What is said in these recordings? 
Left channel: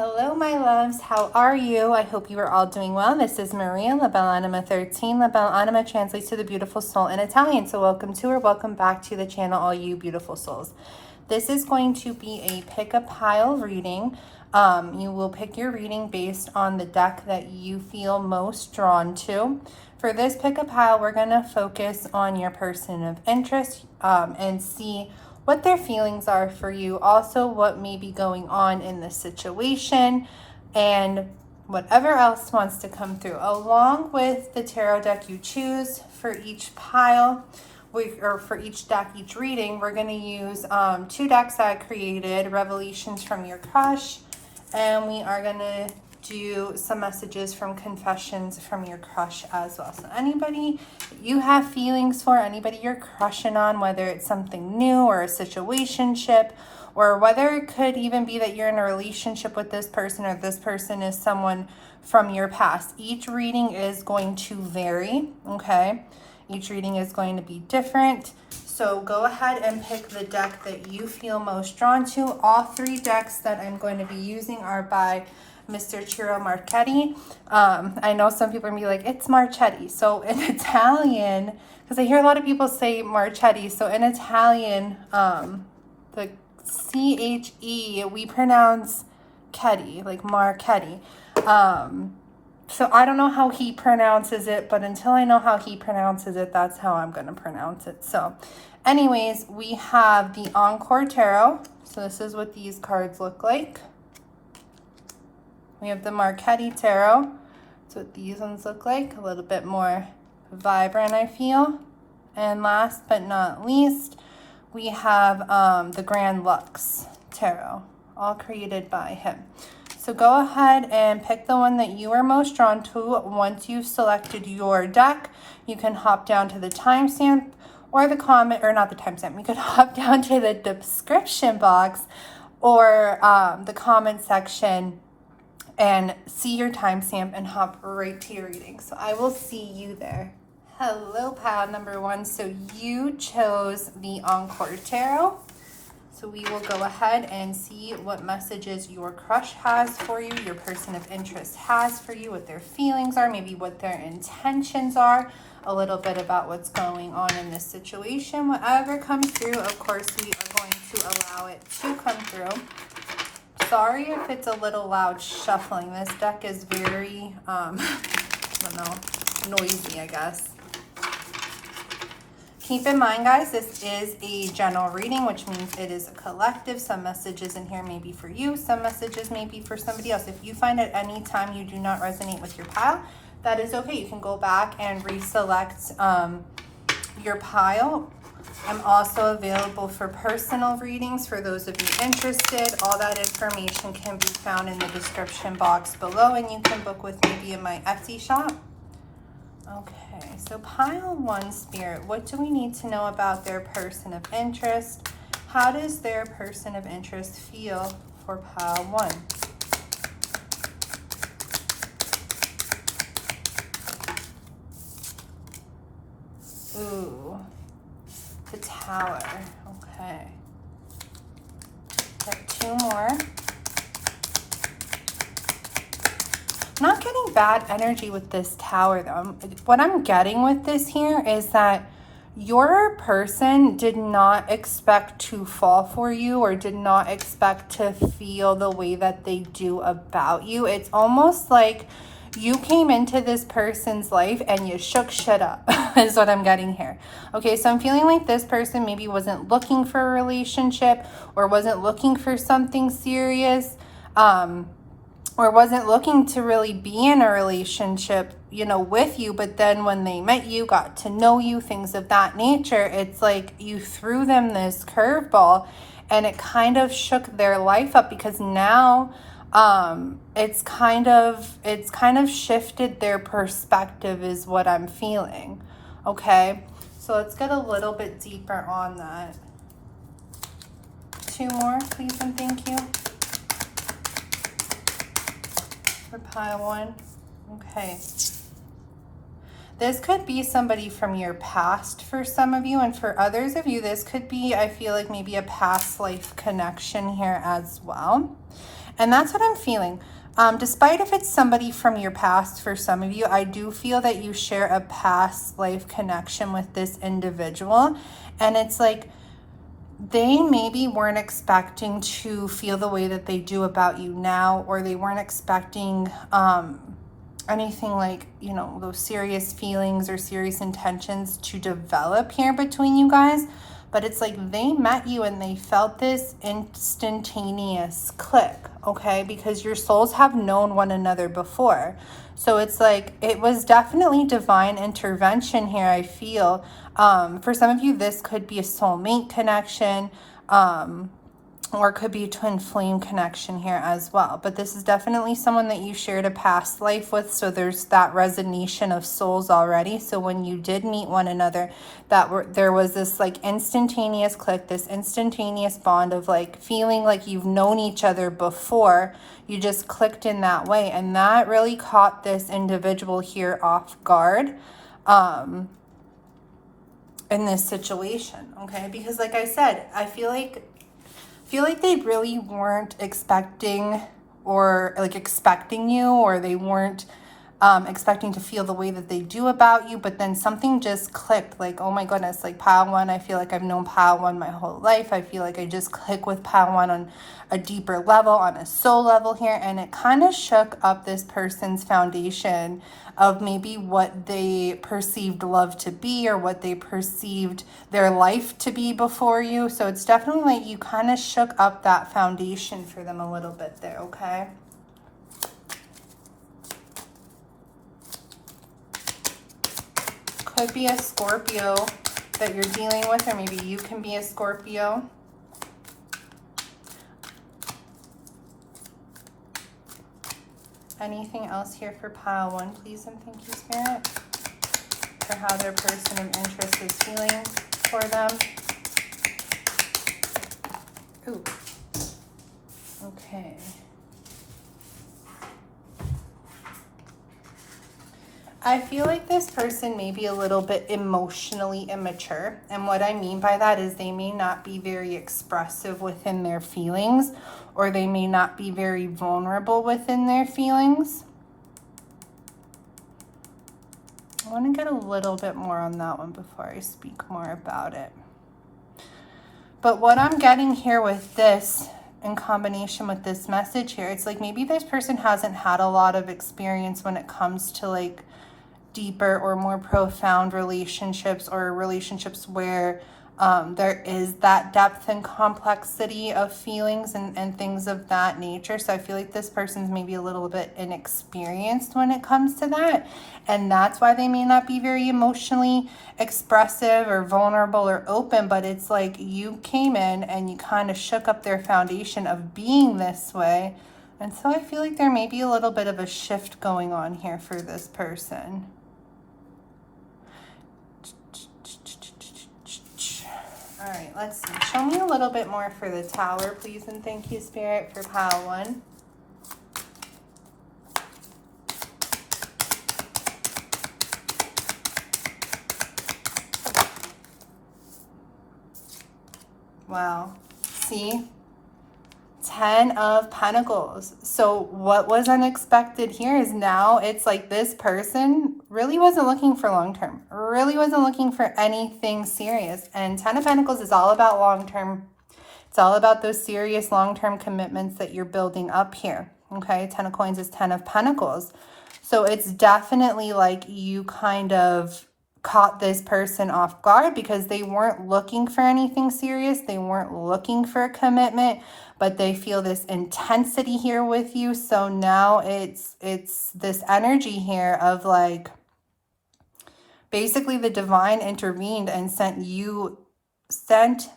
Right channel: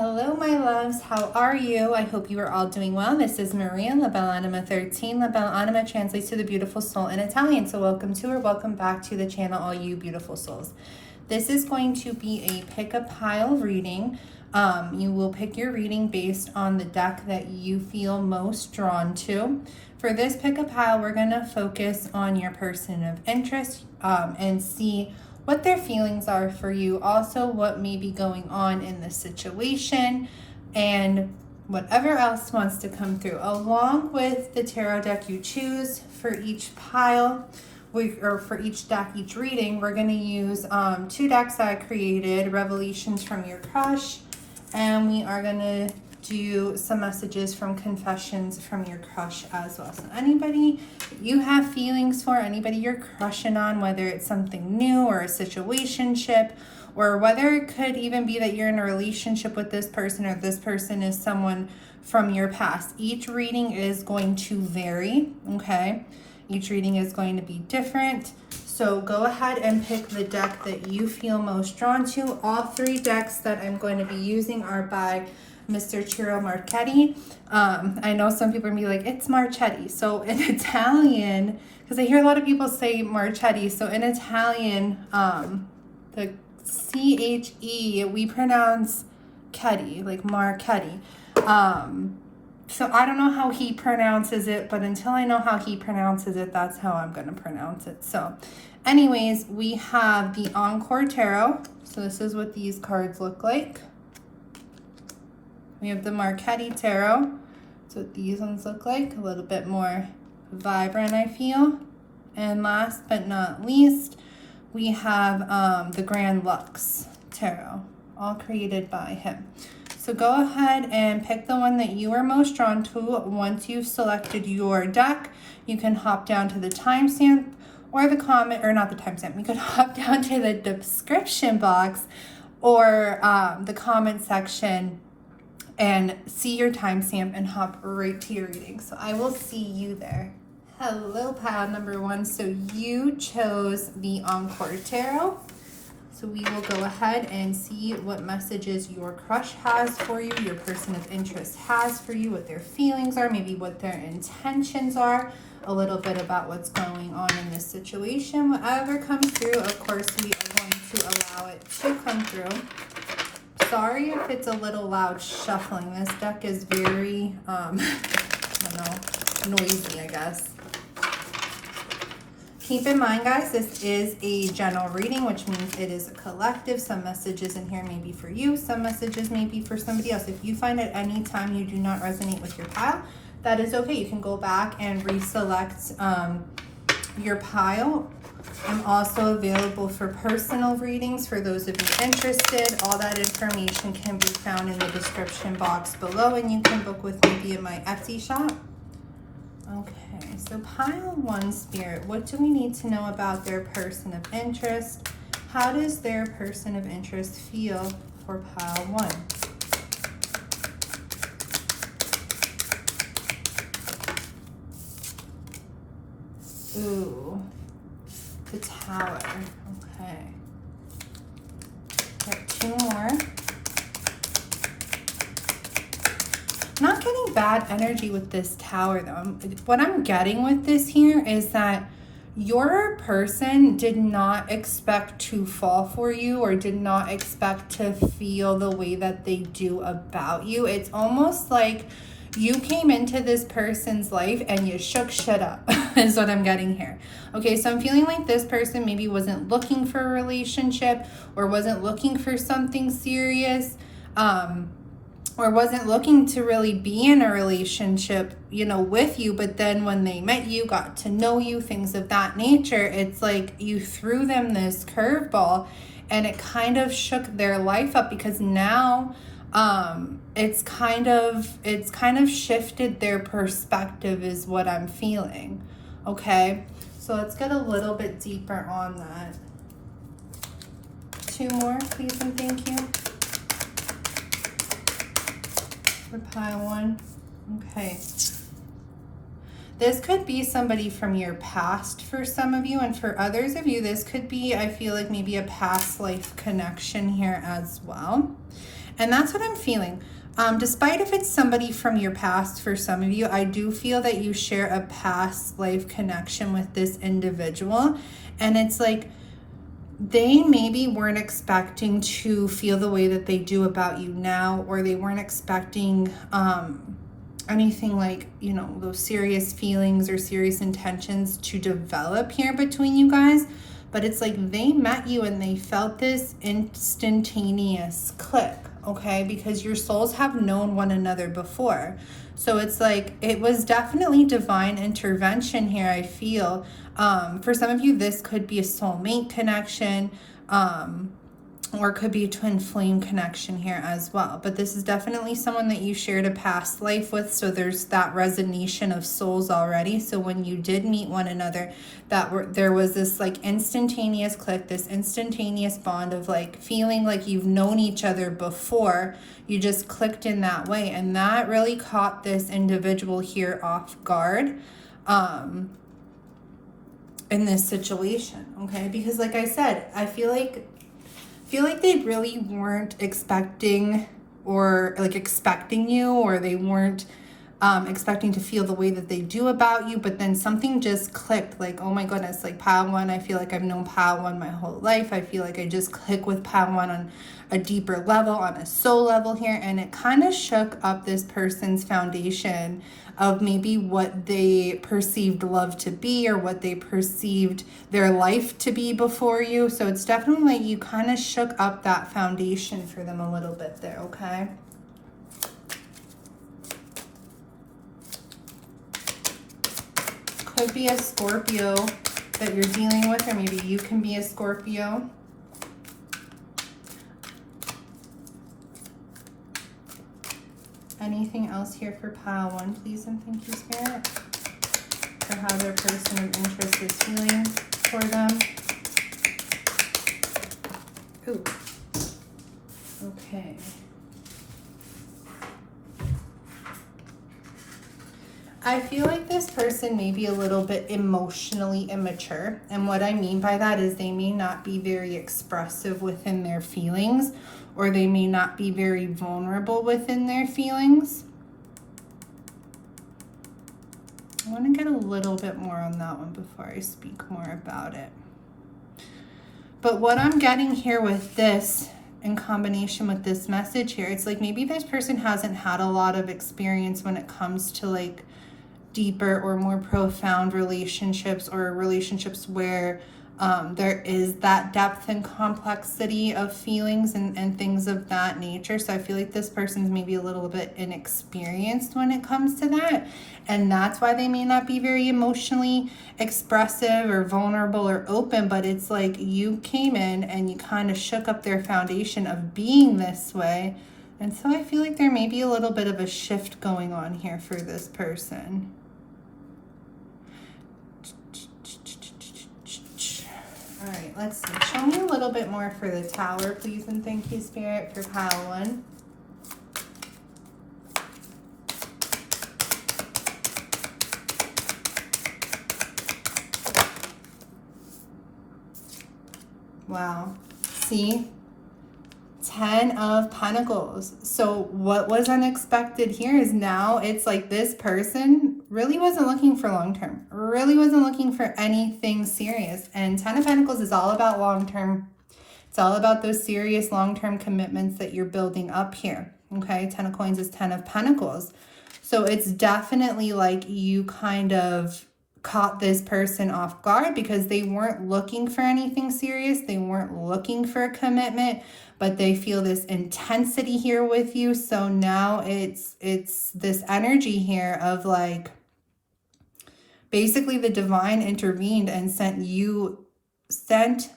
Hello, my loves. How are you? I hope you are all doing well. This is Maria, La Bella Anima 13. La Bella Anima translates to the beautiful soul in Italian. So welcome to or welcome back to the channel, all you beautiful souls. This is going to be a pick a pile reading. You will pick your reading based on the deck that you feel most drawn to. For this pick a pile, we're going to focus on your person of interest and see what their feelings are for you, also what may be going on in the situation, and whatever else wants to come through. Along with the tarot deck you choose for each pile, or for each deck, each reading, we're going to use two decks I created, Revelations from Your Crush, and we are going to do some messages from Confessions from Your Crush as well. So anybody you have feelings for, anybody you're crushing on, whether it's something new or a situationship, or whether it could even be that you're in a relationship with this person or this person is someone from your past. Each reading is going to vary, okay? Each reading is going to be different. So go ahead and pick the deck that you feel most drawn to. All three decks that I'm going to be using are by Mr. Ciro Marchetti. I know some people are going to be like, it's Marchetti. So in Italian, because I hear a lot of people say Marchetti. So in Italian, the C-H-E, we pronounce Chetti, like Marchetti. So I don't know how he pronounces it, but until I know how he pronounces it, that's how I'm going to pronounce it. So anyways, we have the Encore Tarot. So this is what these cards look like. We have the Marchetti Tarot. That's what these ones look like. A little bit more vibrant, I feel. And last but not least, we have the Grand Lux Tarot, all created by him. So go ahead and pick the one that you are most drawn to. Once you've selected your deck, you can hop down to the timestamp or the comment, or not the timestamp, you could hop down to the description box or the comment section and see your timestamp and hop right to your reading. So I will see you there. Hello, pile number one. So you chose the Encore Tarot. So we will go ahead and see what messages your crush has for you, your person of interest has for you, what their feelings are, maybe what their intentions are, a little bit about what's going on in this situation. Whatever comes through, of course, we are going to allow it to come through. Sorry if it's a little loud shuffling. This deck is very, I don't know, noisy, I guess. Keep in mind, guys, this is a general reading, which means it is a collective. Some messages in here may be for you. Some messages may be for somebody else. If you find at any time you do not resonate with your pile, that is okay. You can go back and reselect your pile. I'm also available for personal readings for those of you interested. All that information can be found in the description box below, and you can book with me via my Etsy shop. Okay, so pile one, Spirit, what do we need to know about their person of interest? How does their person of interest feel for pile one? Ooh. The Tower. Okay. Got two more. Not getting bad energy with this Tower though. What I'm getting with this here is that your person did not expect to fall for you or did not expect to feel the way that they do about you. It's almost like you came into this person's life and you shook shit up is what I'm getting here. Okay, so I'm feeling like this person maybe wasn't looking for a relationship or wasn't looking for something serious, or wasn't looking to really be in a relationship, you know, with you. But then when they met you, got to know you, things of that nature, it's like you threw them this curveball and it kind of shook their life up, because now it's kind of shifted their perspective is what I'm feeling. Okay, so let's get a little bit deeper on that. Two more, please and thank you. For pile one. Okay. This could be somebody from your past for some of you, and for others of you, this could be, I feel like, maybe a past life connection here as well. And that's what I'm feeling. Despite if it's somebody from your past, for some of you, I do feel that you share a past life connection with this individual. And it's like they maybe weren't expecting to feel the way that they do about you now, or they weren't expecting anything like, you know, those serious feelings or serious intentions to develop here between you guys. But it's like they met you and they felt this instantaneous click, okay? Because your souls have known one another before. So it's like it was definitely divine intervention here, I feel. For some of you, this could be a soulmate connection, or it could be a twin flame connection here as well. But this is definitely someone that you shared a past life with, so there's that resonation of souls already. So when you did meet one another, there was this like instantaneous click, this instantaneous bond of like feeling like you've known each other before. You just clicked in that way, and that really caught this individual here off guard in this situation, okay? Because like I said, I feel like they really weren't expecting you, or they weren't expecting to feel the way that they do about you, but then something just clicked, like, oh my goodness, like Pile 1, I feel like I've known Pile 1 my whole life. I feel like I just click with Pile 1 on a deeper level, on a soul level here, and it kind of shook up this person's foundation of maybe what they perceived love to be, or what they perceived their life to be before you. So it's definitely like you kind of shook up that foundation for them a little bit there, okay? Could be a Scorpio that you're dealing with, or maybe you can be a Scorpio. Anything else here for Pile 1, please, and thank you, Spirit, for how their person of interest is feeling for them. Ooh. Okay. I feel like this person may be a little bit emotionally immature. And what I mean by that is they may not be very expressive within their feelings, or they may not be very vulnerable within their feelings. I want to get a little bit more on that one before I speak more about it. But what I'm getting here with this, in combination with this message here, it's like maybe this person hasn't had a lot of experience when it comes to like deeper or more profound relationships, or relationships where there is that depth and complexity of feelings and things of that nature. So I feel like this person's maybe a little bit inexperienced when it comes to that. And that's why they may not be very emotionally expressive or vulnerable or open. But it's like you came in and you kind of shook up their foundation of being this way. And so I feel like there may be a little bit of a shift going on here for this person. All right, let's see. Show me a little bit more for the Tower, please, and thank you, Spirit, for Pile 1. Wow. See? 10 of Pentacles. So what was unexpected here is now it's like this person really wasn't looking for long-term, really wasn't looking for anything serious. And 10 of Pentacles is all about long-term. It's all about those serious long-term commitments that you're building up here. Okay, 10 of Coins is 10 of Pentacles. So it's definitely like you kind of caught this person off guard because they weren't looking for anything serious. They weren't looking for a commitment, but they feel this intensity here with you. So now it's this energy here of like, basically the divine intervened and sent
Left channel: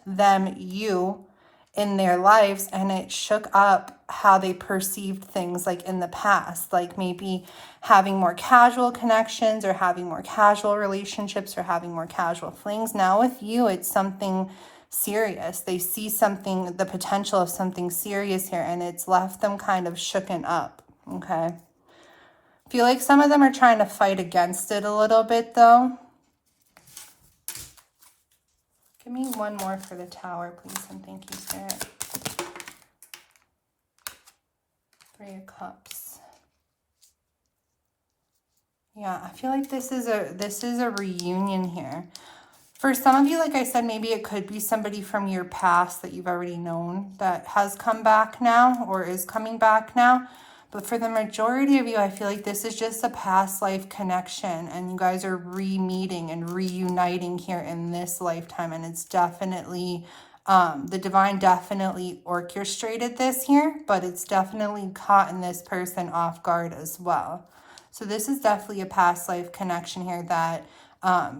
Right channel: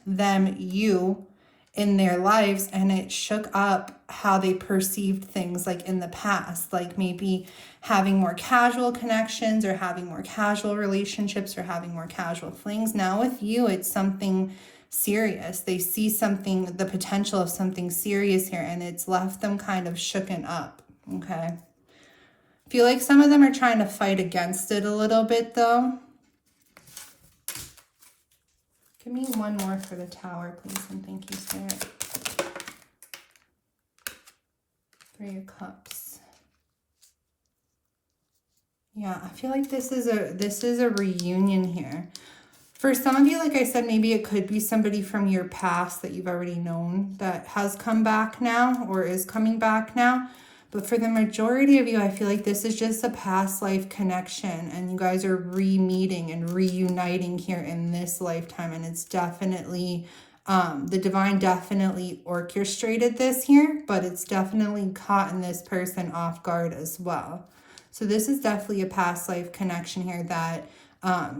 them you in their lives, and it shook up how they perceived things like in the past, like maybe having more casual connections or having more casual relationships or having more casual flings. Now with you, it's something serious. They see something, the potential of something serious here, and it's left them kind of shooken up. Okay. I feel like some of them are trying to fight against it a little bit though. Give me one more for the Tower, please, and thank you, Spirit. Three of Cups. Yeah, I feel like this is a reunion here. For some of you, like I said, maybe it could be somebody from your past that you've already known that has come back now or is coming back now. But for the majority of you, I feel like this is just a past life connection and you guys are re-meeting and reuniting here in this lifetime. And it's definitely, the divine definitely orchestrated this here, but it's definitely caught in this person off guard as well. So this is definitely a past life connection here that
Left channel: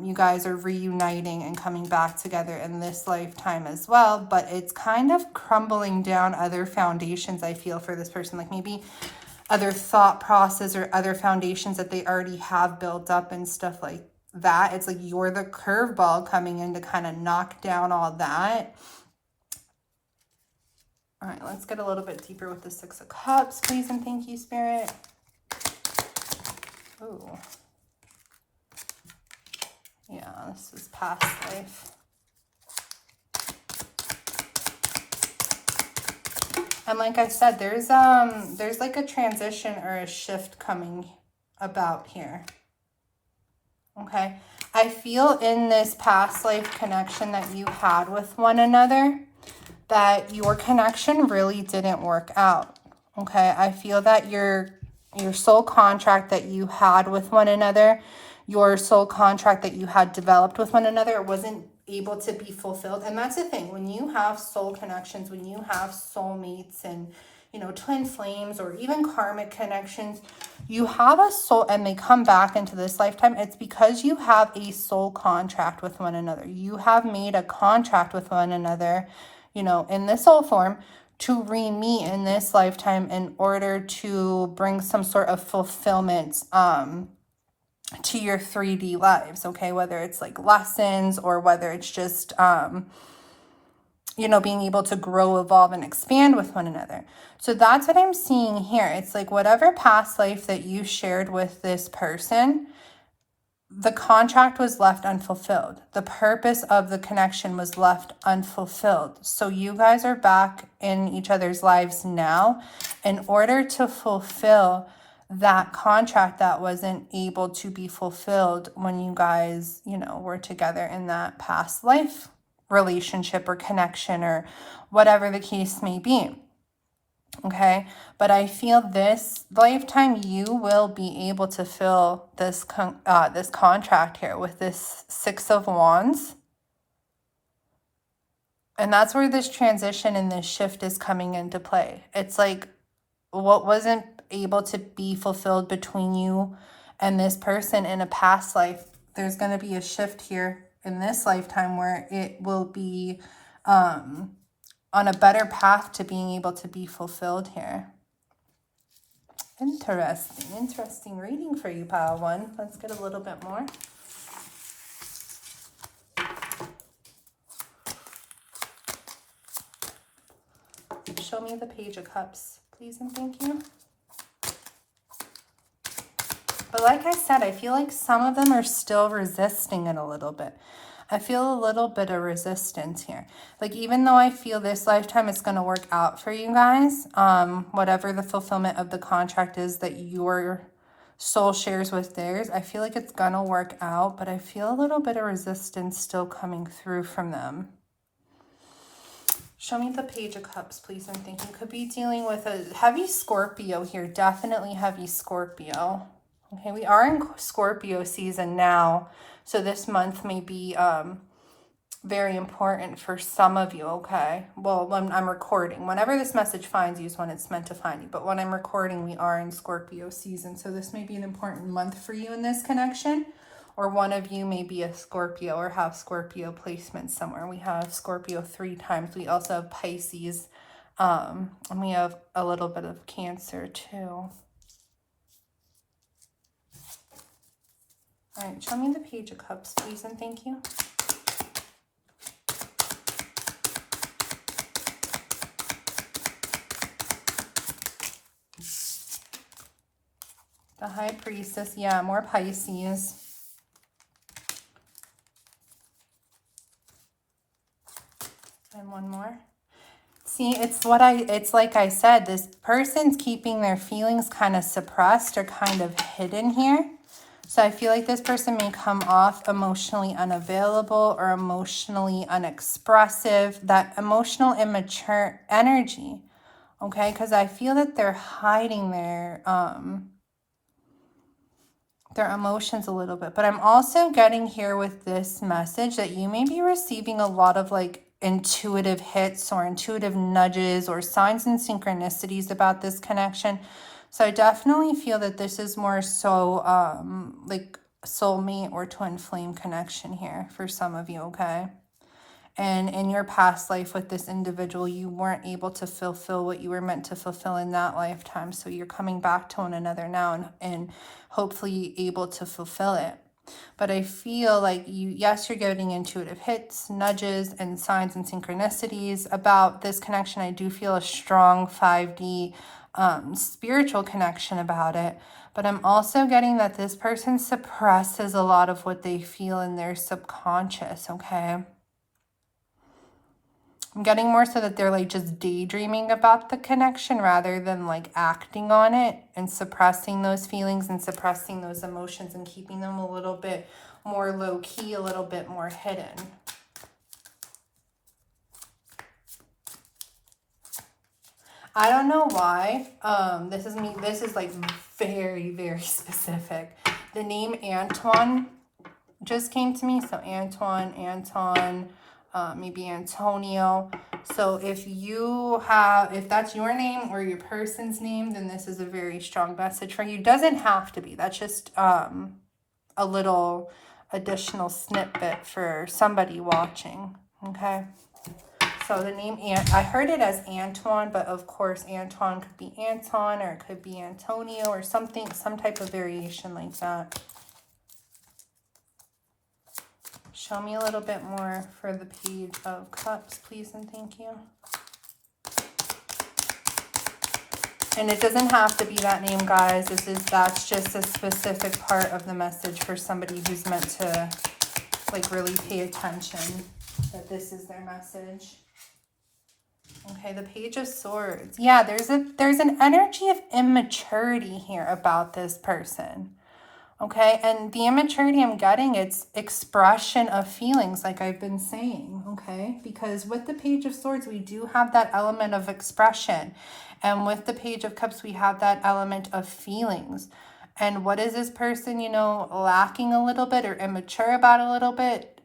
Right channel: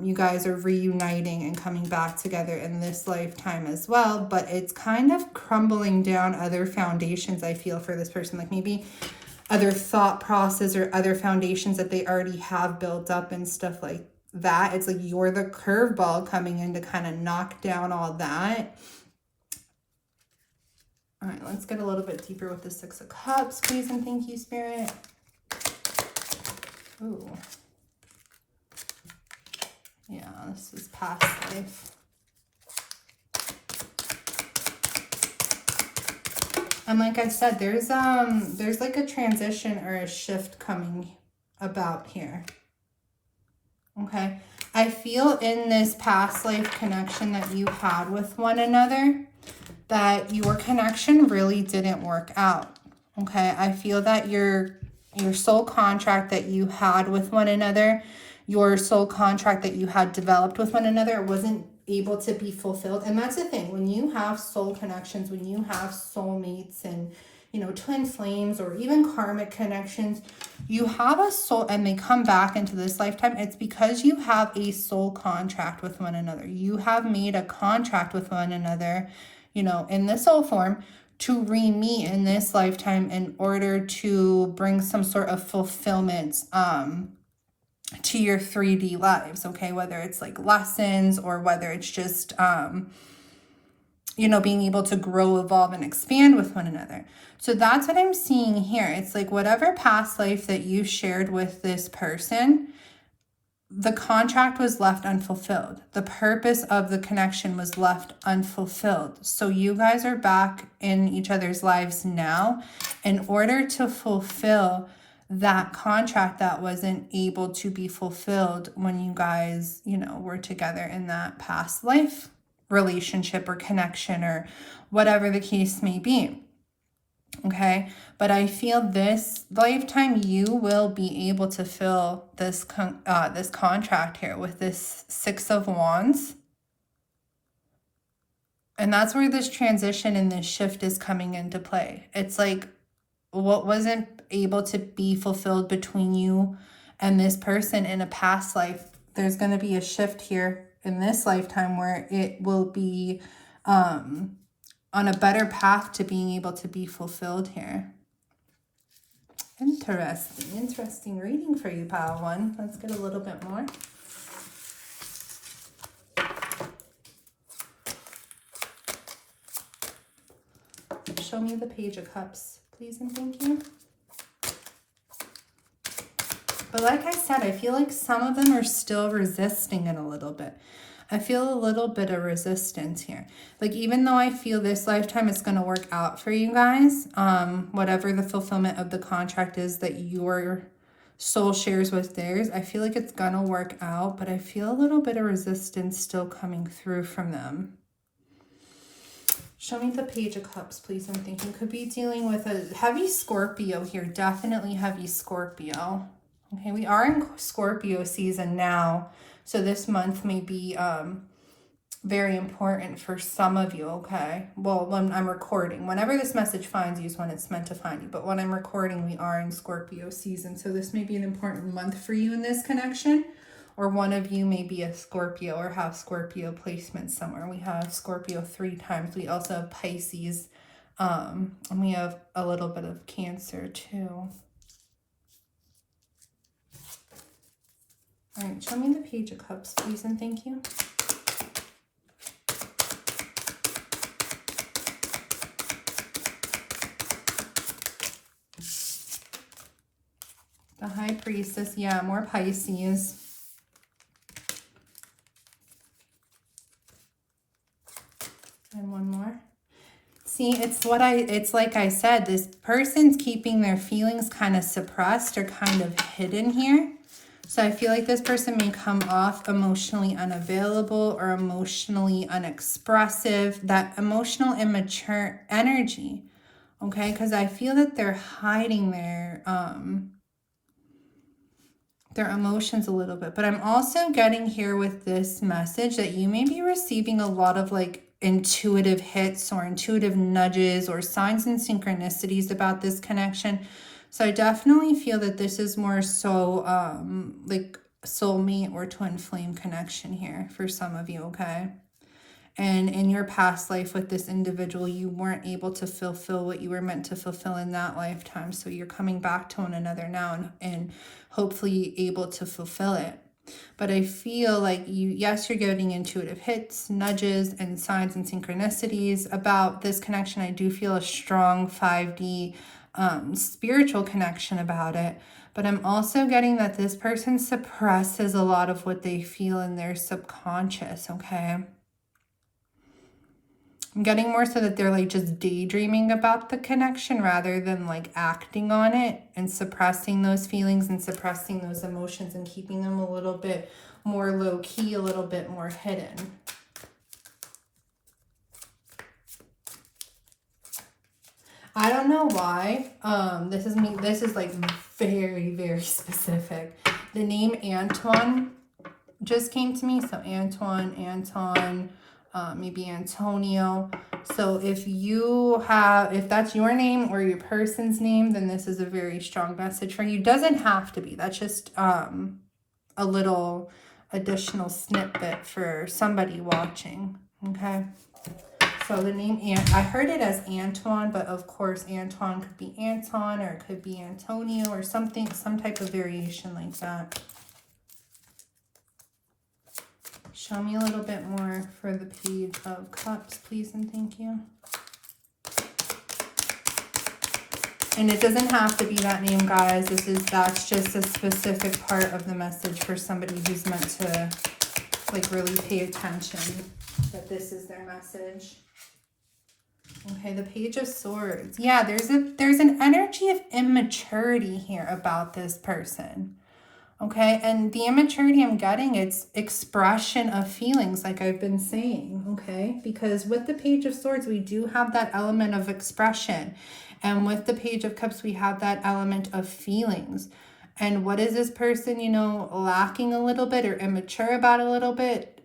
you guys are reuniting and coming back together in this lifetime as well. But it's kind of crumbling down other foundations, I feel, for this person. Like maybe other thought process or other foundations that they already have built up and stuff like that. It's like you're the curveball coming in to kind of knock down all that. All right, let's get a little bit deeper with the Six of Cups, please and thank you, Spirit. Ooh. Yeah, this is past life. And like I said, there's like a transition or a shift coming about here. Okay. I feel in this past life connection that you had with one another that your connection really didn't work out. Okay. I feel that your soul contract that you had with one another, your soul contract that you had developed with one another wasn't able to be fulfilled. And that's the thing, when you have soul connections, when you have soulmates and, you know, twin flames or even karmic connections, you have a soul and they come back into this lifetime. It's because you have a soul contract with one another. You have made a contract with one another, you know, in the soul form to re-meet in this lifetime in order to bring some sort of fulfillment, to your 3D lives, okay? Whether it's like lessons or whether it's just, you know, being able to grow, evolve, and expand with one another. So that's what I'm seeing here. It's like whatever past life that you shared with this person, the contract was left unfulfilled. The purpose of the connection was left unfulfilled. So you guys are back in each other's lives now in order to fulfill that contract that wasn't able to be fulfilled when you guys, you know, were together in that past life relationship or connection or whatever the case may be. Okay, but I feel this lifetime you will be able to fill this this contract here with this Six of Wands. And that's where this transition and this shift is coming into play. It's like what wasn't able to be fulfilled between you and this person in a past life, there's going to be a shift here in this lifetime where it will be on a better path to being able to be fulfilled here. Interesting reading for you, Pile One. Let's get a little bit more. Show me the Page of Cups, please and thank you. But like I said, I feel like some of them are still resisting it a little bit. I feel a little bit of resistance here. Like, even though I feel this lifetime is going to work out for you guys, whatever the fulfillment of the contract is that your soul shares with theirs, I feel like it's going to work out, but I feel a little bit of resistance still coming through from them. Show me the Page of Cups, please. I'm thinking could be dealing with a heavy Scorpio here. Definitely heavy Scorpio. Okay, we are in Scorpio season now. So this month may be very important for some of you, okay? Well, when I'm recording, whenever this message finds you is when it's meant to find you. But when I'm recording, we are in Scorpio season. So this may be an important month for you in this connection. Or one of you may be a Scorpio or have Scorpio placement somewhere. We have Scorpio 3 times. We also have Pisces. And we have a little bit of Cancer too. All right, show me the Page of Cups, please, and thank you. The High Priestess, yeah, more Pisces. And one more. See, it's like I said, this person's keeping their feelings kind of suppressed or kind of hidden here. So I feel like this person may come off emotionally unavailable or emotionally unexpressive, that emotional immature energy, okay? Because I feel that they're hiding their emotions a little bit. But I'm also getting here with this message that you may be receiving a lot of like intuitive hits or intuitive nudges or signs and synchronicities about this connection. So I definitely feel that this is more so like soulmate or twin flame connection here for some of you, okay? And in your past life with this individual, you weren't able to fulfill what you were meant to fulfill in that lifetime. So you're coming back to one another now and hopefully able to fulfill it. But I feel like yes, you're getting intuitive hits, nudges, and signs and synchronicities about this connection. I do feel a strong 5D spiritual connection about it. But I'm also getting that this person suppresses a lot of what they feel in their subconscious, okay? I'm getting more so that they're like just daydreaming about the connection rather than like acting on it and suppressing those feelings and suppressing those emotions and keeping them a little bit more low key, a little bit more hidden. I don't know why. This is like very, very specific. The name Antoine just came to me. So Antoine, maybe Antonio. So if that's your name or your person's name, then this is a very strong message for you. Doesn't have to be. That's just a little additional snippet for somebody watching. Okay. So the name, I heard it as Antoine, but of course Antoine could be Anton or it could be Antonio or something, some type of variation like that. Show me a little bit more for the Page of Cups, please and thank you. And it doesn't have to be that name, guys. That's just a specific part of the message for somebody who's meant to like really pay attention that this is their message. Okay, the Page of Swords. Yeah, there's an energy of immaturity here about this person. Okay, and the immaturity I'm getting, it's expression of feelings, like I've been saying, okay? Because with the Page of Swords, we do have that element of expression. And with the Page of Cups, we have that element of feelings. And what is this person, lacking a little bit or immature about a little bit?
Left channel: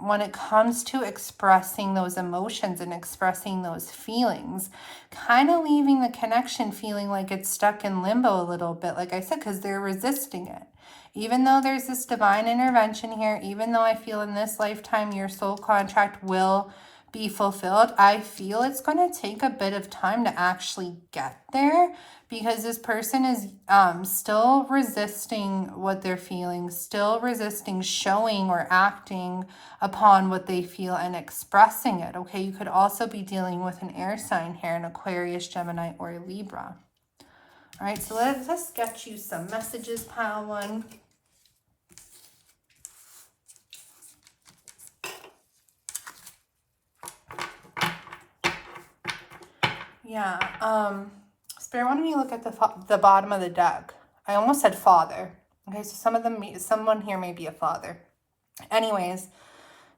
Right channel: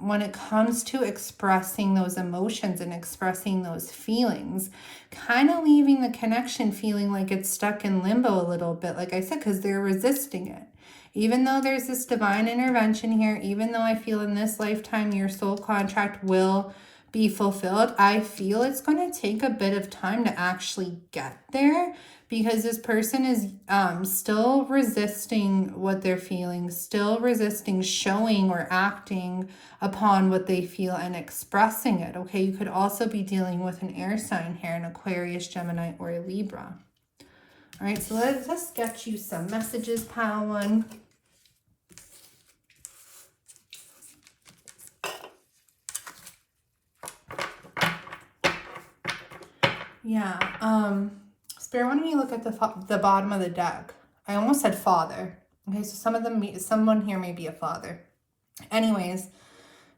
When it comes to expressing those emotions and expressing those feelings, kind of leaving the connection feeling like it's stuck in limbo a little bit, like I said, because they're resisting it. Even though there's this divine intervention here, even though I feel in this lifetime your soul contract will be fulfilled, I feel it's going to take a bit of time to actually get there, because this person is still resisting what they're feeling, still resisting showing or acting upon what they feel and expressing it, okay? You could also be dealing with an air sign here, an Aquarius, Gemini, or a Libra. All right, so let's get you some messages, pile one. Yeah, Spirit wanted me to look at the bottom of the deck. I almost said father. Okay, so someone here may be a father. Anyways,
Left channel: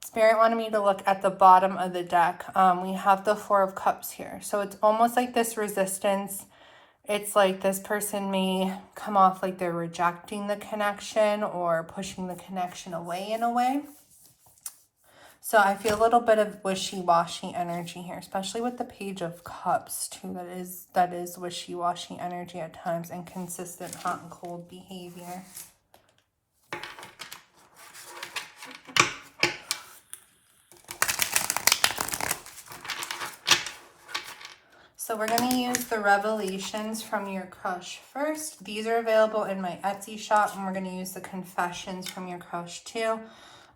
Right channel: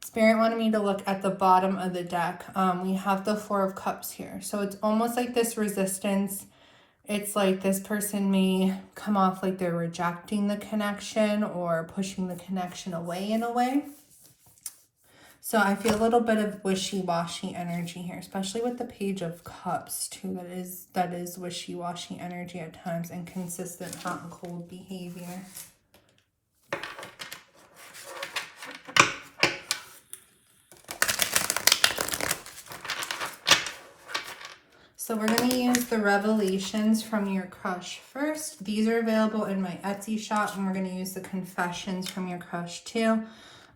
Spirit wanted me to look at the bottom of the deck. We have the Four of Cups here. So it's almost like this resistance. It's like this person may come off like they're rejecting the connection or pushing the connection away in a way. So I feel a little bit of wishy-washy energy here, especially with the Page of Cups too. That is wishy-washy energy at times, and consistent hot and cold behavior. So we're going to use the revelations from your crush first. These are available in my Etsy shop, and we're going to use the confessions from your crush too.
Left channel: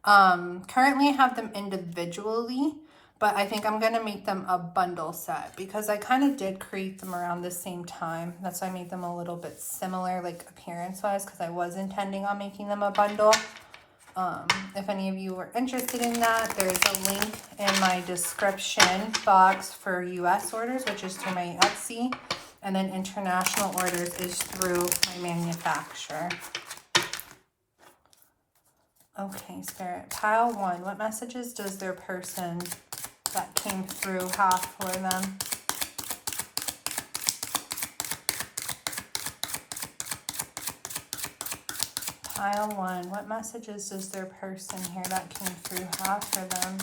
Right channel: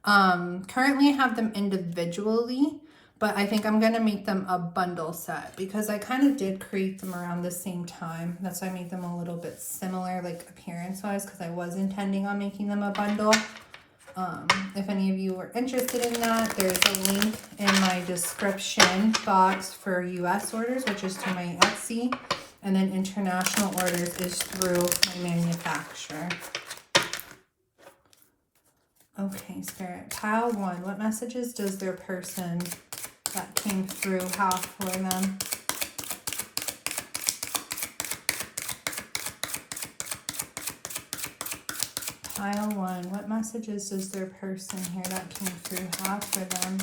Currently I have them individually, but I think I'm going to make them a bundle set because I kind of did create them around the same time. That's why I made them a little bit similar, like appearance wise, because I was intending on making them a bundle. If any of you are interested in that, there's a link in my description box for US orders, which is through my Etsy, and then international orders is through my manufacturer. Okay, Spirit. Pile 1. What messages does their person that came through have for them? Pile 1. What messages does their person here that came through have for them?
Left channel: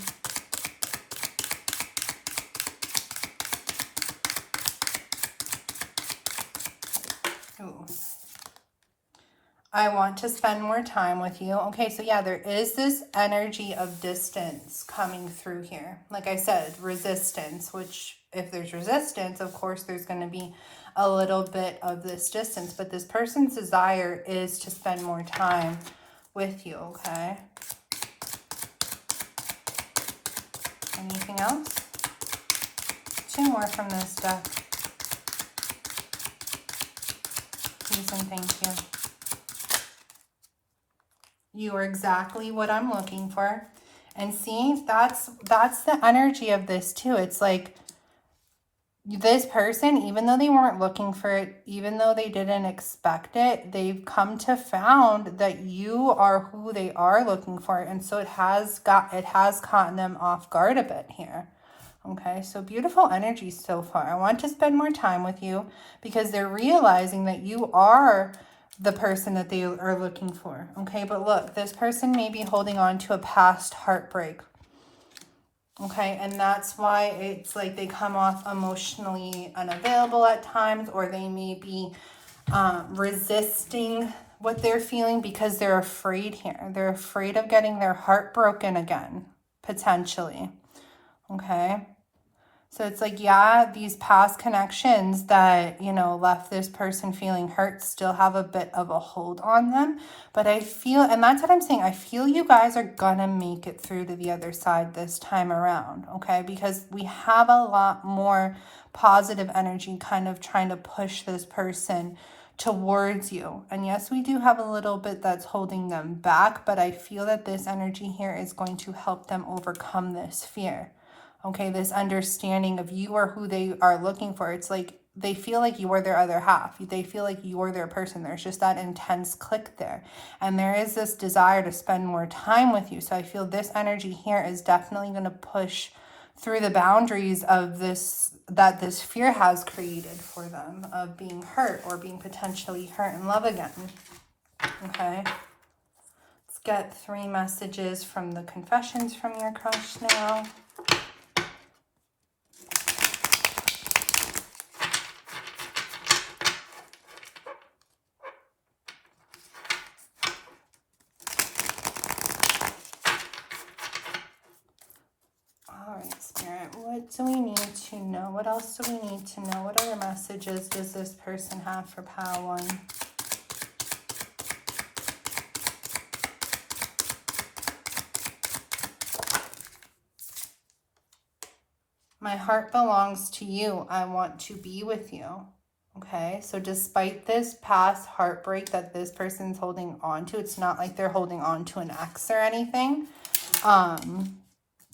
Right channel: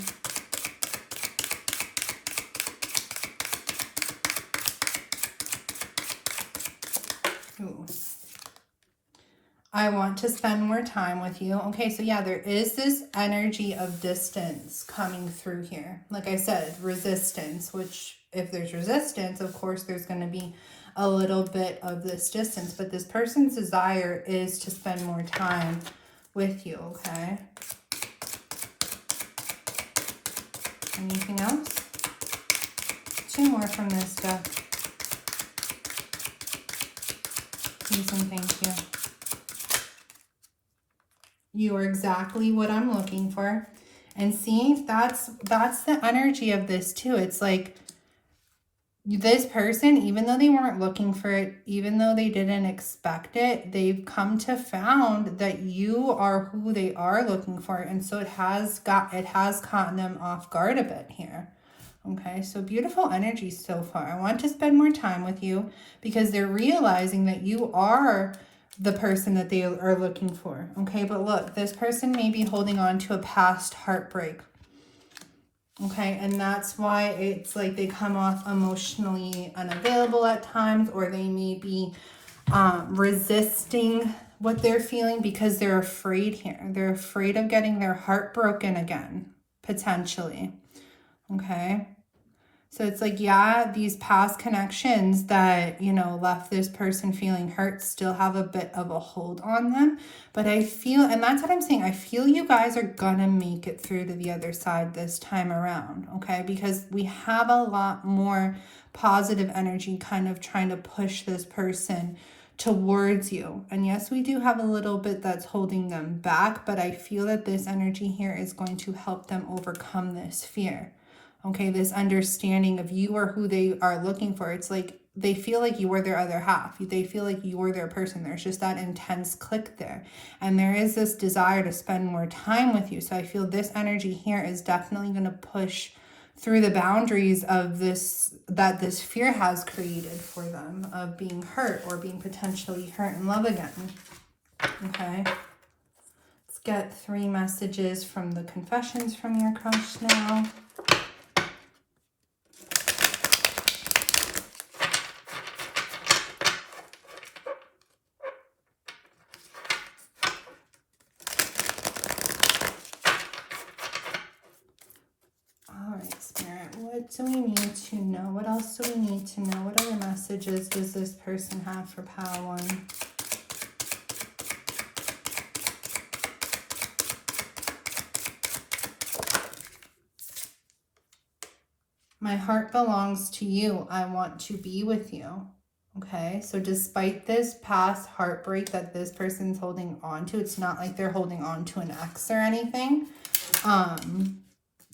Ooh. I want to spend more time with you. Okay, so yeah, there is this energy of distance coming through here. Like I said, resistance, which if there's resistance, of course, there's going to be a little bit of this distance. But this person's desire is to spend more time with you, okay? Anything else? 2 more from this deck. Please and thank you. You are exactly what I'm looking for. And see, that's the energy of this too. It's like this person, even though they weren't looking for it, even though they didn't expect it, they've come to found that you are who they are looking for. And so it has caught them off guard a bit here. Okay, so beautiful energy so far. I want to spend more time with you because they're realizing that you are the person that they are looking for. Okay, but look, this person may be holding on to a past heartbreak. Okay, and that's why it's like they come off emotionally unavailable at times, or they may be resisting what they're feeling because they're afraid here. They're afraid of getting their heart broken again, potentially. Okay. So it's like, yeah, these past connections that, you know, left this person feeling hurt still have a bit of a hold on them. But I feel, and that's what I'm saying, I feel you guys are gonna make it through to the other side this time around, okay? Because we have a lot more positive energy kind of trying to push this person towards you. And yes, we do have a little bit that's holding them back, but I feel that this energy here is going to help them overcome this fear. Okay, this understanding of you are who they are looking for. It's like they feel like you are their other half. They feel like you are their person. There's just that intense click there. And there is this desire to spend more time with you. So I feel this energy here is definitely going to push through the boundaries of this, that this fear has created for them of being hurt or being potentially hurt in love again. Okay. Let's get 3 messages from the confessions from your crush now. What do we need to know? What else do we need to know? What other messages does this person have for pile 1? My heart belongs to you. I want to be with you. Okay, so despite this past heartbreak that this person's holding on to, it's not like they're holding on to an ex or anything.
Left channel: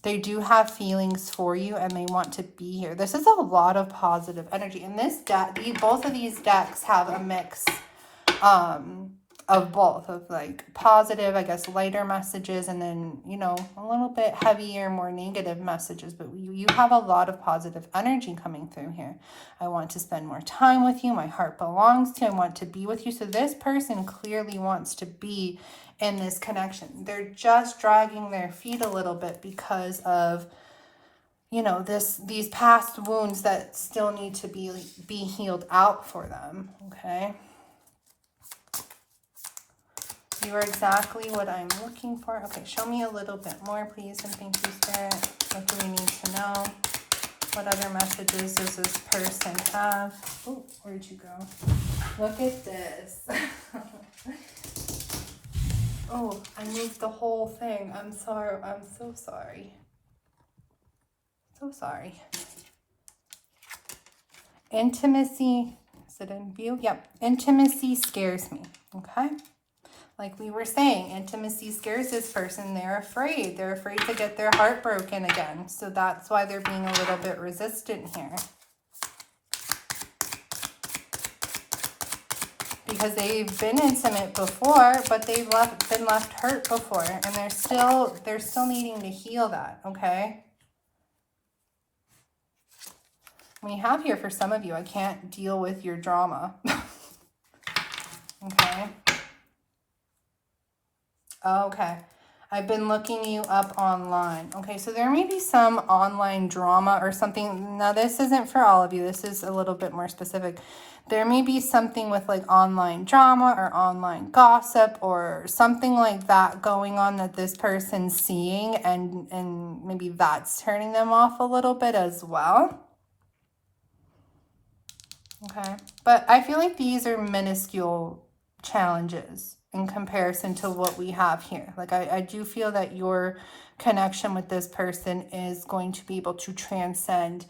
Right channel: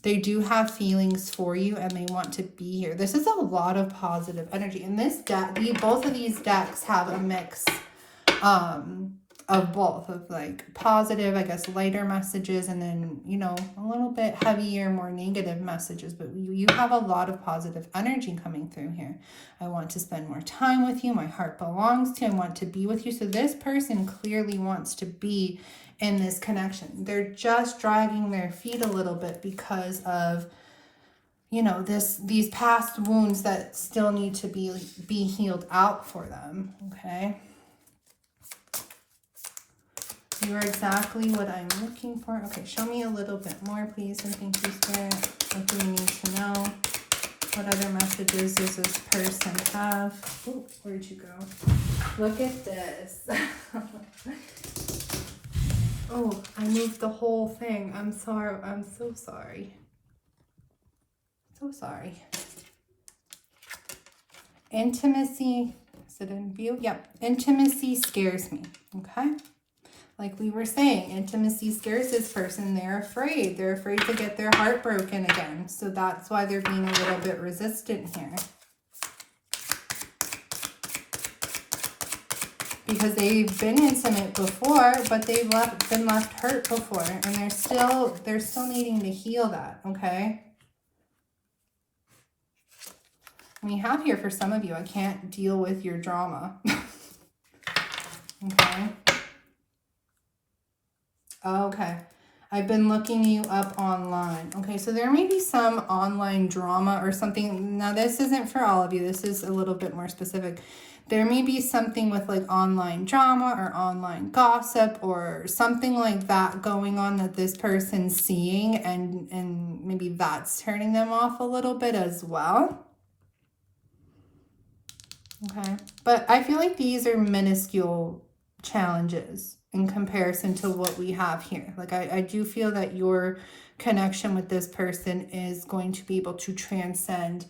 They do have feelings for you and they want to be here. This is a lot of positive energy. And this deck, both of these decks have a mix of both, of like positive, I guess, lighter messages, and then, you know, a little bit heavier, more negative messages. But you have a lot of positive energy coming through here. I want to spend more time with you. My heart belongs to you. I want to be with you. So this person clearly wants to be in this connection. They're just dragging their feet a little bit because of, you know, these past wounds that still need to be healed out for them. Okay. You are exactly what I'm looking for. Okay, show me a little bit more, please, and thank you, Spirit. What do we need to know? What other messages does this person have? Oh, where'd you go? Look at this. Oh, I moved the whole thing. I'm sorry. I'm so sorry. So sorry. Intimacy. Is it in view? Yep. Intimacy scares me. Okay. Like we were saying, intimacy scares this person. They're afraid. They're afraid to get their heart broken again. So that's why they're being a little bit resistant here. Because they've been intimate before, but they've been left hurt before. And they're still needing to heal that, okay? We have here for some of you, I can't deal with your drama. Okay. Okay. I've been looking you up online. Okay, so there may be some online drama or something. Now, this isn't for all of you. This is a little bit more specific. There may be something with like online drama or online gossip or something like that going on that this person's seeing, and maybe that's turning them off a little bit as well. Okay, but I feel like these are minuscule challenges in comparison to what we have here. Like I do feel that your connection with this person is going to be able to transcend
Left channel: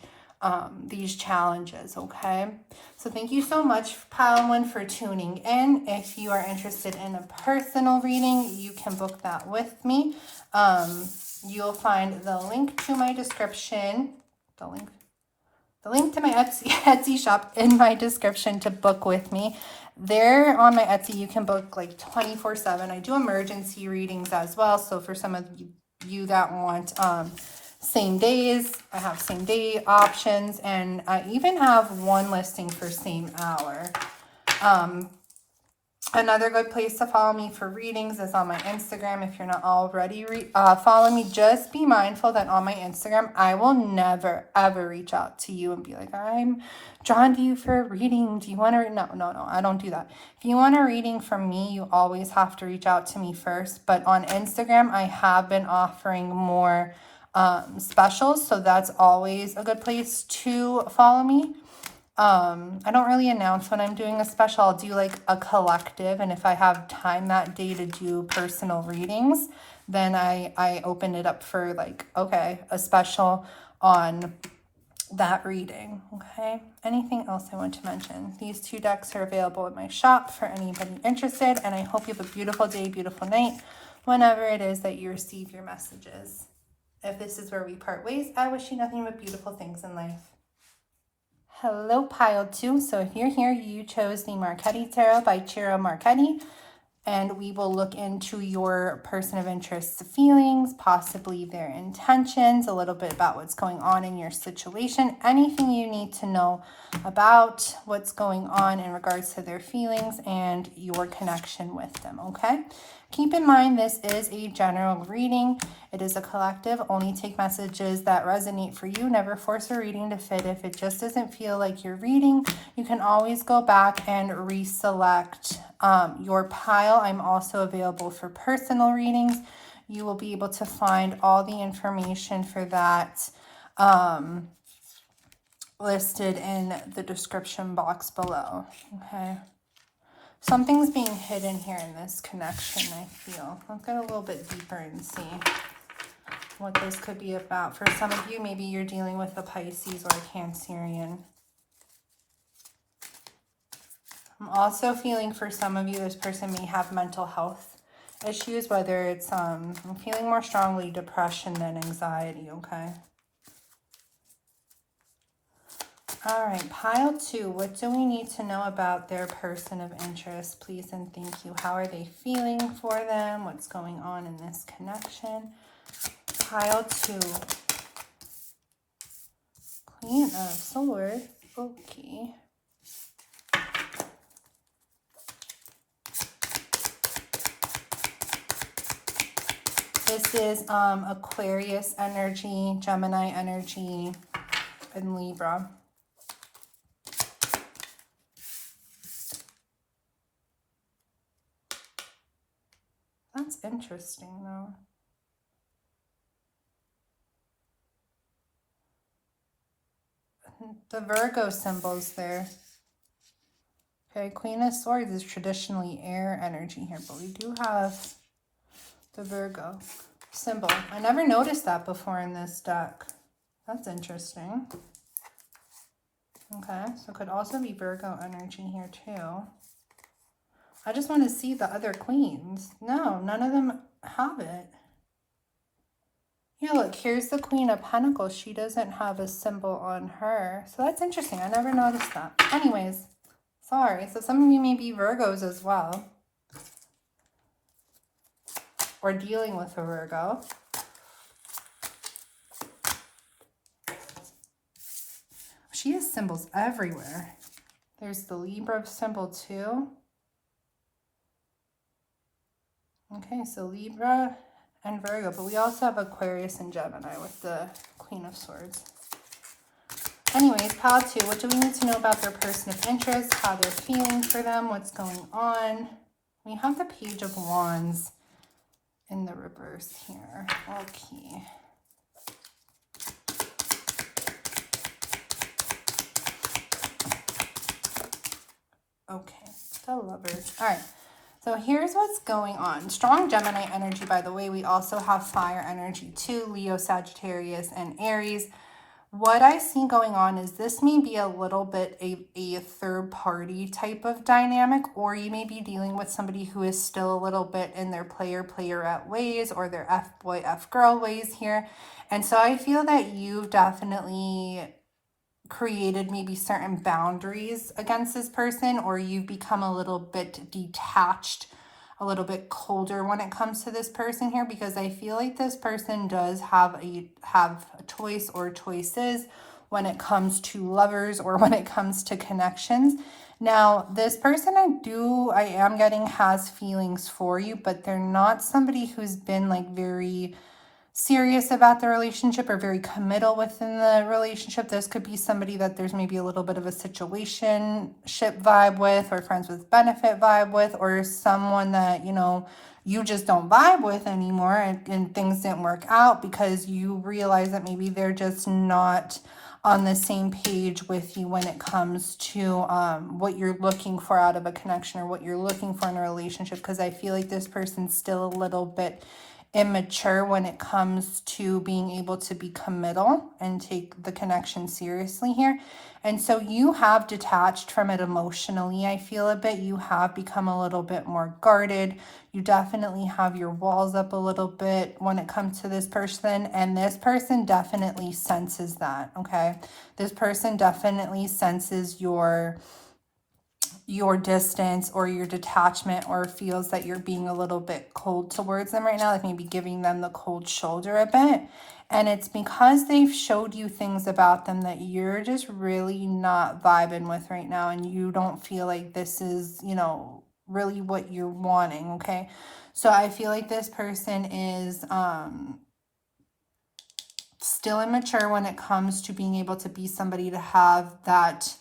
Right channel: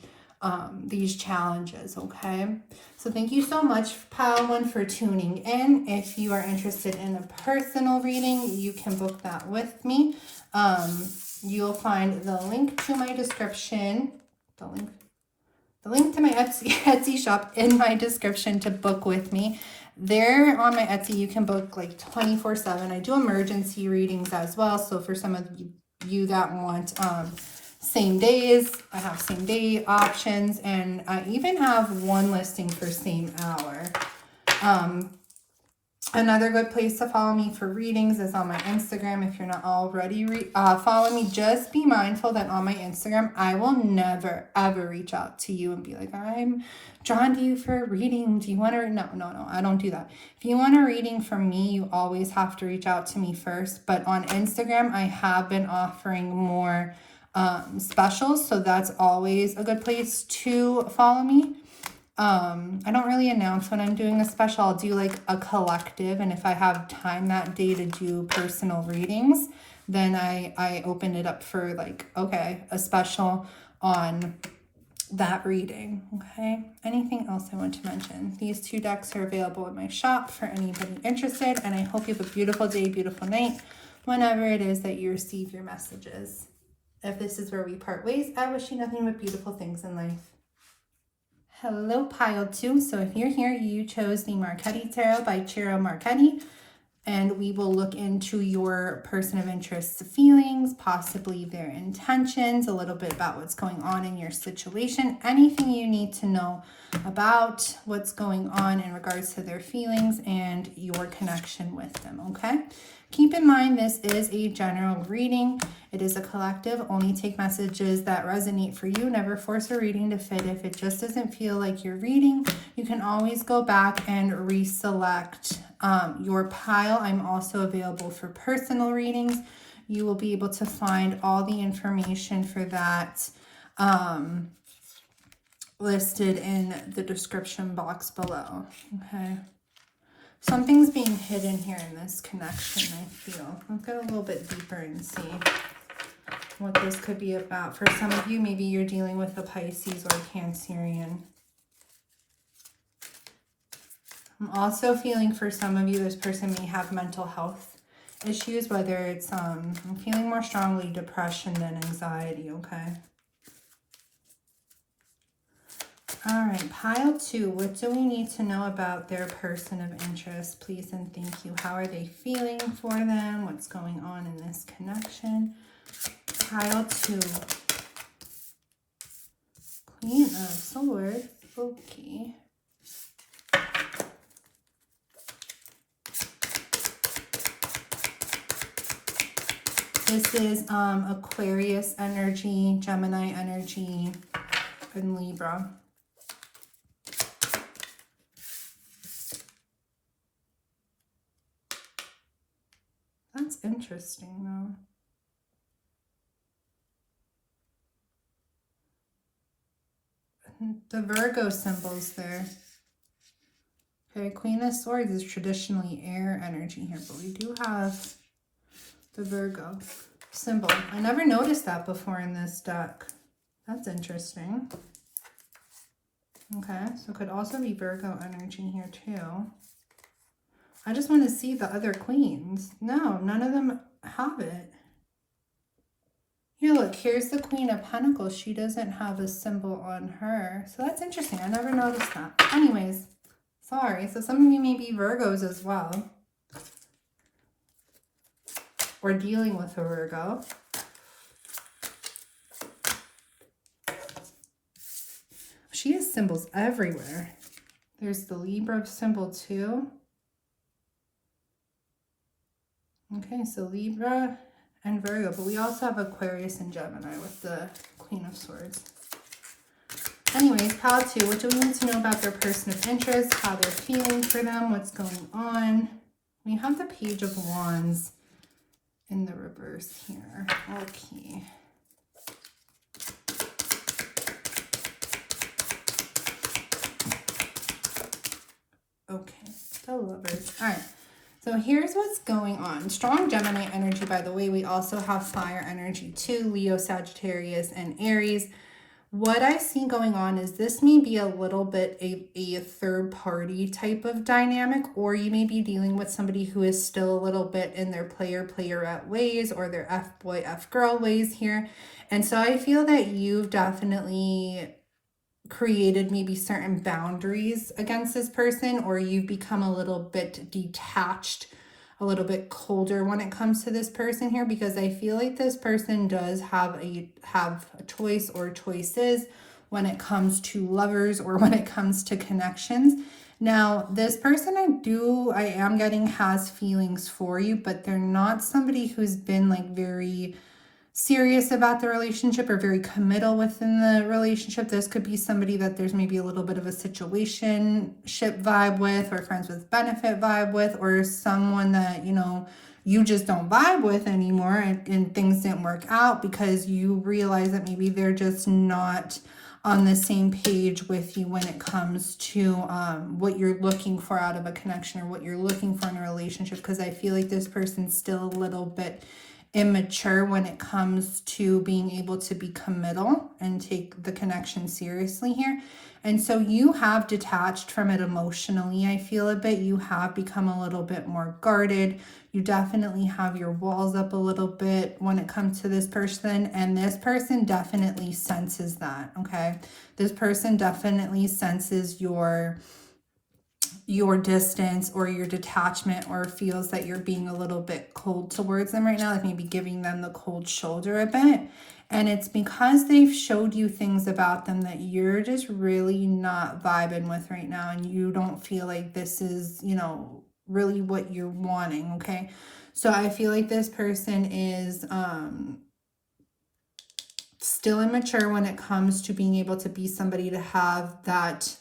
these challenges, okay? So thank you so much, Pile 1, for tuning in. If you are interested in a personal reading, you can book that with me. You'll find the link to my description, the link to my Etsy shop in my description to book with me. There on my Etsy, you can book like 24/7. I do emergency readings as well. So for some of you that want same days, I have same day options, and I even have one listing for same hour. Another good place to follow me for readings is on my Instagram. If you're not already follow me, just be mindful that on my Instagram, I will never, ever reach out to you and be like, I'm drawn to you for a reading. Do you want to? No, I don't do that. If you want a reading from me, you always have to reach out to me first. But on Instagram, I have been offering more specials. So that's always a good place to follow me. I don't really announce when I'm doing a special. I'll do like a collective, and if I have time that day to do personal readings, then I open it up for like, okay, a special on that reading, okay? Anything else I want to mention? These 2 decks are available in my shop for anybody interested, and I hope you have a beautiful day, beautiful night, whenever it is that you receive your messages. If this is where we part ways, I wish you nothing but beautiful things in life. Hello, Pile 2. So if you're here, you chose the Marchetti Tarot by Ciro Marchetti, and we will look into your person of interest's feelings, possibly their intentions, a little bit about what's going on in your situation, anything you need to know about what's going on in regards to their feelings and your connection with them, okay? Keep in mind, this is a general reading. It is a collective. Only take messages that resonate for you. Never force a reading to fit. If it just doesn't feel like your reading, you can always go back and reselect your pile. I'm also available for personal readings. You will be able to find all the information for that listed in the description box below, okay? Something's being hidden here in this connection, I feel. Let's go a little bit deeper and see what this could be about. For some of you, maybe you're dealing with a Pisces or a Cancerian. I'm also feeling for some of you, this person may have mental health issues, whether it's, I'm feeling more strongly depression than anxiety, okay? All right, Pile 2, what do we need to know about their person of interest? Please and thank you. How are they feeling for them? What's going on in this connection? Pile 2. Queen of Swords. Okay. This is Aquarius energy, Gemini energy, and Libra. That's interesting, though. The Virgo symbols there. Okay, Queen of Swords is traditionally air energy here, but we do have the Virgo symbol. I never noticed that before in this deck. That's interesting. Okay, so it could also be Virgo energy here too. I just want to see the other queens. No, none of them have it. Yeah, look, here's the Queen of Pentacles. She doesn't have a symbol on her. So that's interesting. I never noticed that. Anyways, sorry. So some of you may be Virgos as well. Or dealing with a Virgo. She has symbols everywhere. There's the Libra symbol too. Okay, so Libra and Virgo, but we also have Aquarius and Gemini with the Queen of Swords. Anyways, how to, what do we need to know about their person of interest, how they're feeling for them, what's going on? We have the Page of Wands in the reverse here. Okay. Okay, so Lovers. All right. So here's what's going on. Strong Gemini energy, by the way. We also have fire energy too, Leo, Sagittarius, and Aries. What I see going on is this may be a little bit a third party type of dynamic, or you may be dealing with somebody who is still a little bit in their playerette ways or their F-boy, F-girl ways here. And so I feel that you've definitely created maybe certain boundaries against this person, or you've become a little bit detached, a little bit colder when it comes to this person here, because I feel like this person does have a choice or choices when it comes to lovers or when it comes to connections. Now, this person I am getting has feelings for you, but they're not somebody who's been like very serious about the relationship or very committal within the relationship. This could be somebody that there's maybe a little bit of a situationship vibe with, or friends with benefit vibe with, or someone that, you know, you just don't vibe with anymore, and things didn't work out because you realize that maybe they're just not on the same page with you when it comes to what you're looking for out of a connection or what you're looking for in a relationship. Because I feel like this person's still a little bit immature when it comes to being able to be committal and take the connection seriously here. And so you have detached from it emotionally, I feel a bit. You have become a little bit more guarded. You definitely have your walls up a little bit when it comes to this person, and this person definitely senses that, okay? This person definitely senses your distance or your detachment, or feels that you're being a little bit cold towards them right now, like maybe giving them the cold shoulder a bit. And it's because they've showed you things about them that you're just really not vibing with right now, and you don't feel like this is, you know, really what you're wanting, okay? So I feel like this person is still immature when it comes to being able to be somebody to have that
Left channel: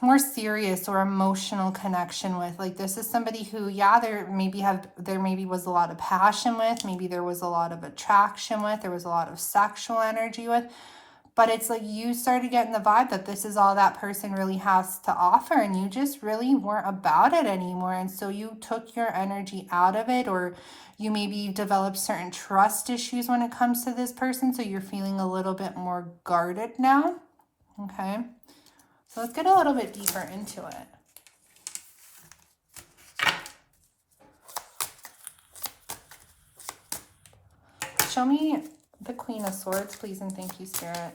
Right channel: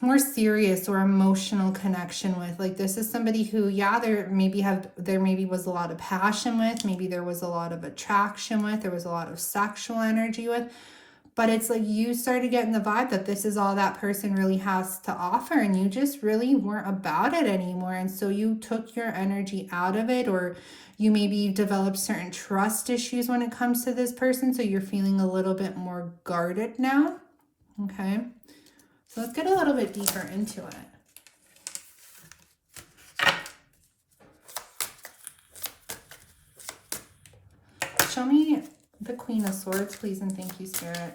more serious or emotional connection with. Like, this is somebody who, yeah, there maybe was a lot of passion with, maybe there was a lot of attraction with, there was a lot of sexual energy with, but it's like you started getting the vibe that this is all that person really has to offer, and you just really weren't about it anymore. And so you took your energy out of it, or you maybe developed certain trust issues when it comes to this person, so you're feeling a little bit more guarded now, okay? So let's get a little bit deeper into it. Show me the Queen of Swords, please, and thank you, Spirit.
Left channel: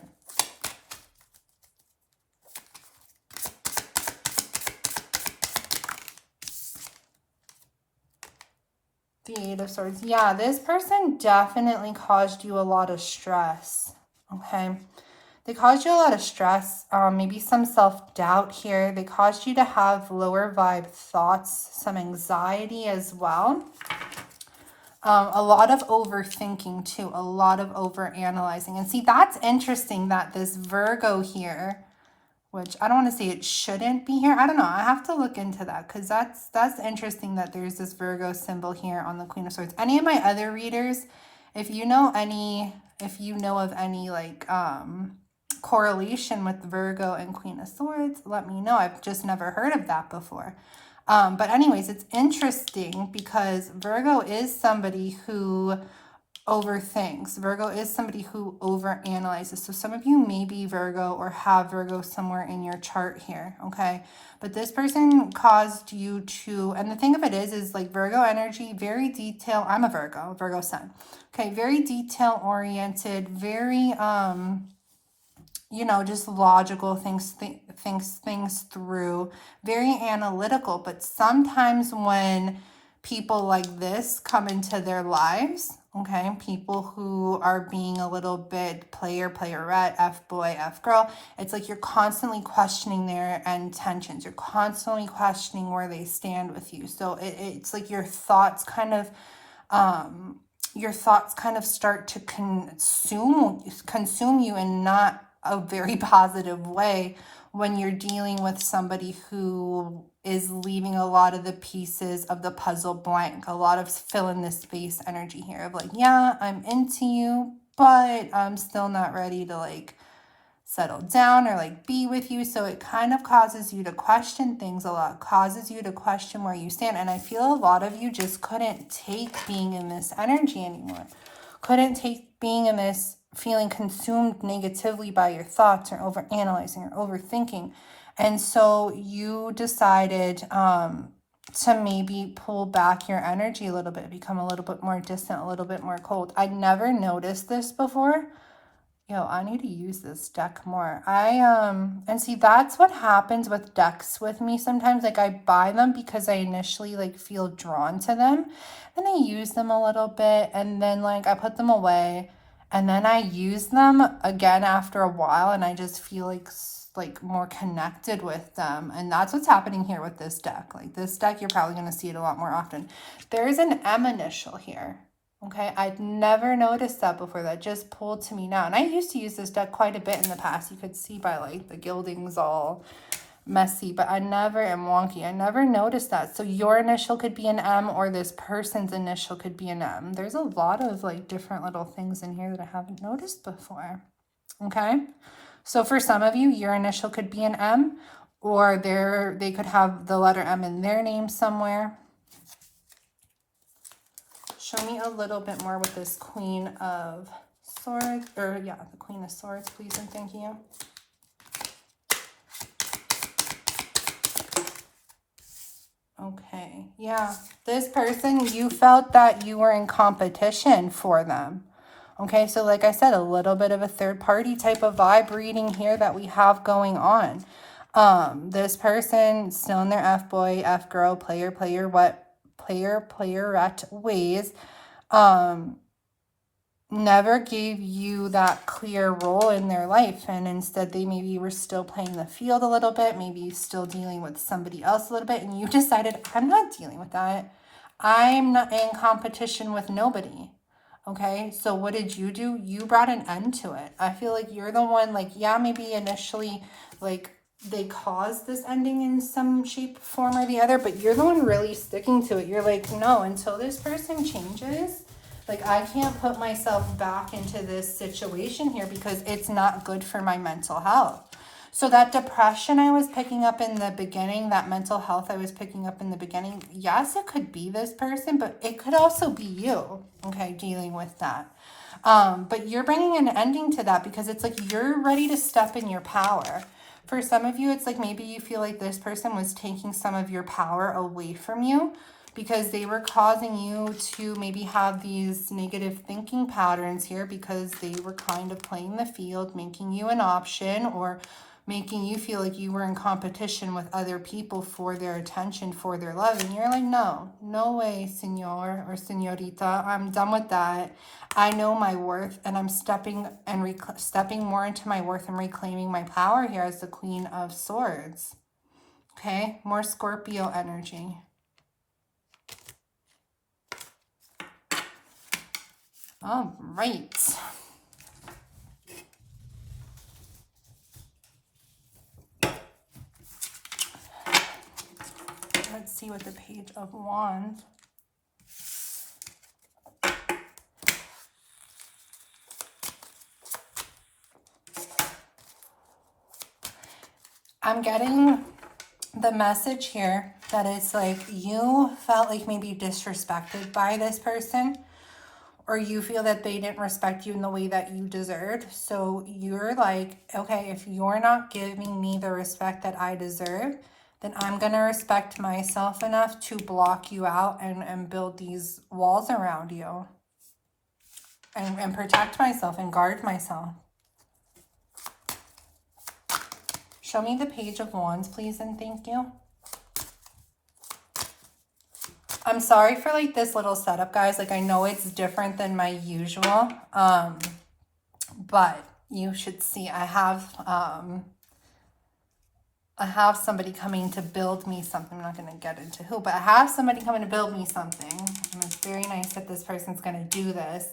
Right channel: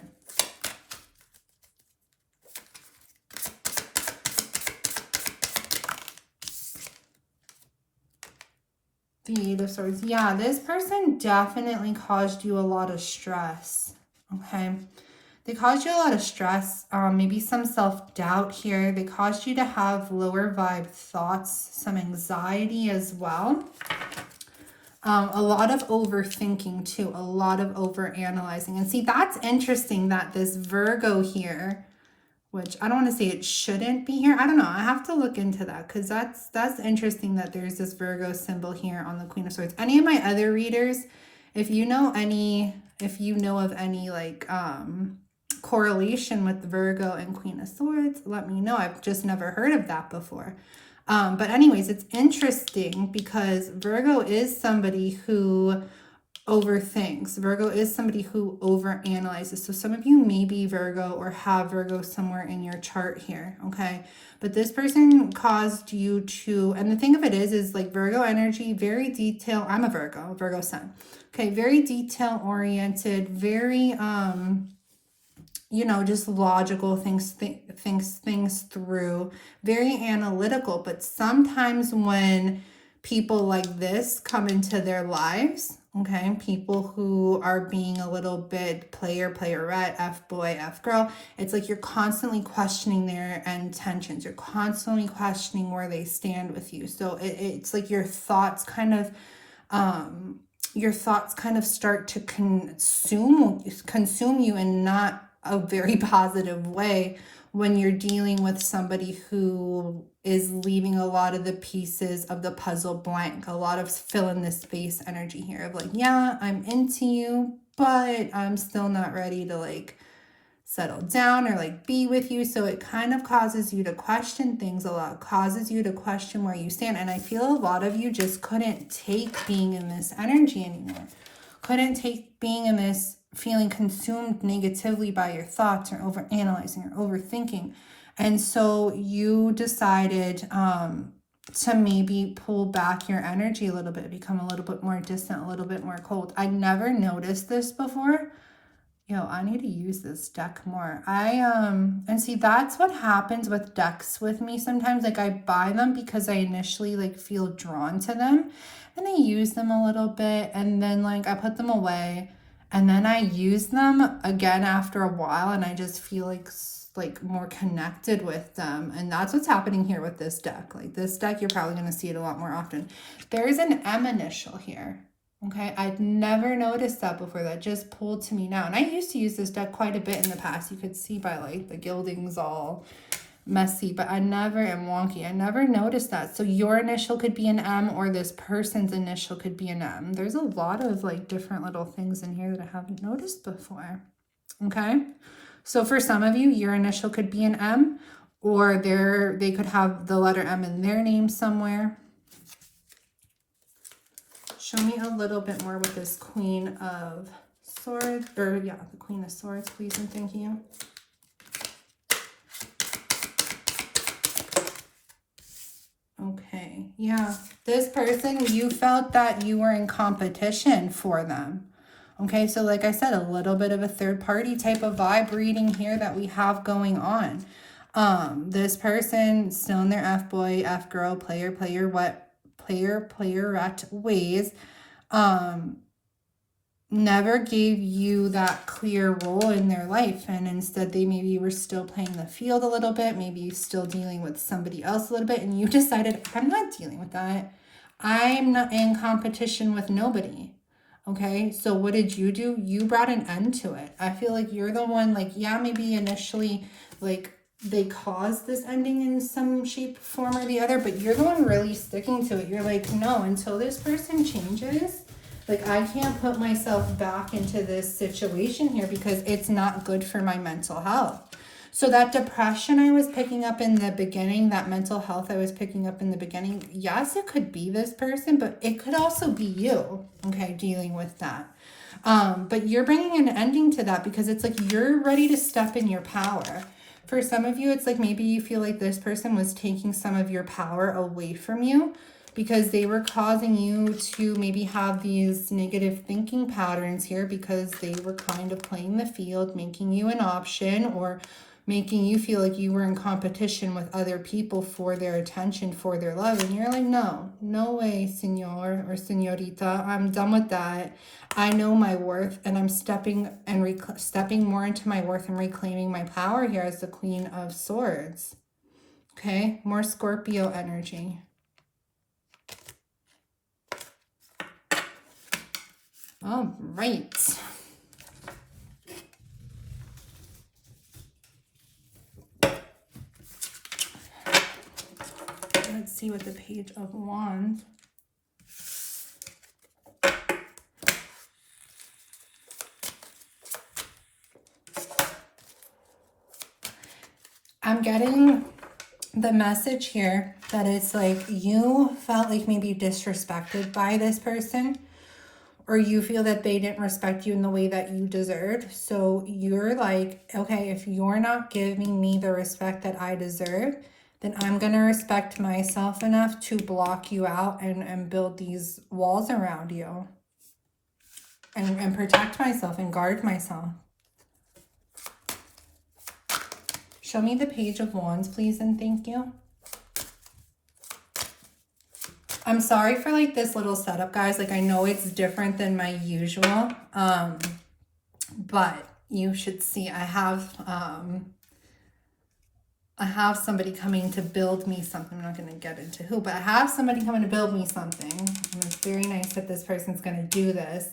The Eight of Swords. Yeah, this person definitely caused you a lot of stress, okay? They caused you a lot of stress, maybe some self-doubt here. They caused you to have lower vibe thoughts, some anxiety as well. A lot of overthinking too, a lot of overanalyzing. And see, that's interesting that this Virgo here, which I don't want to say it shouldn't be here. I don't know. I have to look into that, because that's interesting that there's this Virgo symbol here on the Queen of Swords. Any of my other readers, if you know of any like correlation with Virgo and Queen of Swords, let me know. I've just never heard of that before. But anyways, it's interesting because Virgo is somebody who overthinks. Virgo is somebody who overanalyzes. So some of you may be Virgo or have Virgo somewhere in your chart here, okay? But this person caused you to, and the thing of it is like Virgo energy, very detail. I'm a Virgo sun. Okay, very detail oriented, very, you know, just logical, things through, very analytical. But sometimes when people like this come into their lives, okay, people who are being a little bit playerette, F-boy, F-girl, it's like you're constantly questioning their intentions. You're constantly questioning where they stand with you. So it's like your thoughts kind of start to consume you in not a very positive way when you're dealing with somebody who is leaving a lot of the pieces of the puzzle blank, a lot of fill in the space energy here of like, yeah, I'm into you, but I'm still not ready to like settle down or like be with you. So it kind of causes you to question things a lot, causes you to question where you stand. And I feel a lot of you just couldn't take being in this energy anymore. Couldn't take being in this, feeling consumed negatively by your thoughts or overanalyzing or overthinking. And so you decided to maybe pull back your energy a little bit, become a little bit more distant, a little bit more cold. I never noticed this before. Yo, I need to use this deck more. And see, that's what happens with decks with me sometimes. Like I buy them because I initially like feel drawn to them and I use them a little bit and then like I put them away and then I use them again after a while and I just feel like more connected with them. And that's what's happening here with this deck. Like this deck, you're probably going to see it a lot more often. There's an M initial here. Okay, I'd never noticed that before. That just pulled to me now. And I used to use this deck quite a bit in the past. You could see by like the gilding's all messy, but I never am wonky. I never noticed that. So your initial could be an M or this person's initial could be an M. There's a lot of like different little things in here that I haven't noticed before. Okay, so for some of you, your initial could be an M or they could have the letter M in their name somewhere. Show me a little bit more with this Queen of Swords, or yeah, the Queen of Swords, please and thank you. Okay, yeah, this person, you felt that you were in competition for them. Okay, so like I said, a little bit of a third party type of vibe reading here that we have going on. This person still in their F-boy, F-girl, playerette ways, never gave you that clear role in their life, and instead they maybe were still playing the field a little bit, maybe still dealing with somebody else a little bit, and you decided, I'm not dealing with that. I'm not in competition with nobody. Okay, so what did you do? You brought an end to it. I feel like you're the one, like, yeah, maybe initially, like, they caused this ending in some shape, form, or the other, but you're the one really sticking to it. You're like, no, until this person changes, like, I can't put myself back into this situation here because it's not good for my mental health. So that depression I was picking up in the beginning, that mental health I was picking up in the beginning, yes, it could be this person, but it could also be you, okay, dealing with that. But you're bringing an ending to that because it's like you're ready to step in your power. For some of you, it's like maybe you feel like this person was taking some of your power away from you because they were causing you to maybe have these negative thinking patterns here because they were kind of playing the field, making you an option or making you feel like you were in competition with other people for their attention, for their love. And you're like, no way, senor or senorita. I'm done with that. I know my worth and I'm stepping more into my worth and reclaiming my power here as the Queen of Swords. Okay, more Scorpio energy. All right. Let's see what the Page of Wands. I'm getting the message here that it's like you felt like maybe disrespected by this person, or you feel that they didn't respect you in the way that you deserved. So you're like, okay, if you're not giving me the respect that I deserve, then I'm going to respect myself enough to block you out and build these walls around you and protect myself and guard myself. Show me the Page of Wands, please, and thank you. I'm sorry for like this little setup, guys. Like I know it's different than my usual, but you should see I have somebody coming to build me something. I'm not going to get into who, but I have somebody coming to build me something. And it's very nice that this person's going to do this.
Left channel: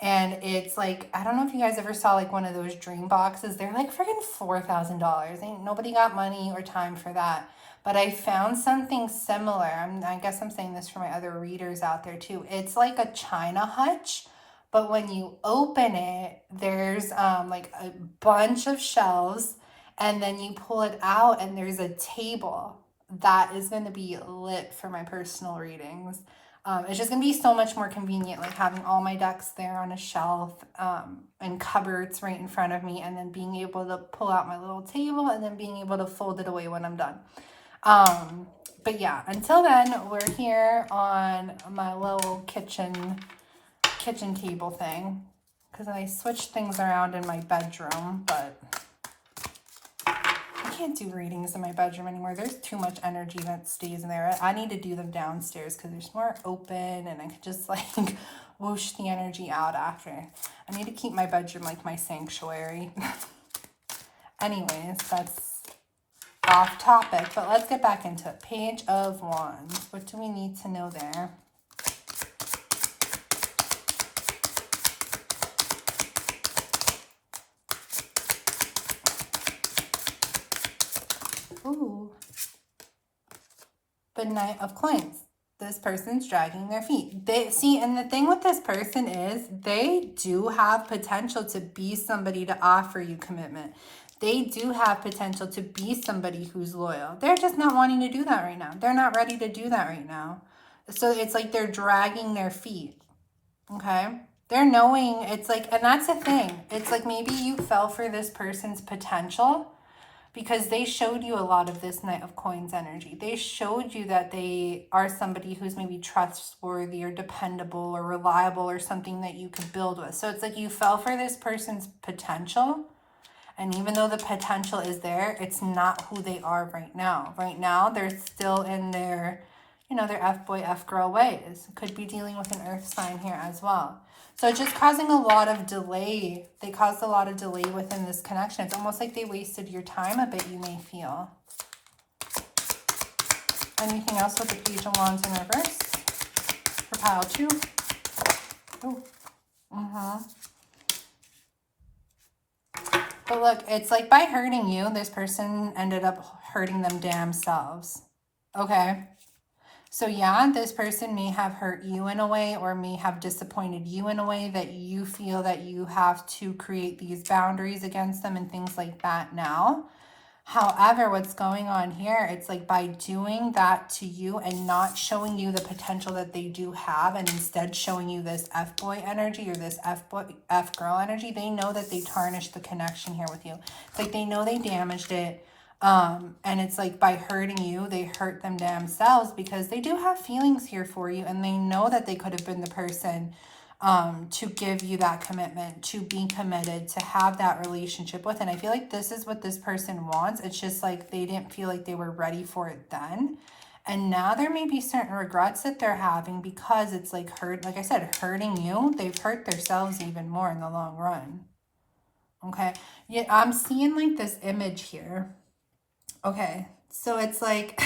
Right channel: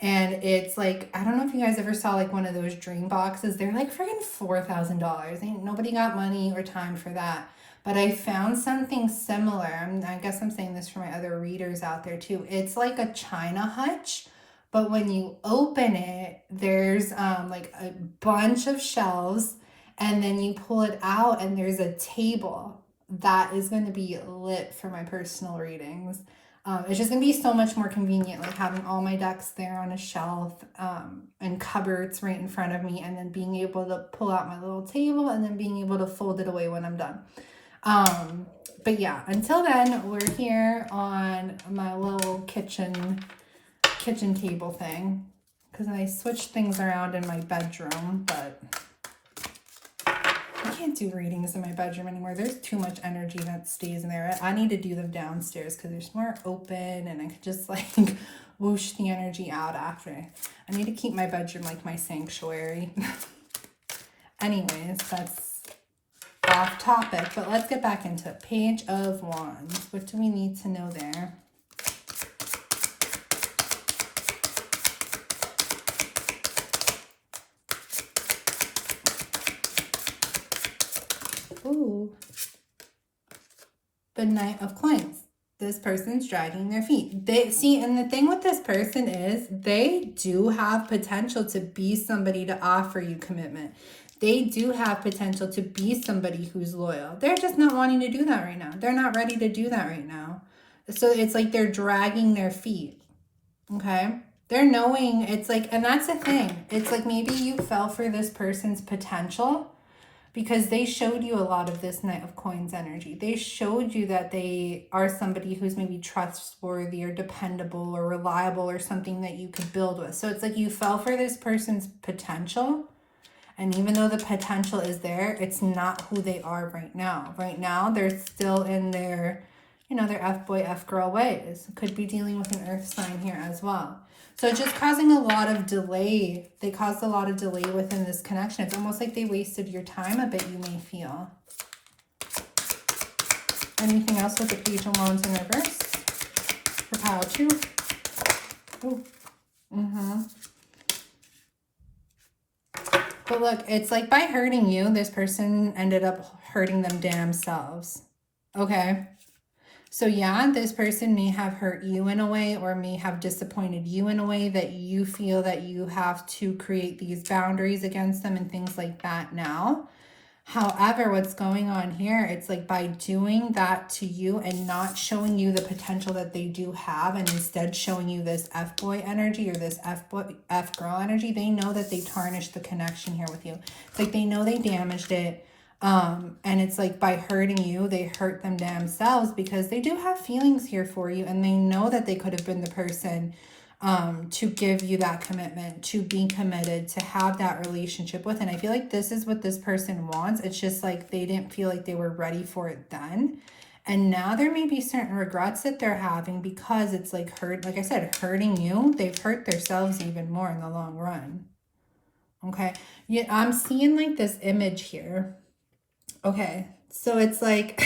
And it's like, I don't know if you guys ever saw like one of those dream boxes. They're like freaking $4,000. Ain't nobody got money or time for that. But I found something similar. I guess I'm saying this for my other readers out there too. It's like a China hutch, but when you open it, there's like a bunch of shelves, and then you pull it out and there's a table that is going to be lit for my personal readings. It's just going to be so much more convenient, like having all my decks there on a shelf and cupboards right in front of me, and then being able to pull out my little table and then being able to fold it away when I'm done. But yeah, until then, we're here on my little kitchen table thing, because I switched things around in my bedroom, but I can't do readings in my bedroom anymore. There's too much energy that stays in there. I need to do them downstairs because there's more open, and I could just like whoosh the energy out after. I need to keep my bedroom like my sanctuary. Anyways, that's off topic, but let's get back into it. Page of Wands. What do we need to know there? Ooh. The Knight of Coins. This person's dragging their feet. They see, and the thing with this person is they do have potential to be somebody to offer you commitment. They do have potential to be somebody who's loyal. They're just not wanting to do that right now. They're not ready to do that right now. So it's like they're dragging their feet. Okay? They're knowing, it's like, and that's the thing. It's like maybe you fell for this person's potential because they showed you a lot of this Knight of Coins energy. They showed you that they are somebody who's maybe trustworthy or dependable or reliable or something that you could build with. So it's like you fell for this person's potential. And even though the potential is there, it's not who they are right now. Right now, they're still in their, you know, their F-boy, F-girl ways. Could be dealing with an earth sign here as well. So it's just causing a lot of delay. They caused a lot of delay within this connection. It's almost like they wasted your time a bit, you may feel. Anything else with the Page of Wands in reverse? For pile 2. Ooh. But look, it's like by hurting you, this person ended up hurting them damn selves. Okay? So yeah, this person may have hurt you in a way or may have disappointed you in a way that you feel that you have to create these boundaries against them and things like that now. However, what's going on here, it's like by doing that to you and not showing you the potential that they do have and instead showing you this F-boy energy or this F-girl energy, they know that they tarnished the connection here with you. It's like they know they damaged it. And it's like by hurting you, they hurt them themselves because they do have feelings here for you and they know that they could have been the person to give you that commitment, to be committed, to have that relationship with. And I feel like this is what this person wants. It's just like they didn't feel like they were ready for it then. And now there may be certain regrets that they're having because it's like like I said, hurting you. They've hurt themselves even more in the long run. Okay. Yeah, I'm seeing like this image here. Okay. So it's like,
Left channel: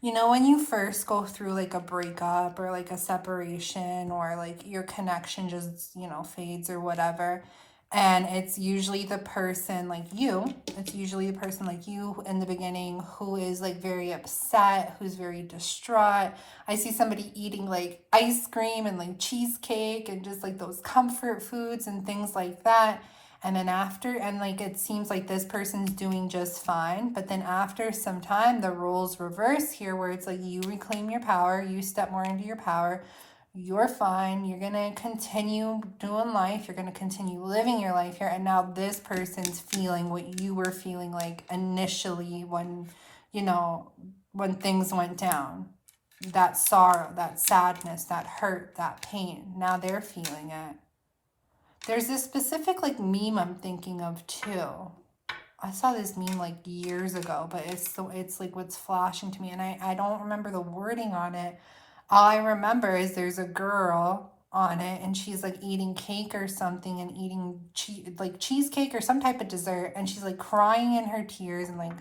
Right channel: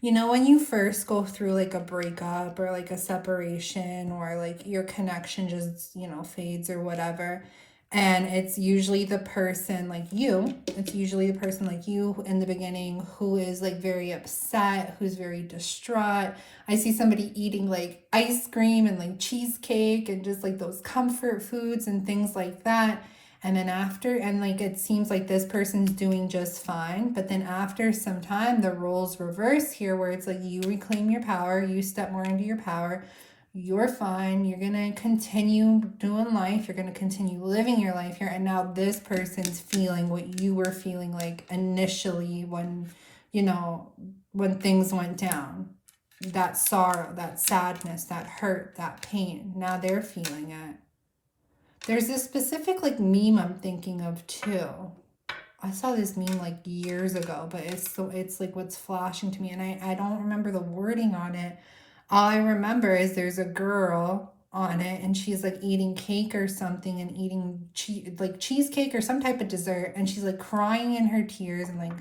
you know, when you first go through like a breakup or like a separation or like your connection just, you know, fades or whatever. And it's usually the person like you, it's usually the person like you in the beginning who is like very upset, who's very distraught. I see somebody eating like ice cream and like cheesecake and just like those comfort foods and things like that. And then after, and like it seems like this person's doing just fine. But then after some time, the roles reverse here where it's like you reclaim your power, you step more into your power. You're fine. You're going to continue doing life. You're going to continue living your life here. And now this person's feeling what you were feeling like initially when, you know, when things went down. That sorrow, that sadness, that hurt, that pain. Now they're feeling it. There's this specific like meme I'm thinking of too. I saw this meme like years ago, but it's like what's flashing to me, and I don't remember the wording on it. All I remember is there's a girl on it and she's like eating cake or something and eating cheesecake or some type of dessert, and she's like crying in her tears and like,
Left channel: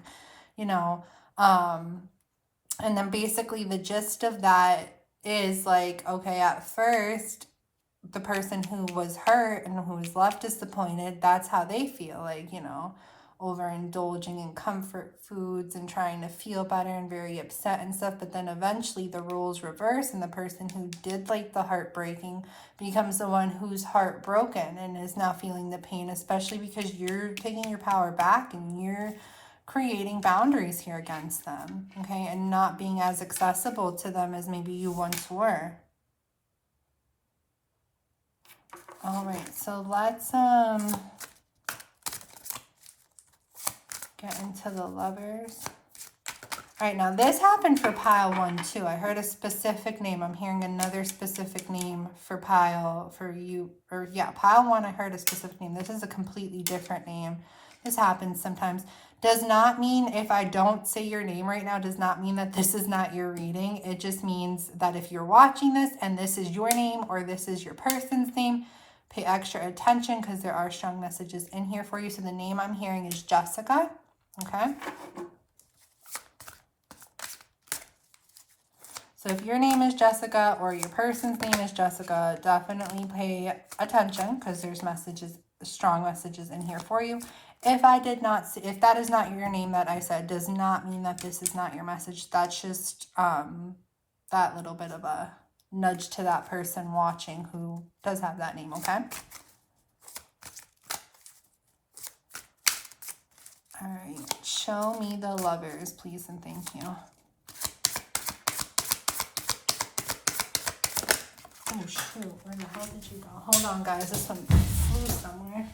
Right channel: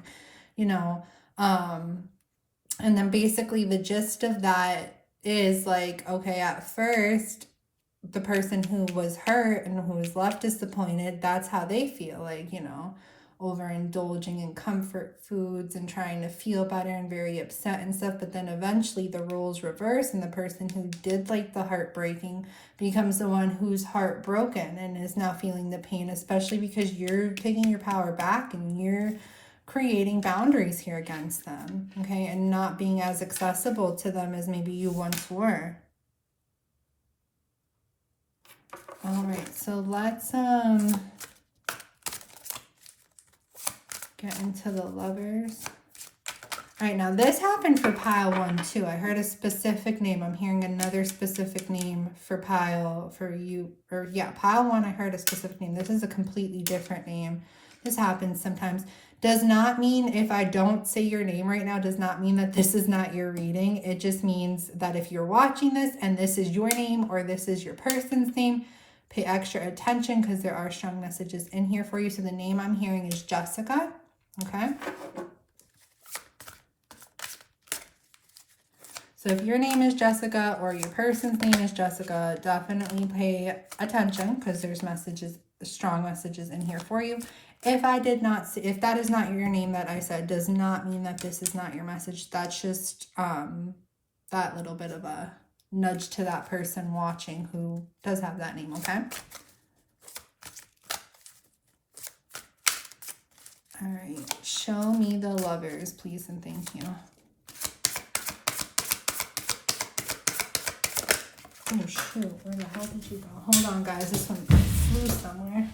you know, and then basically the gist of that is like, okay, at first the person who was hurt and who was left disappointed, that's how they feel, like, you know, overindulging in comfort foods and trying to feel better and very upset and stuff. But then eventually the roles reverse and the person who did like the heartbreaking becomes the one who's heartbroken and is now feeling the pain, especially because you're taking your power back and you're creating boundaries here against them, okay, and not being as accessible to them as maybe you once were. All right, so let's get into the Lovers. All right, now this happened for pile 1 too. I heard a specific name. I'm hearing another specific name for pile for you, or yeah, pile 1. I heard a specific name. This is a completely different name. This happens sometimes. Does not mean if I don't say your name right now, does not mean that this is not your reading. It just means that if you're watching this and this is your name or this is your person's name, pay extra attention because there are strong messages in here for you. So the name I'm hearing is Jessica, okay? So if your name is Jessica or your person's name is Jessica, definitely pay attention because there's messages, strong messages in here for you. If I did not see, if that is not your name that I said, does not mean that this is not your message. That's just that little bit of a nudge to that person watching who does have that name, okay? All right, show me the Lovers, please, and thank you. Oh, shoot, where the hell did you go? Hold on, guys, this one flew somewhere.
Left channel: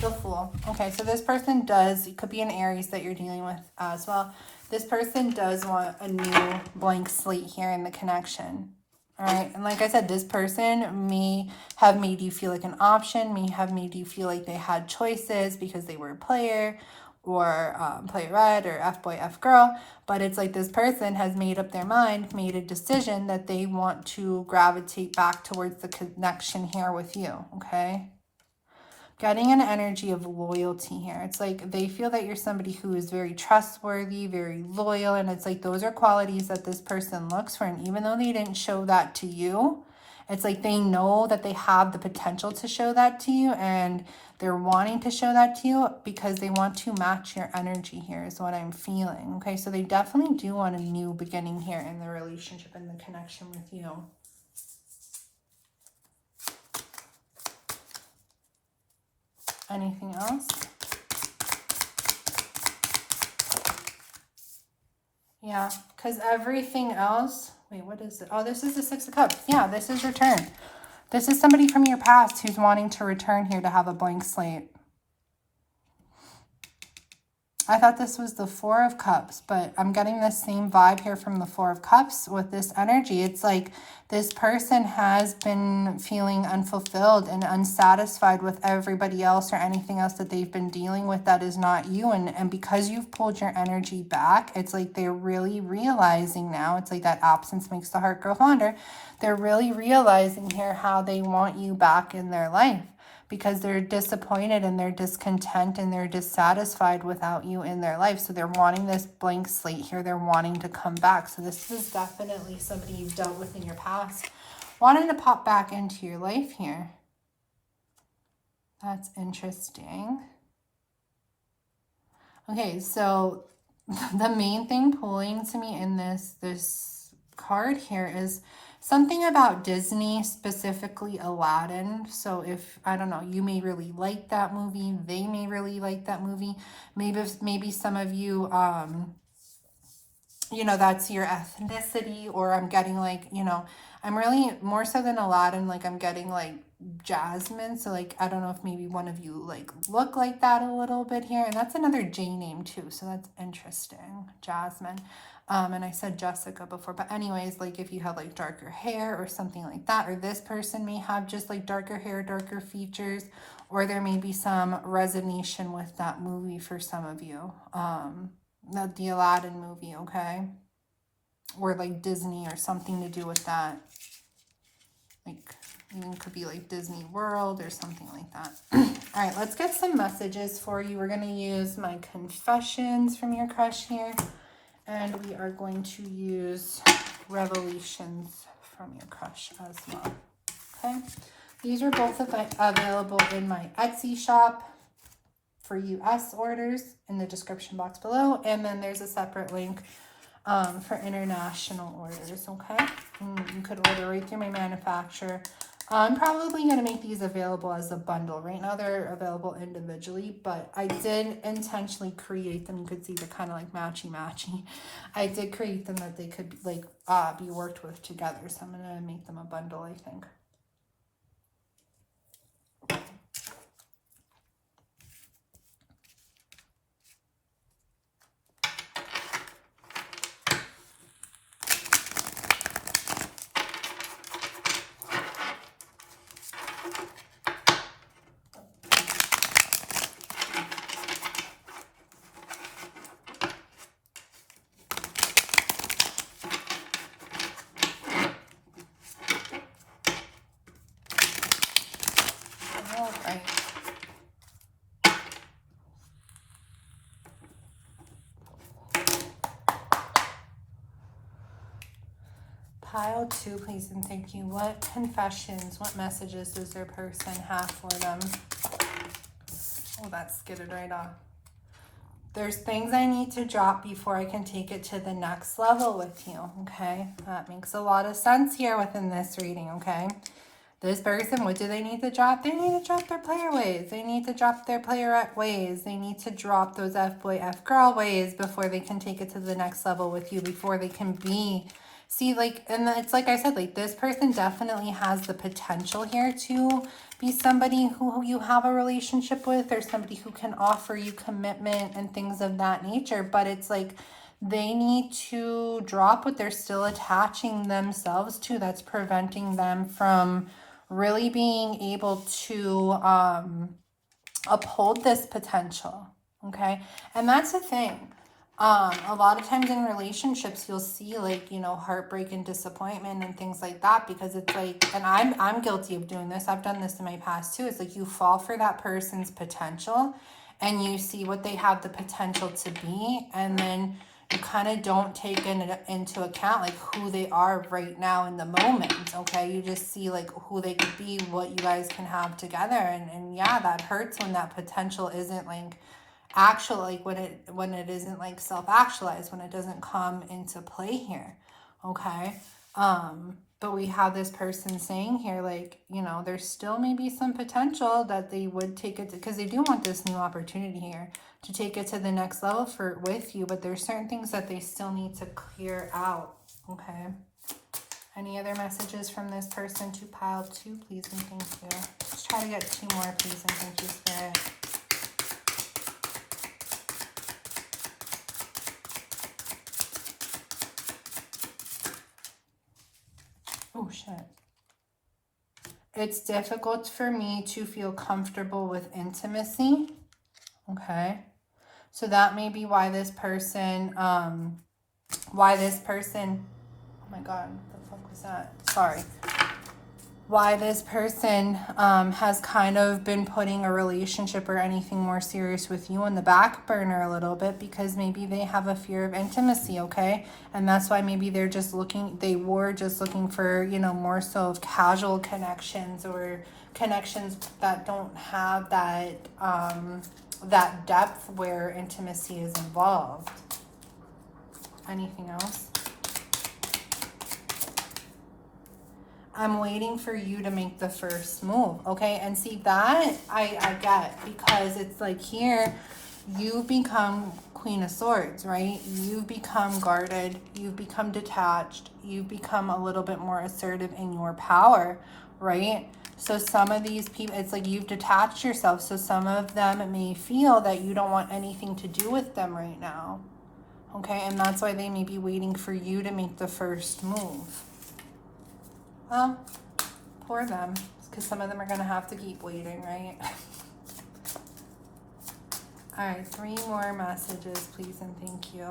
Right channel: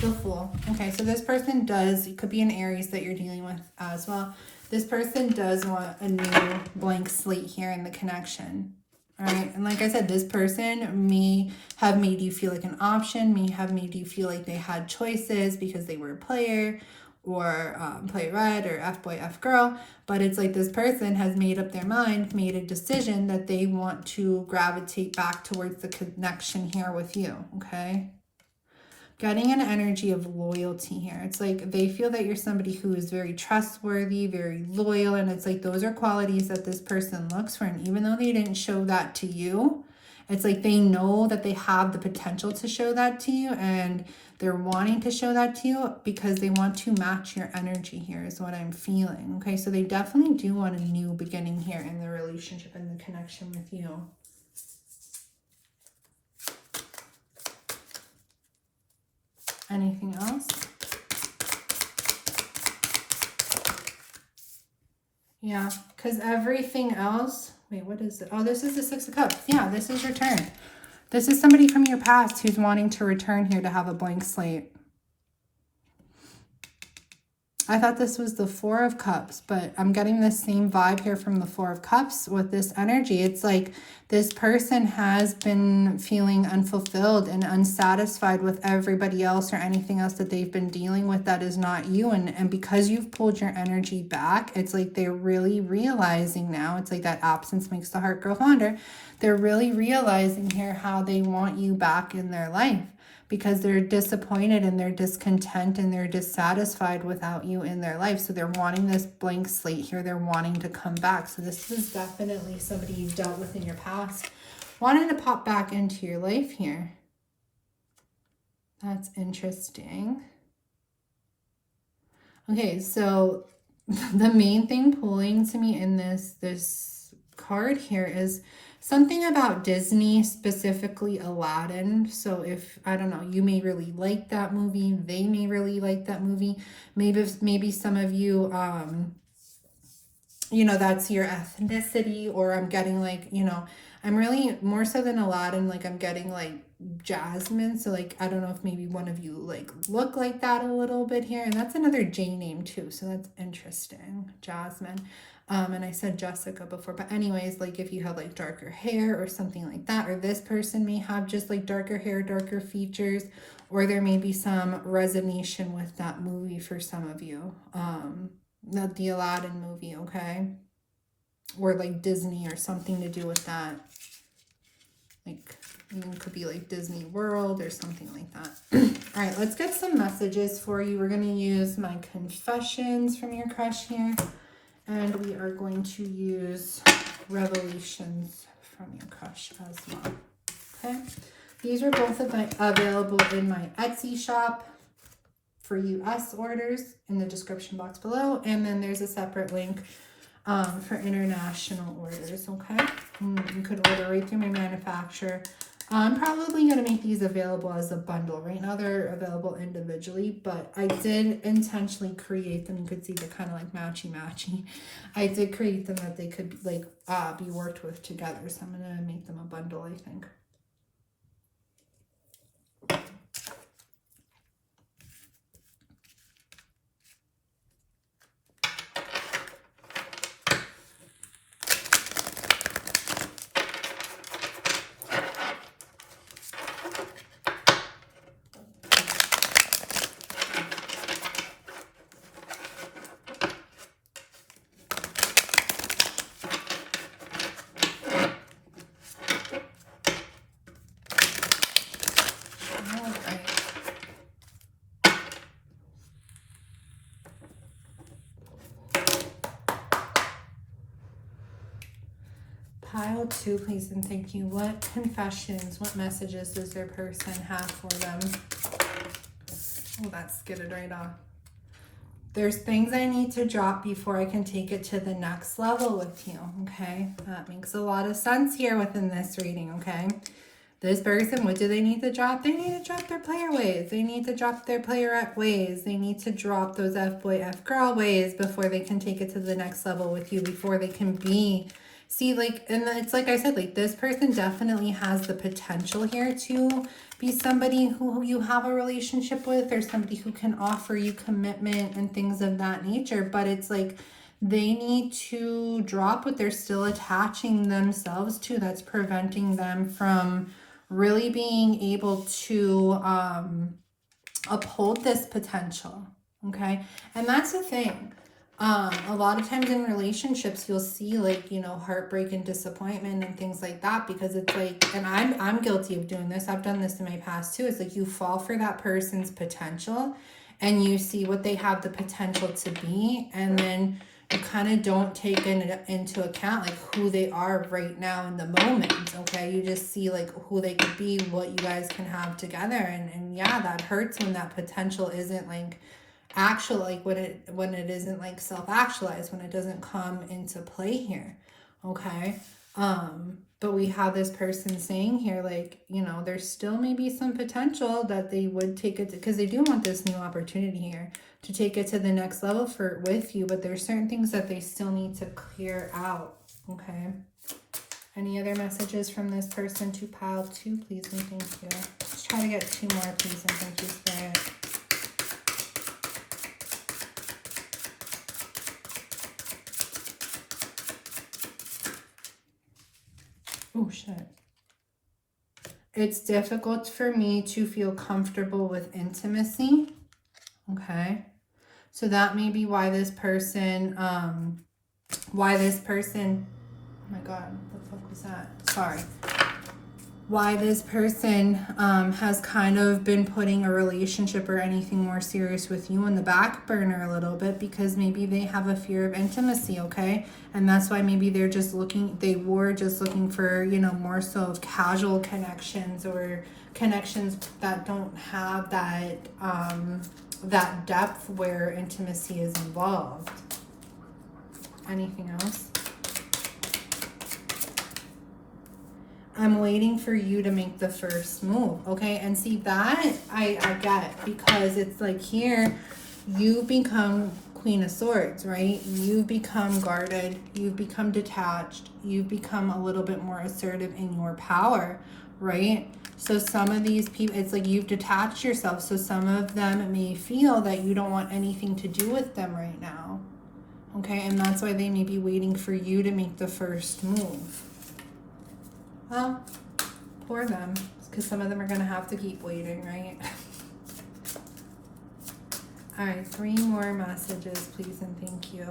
The Fool. Okay, so this person does, it could be an Aries that you're dealing with as well. This person does want a new blank slate here in the connection. All right, and like I said, this person may have made you feel like an option, may have made you feel like they had choices because they were a player or player-red or F-boy, F-girl, but it's like this person has made up their mind, made a decision that they want to gravitate back towards the connection here with you, okay? Getting an energy of loyalty here. It's like they feel that you're somebody who is very trustworthy, very loyal, and it's like those are qualities that this person looks for. And even though they didn't show that to you, it's like they know that they have the potential to show that to you, and they're wanting to show that to you because they want to match your energy here is what I'm feeling. Okay, so they definitely do want a new beginning here in the relationship and the connection with you. Anything else? Yeah, because everything else, wait, what is it? Oh, this is the Six of Cups. Yeah, this is your turn. This is somebody from your past who's wanting to return here to have a blank slate. I thought this was the Four of Cups, but I'm getting the same vibe here from the Four of Cups with this energy. It's like this person has been feeling unfulfilled and unsatisfied with everybody else or anything else that they've been dealing with that is not you. And because you've pulled your energy back, it's like they're really realizing now, it's like that absence makes the heart grow fonder. They're really realizing here how they want you back in their life, because they're disappointed and they're discontent and they're dissatisfied without you in their life. So they're wanting this blank slate here. They're wanting to come back. So this is definitely somebody you've dealt with in your past, wanting to pop back into your life here. That's interesting. Okay, so the main thing pulling to me in this card here is something about Disney, specifically Aladdin. So if, I don't know, you may really like that movie. They may really like that movie. Maybe some of you you know, that's your ethnicity, or I'm getting like, you know, I'm really more so than Aladdin, like I'm getting like Jasmine. So like, I don't know if maybe one of you like look like that a little bit here. And that's another J name too. So that's interesting. Jasmine. And I said Jessica before, but anyways, like if you have like darker hair or something like that, or this person may have just like darker hair, darker features, or there may be some resonation with that movie for some of you. The Aladdin movie, okay? Or like Disney or something to do with that. Like even could be like Disney World or something like that. All right, let's get some messages for you. We're going to use my confessions from your crush here. And we are going to use revelations from your crush as well. Okay. These are both available in my Etsy shop for US orders in the description box below. And then there's a separate link for international orders. Okay. You could order right through my manufacturer. I'm probably going to make these available as a bundle. Right now they're available individually, but I did intentionally create them. You could see they're kind of like matchy-matchy. I did create them that they could like be worked with together. So I'm going to make them a bundle, I think. Pile 2, please and thank you. What confessions, what messages does their person have for them? Oh, that skidded right off. There's things I need to drop before I can take it to the next level with you, okay? That makes a lot of sense here within this reading, okay? This person, what do they need to drop? They need to drop their player ways. They need to drop their playerette ways. They need to drop those F-boy, F-girl ways before they can take it to the next level with you, before they can be... See, like, and it's like I said, like, this person definitely has the potential here to be somebody who you have a relationship with, or somebody who can offer you commitment and things of that nature. But it's like they need to drop what they're still attaching themselves to that's preventing them from really being able to uphold this potential, okay? And that's the thing. A lot of times in relationships, you'll see like, you know, heartbreak and disappointment and things like that, because it's like, and I'm guilty of doing this. I've done this in my past too. It's like you fall for that person's potential and you see what they have the potential to be. And then you kind of don't take into account like who they are right now in the moment. Okay. You just see like who they could be, what you guys can have together. And yeah, that hurts when that potential isn't like actual, like when it isn't like self-actualized, when it doesn't come into play here. Okay. But we have this person saying here, like, you know, there's still maybe some potential that they would take it, because they do want this new opportunity here to take it to the next level with you, but there's certain things that they still need to clear out. Okay. Any other messages from this person to pile 2, please and thank you. Let's try to get 2 more, please and thank you, Spirit. Oh, shit. It's difficult for me to feel comfortable with intimacy. Okay. So that may be why this person, oh my God, what the fuck was that? Sorry. Why this person has kind of been putting a relationship or anything more serious with you on the back burner a little bit, because maybe they have a fear of intimacy, okay? And that's why maybe they were just looking for, you know, more so of casual connections, or connections that don't have that, that depth where intimacy is involved. Anything else? I'm waiting for you to make the first move, okay? And see, that I get, because it's like here, you become Queen of Swords, right? You've become guarded, you've become detached, you've become a little bit more assertive in your power, right? So some of these people, it's like you've detached yourself. So some of them may feel that you don't want anything to do with them right now. Okay, and that's why they may be waiting for you to make the first move. Well, poor them, because some of them are going to have to keep waiting, right? All right, 3 more messages, please, and thank you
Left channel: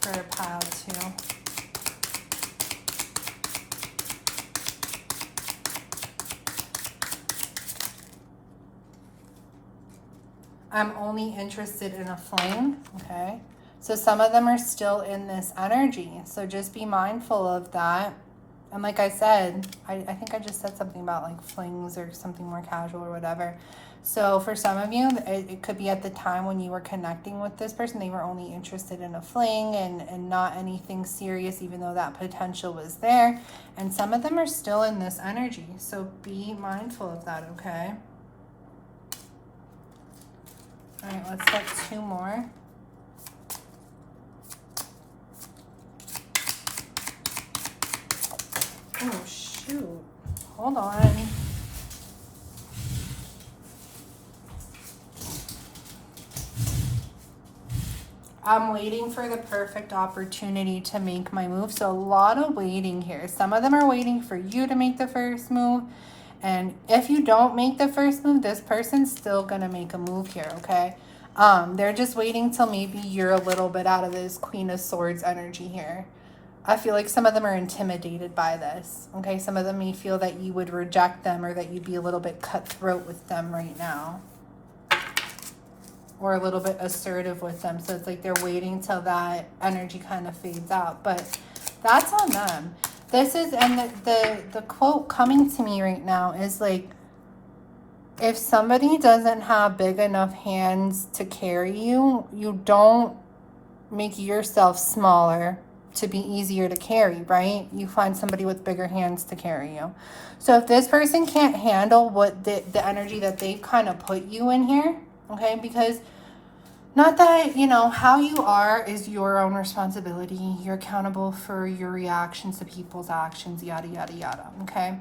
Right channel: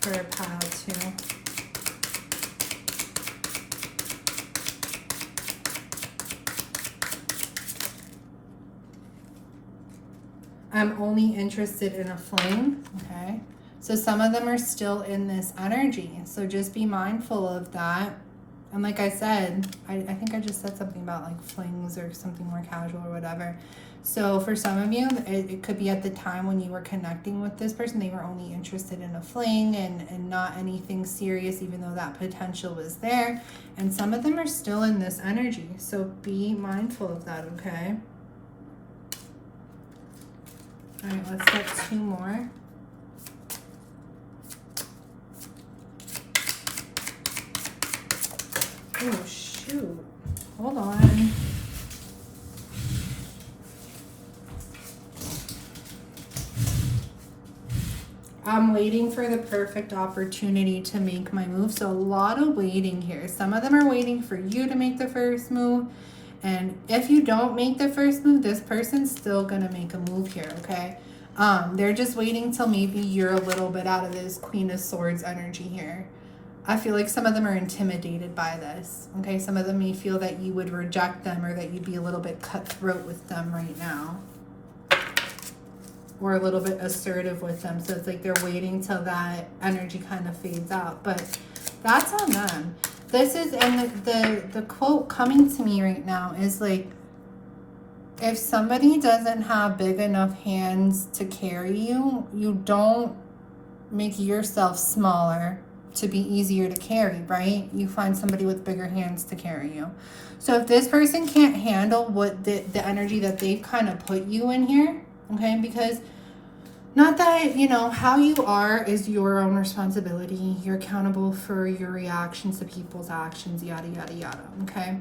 for pile 2. I'm only interested in a fling, okay? So some of them are still in this energy, so just be mindful of that. And like I said, I think I just said something about like flings or something more casual or whatever. So for some of you, it could be at the time when you were connecting with this person, they were only interested in a fling and not anything serious, even though that potential was there. And some of them are still in this energy, so be mindful of that, okay? All right, let's get 2 more. Oh, shoot. Hold on. I'm waiting for the perfect opportunity to make my move. So a lot of waiting here. Some of them are waiting for you to make the first move. And if you don't make the first move, this person's still going to make a move here, okay? They're just waiting till maybe you're a little bit out of this Queen of Swords energy here. I feel like some of them are intimidated by this, okay? Some of them may feel that you would reject them or that you'd be a little bit cutthroat with them right now. Or a little bit assertive with them. So it's like they're waiting till that energy kind of fades out. But that's on them. This is, and the quote coming to me right now is like, if somebody doesn't have big enough hands to carry you, you don't make yourself smaller to be easier to carry, right? You find somebody with bigger hands to carry you. So if this person can't handle what the energy that they've kind of put you in here, okay, because not that, you know, how you are is your own responsibility. You're accountable for your reactions to people's actions, yada, yada, yada, okay?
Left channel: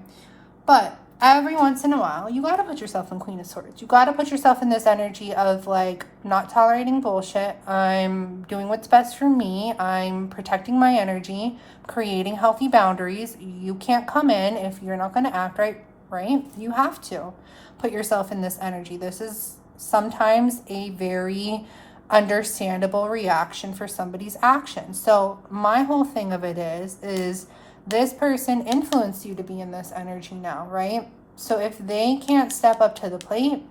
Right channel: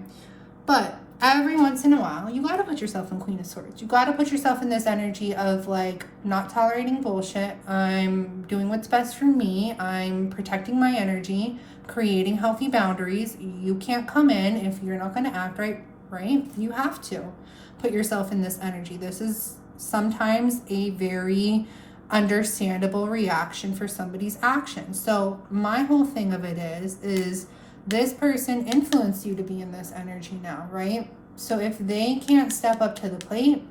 But every once in a while, you got to put yourself in Queen of Swords. You got to put yourself in this energy of, like, not tolerating bullshit. I'm doing what's best for me. I'm protecting my energy, creating healthy boundaries. You can't come in if you're not going to act right, right? You have to put yourself in this energy. This is sometimes a very understandable reaction for somebody's action. So my whole thing of it is this person influenced you to be in this energy now, right? So if they can't step up to the plate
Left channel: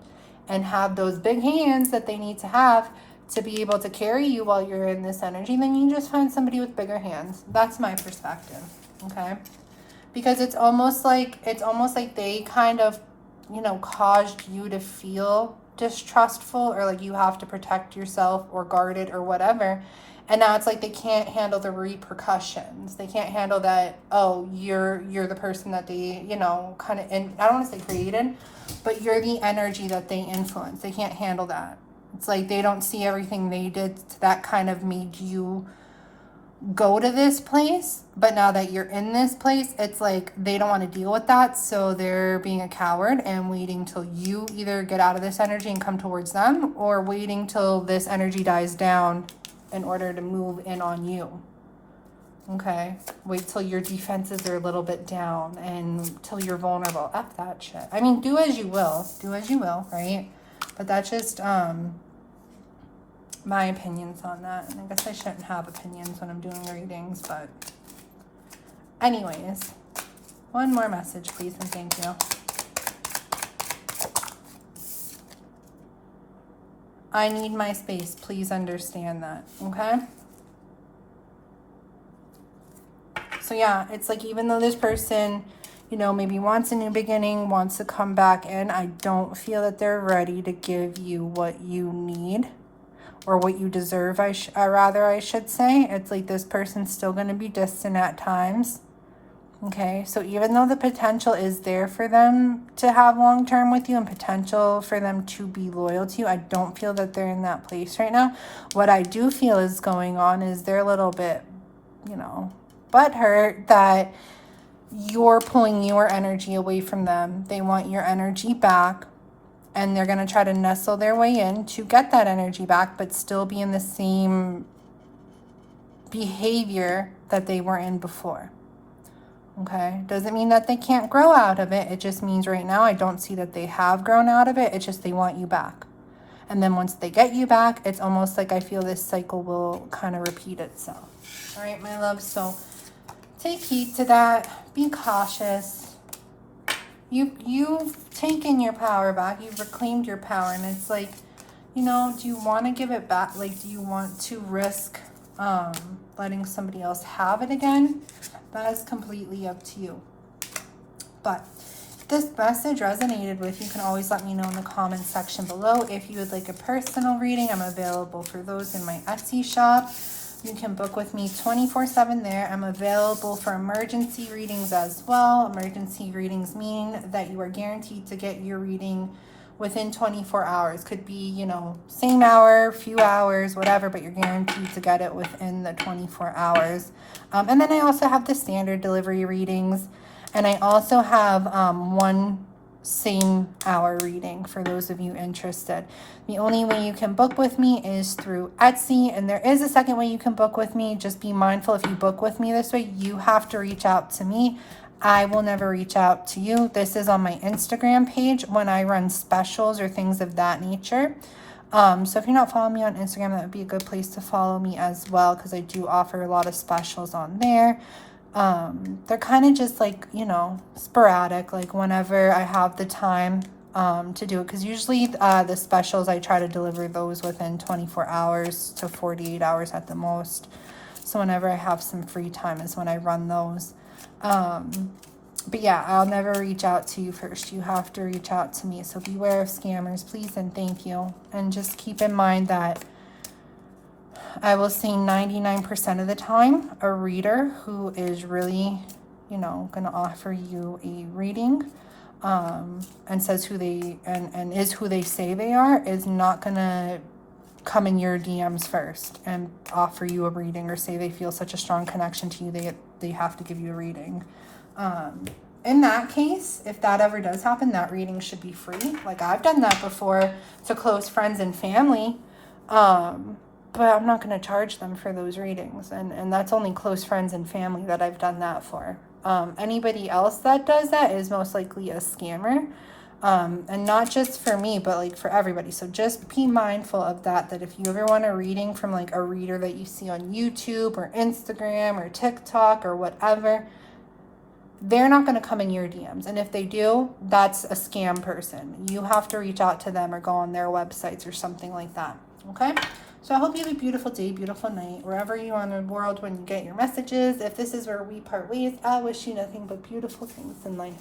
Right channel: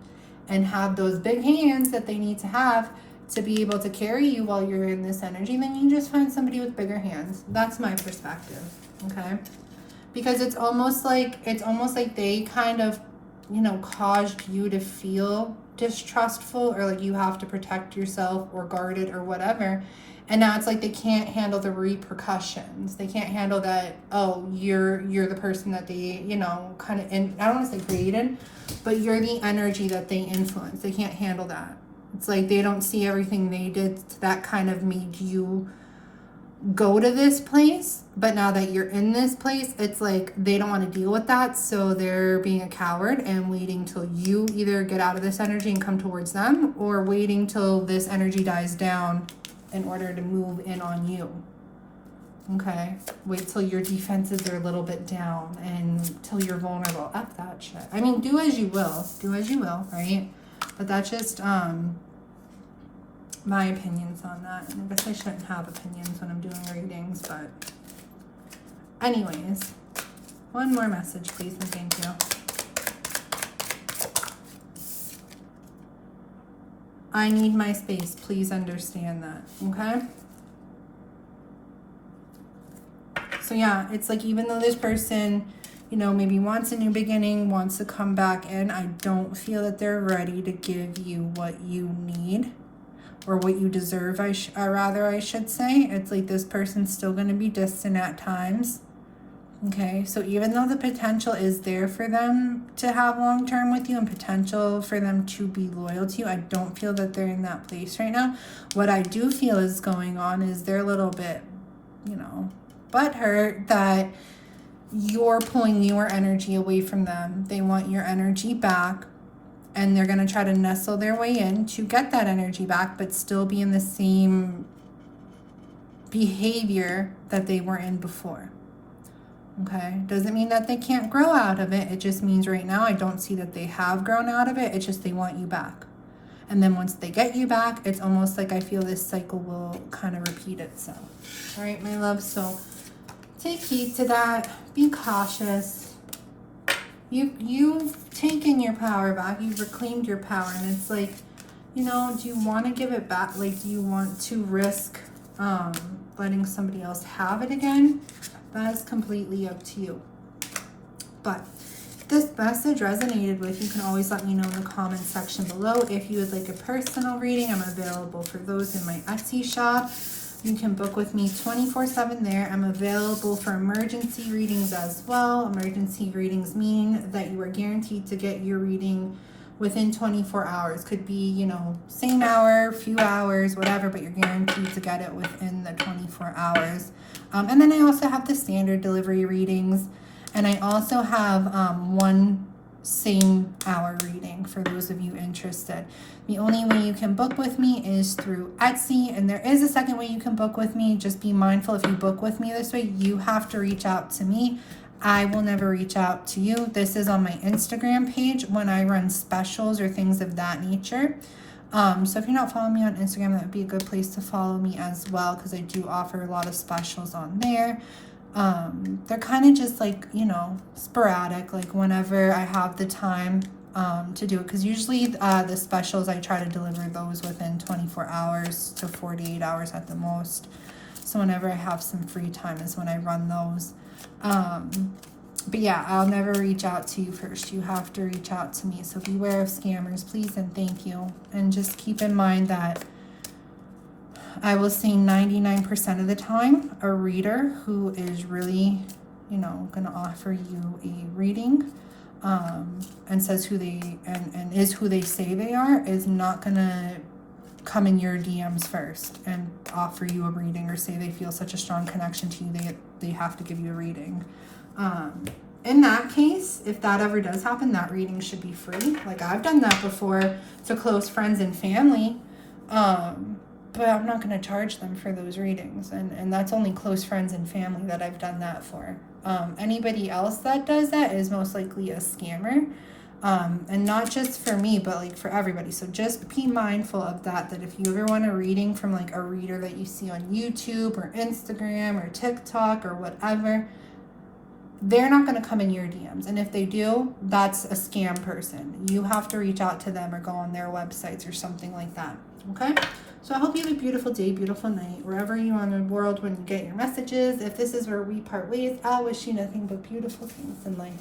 and have those big hands that they need to have to be able to carry you while you're in this energy, then you just find somebody with bigger hands. That's my perspective, okay? Because it's almost like they kind of, you know, caused you to feel distrustful or like you have to protect yourself or guard it or whatever. And now it's like they can't handle the repercussions. They can't handle that, oh, you're the person that they, you know, kind of, I don't want to say created, but you're the energy that they influence. They can't handle that. It's like they don't see everything they did that kind of made you go to this place. But now that you're in this place, it's like they don't want to deal with that. So they're being a coward and waiting till you either get out of this energy and come towards them, or waiting till this energy dies down in order to move in on you. Okay? Wait till your defenses are a little bit down and till you're vulnerable. F that shit. I mean, do as you will. Do as you will, right? But that's just my opinions on that. And I guess I shouldn't have opinions when I'm doing readings, but anyways, one more message, please, and thank you. I need my space. Please understand that, okay? So yeah, it's like even though this person, you know, maybe wants a new beginning, wants to come back in, I don't feel that they're ready to give you what you need or what you deserve, I should say. It's like this person's still going to be distant at times, Okay, so even though the potential is there for them to have long-term with you and potential for them to be loyal to you, I don't feel that they're in that place right now. What I do feel is going on is they're a little bit, you know, butthurt that you're pulling your energy away from them. They want your energy back, and they're going to try to nestle their way in to get that energy back, but still be in the same behavior that they were in before. Okay, doesn't mean that they can't grow out of it. It just means right now I don't see that they have grown out of it. It's just they want you back. And then once they get you back, it's almost like I feel this cycle will kind of repeat itself. All right, my love, so take heed to that. Be cautious. You've taken your power back. You've reclaimed your power. And it's like, you know, do you want to give it back? Like, do you want to risk letting somebody else have it again? That is completely up to you. But if this message resonated with you, can always let me know in the comment section below. If you would like a personal reading, I'm available for those in my Etsy shop. You can book with me 24/7 there. I'm available for emergency readings as well. Emergency readings mean that you are guaranteed to get your reading within 24 hours. Could be, you know, same hour, few hours, whatever, but you're guaranteed to get it within the 24 hours. And then I also have the standard delivery readings, and I also have one same hour reading for those of you interested. The only way you can book with me is through Etsy, and there is a second way you can book with me. Just be mindful, if you book with me this way, you have to reach out to me. I will never reach out to you. This is on my Instagram page when I run specials or things of that nature. So if you're not following me on Instagram, that would be a good place to follow me as well, because I do offer a lot of specials on there. They're kind of just like, you know, sporadic, like whenever I have the time to do it, because usually the specials, I try to deliver those within 24 hours to 48 hours at the most. So whenever I have some free time is when I run those. But yeah, I'll never reach out to you first. You have to reach out to me. So beware of scammers, please, and thank you. And just keep in mind that I will say 99% of the time, a reader who is really, you know, going to offer you a reading and says who they, and is who they say they are, is not going to come in your DMs first and offer you a reading or say they feel such a strong connection to you they have to give you a reading. In that case, if that ever does happen, that reading should be free. Like, I've done that before to close friends and family, but I'm not going to charge them for those readings, and that's only close friends and family that I've done that for. Anybody else that does that is most likely a scammer. And not just for me, but like for everybody. So just be mindful of that if you ever want a reading from like a reader that you see on YouTube or Instagram or TikTok or whatever, they're not going to come in your DMs. And if they do, that's a scam person. You have to reach out to them or go on their websites or something like that. Okay? So I hope you have a beautiful day, beautiful night, wherever you are in the world when you get your messages. If this is where we part ways, I wish you nothing but beautiful things in life.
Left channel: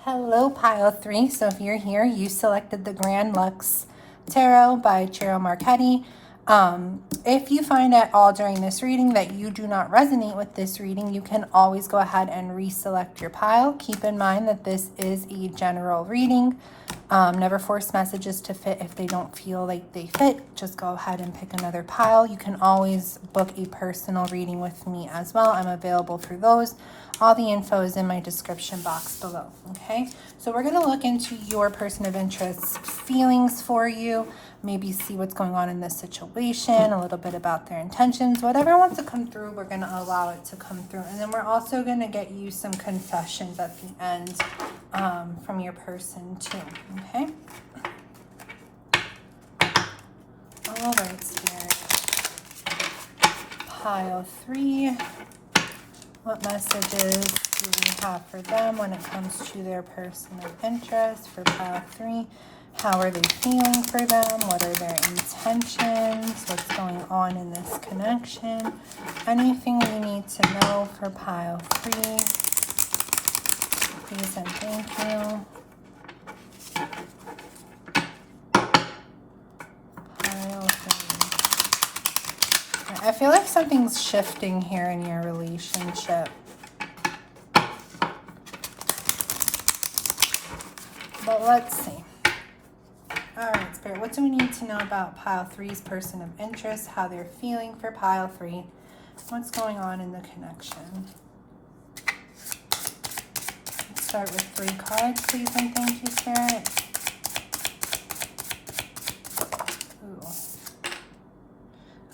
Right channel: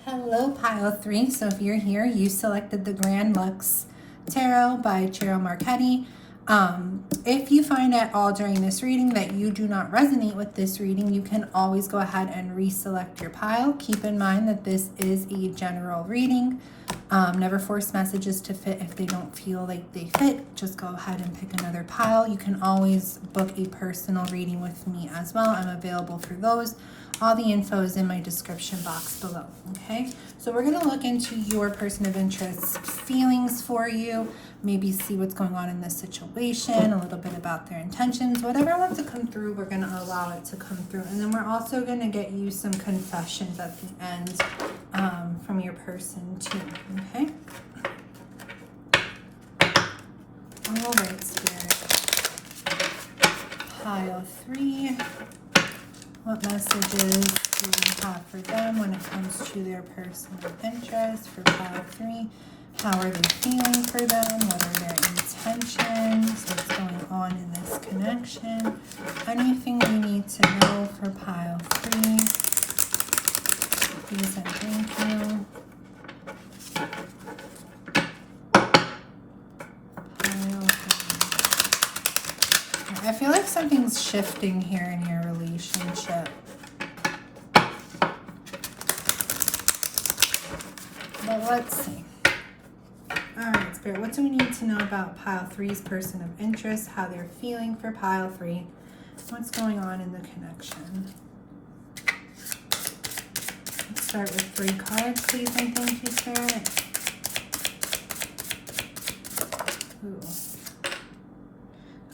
Hello, Pile 3. So if you're here, you selected the Grand Lux Tarot by Chiro Marchetti. If you find at all during this reading that you do not resonate with this reading, you can always go ahead and reselect your pile. Keep in mind that this is a general reading. Never force messages to fit if they don't feel like they fit. Just go ahead and pick another pile. You can always book a personal reading with me as well. I'm available for those. All the info is in my description box below, okay? So we're going to look into your person of interest's feelings for you, maybe see what's going on in this situation, a little bit about their intentions. Whatever wants to come through, we're going to allow it to come through. And then we're also going to get you some confessions at the end from your person too, okay? All right, Spirit. Pile 3. What messages do we have for them when it comes to their person of interest for pile 3? How are they feeling for them? What are their intentions? What's going on in this connection? Anything we need to know for pile 3? Please and thank you. Pile 3. I feel like something's shifting here in your relationship. let's see. All right, Spirit, what do we need to know about pile 3's person of interest, how they're feeling for pile 3? What's going on in the connection? Let's start with 3 cards, please, and thank you, Spirit. Ooh.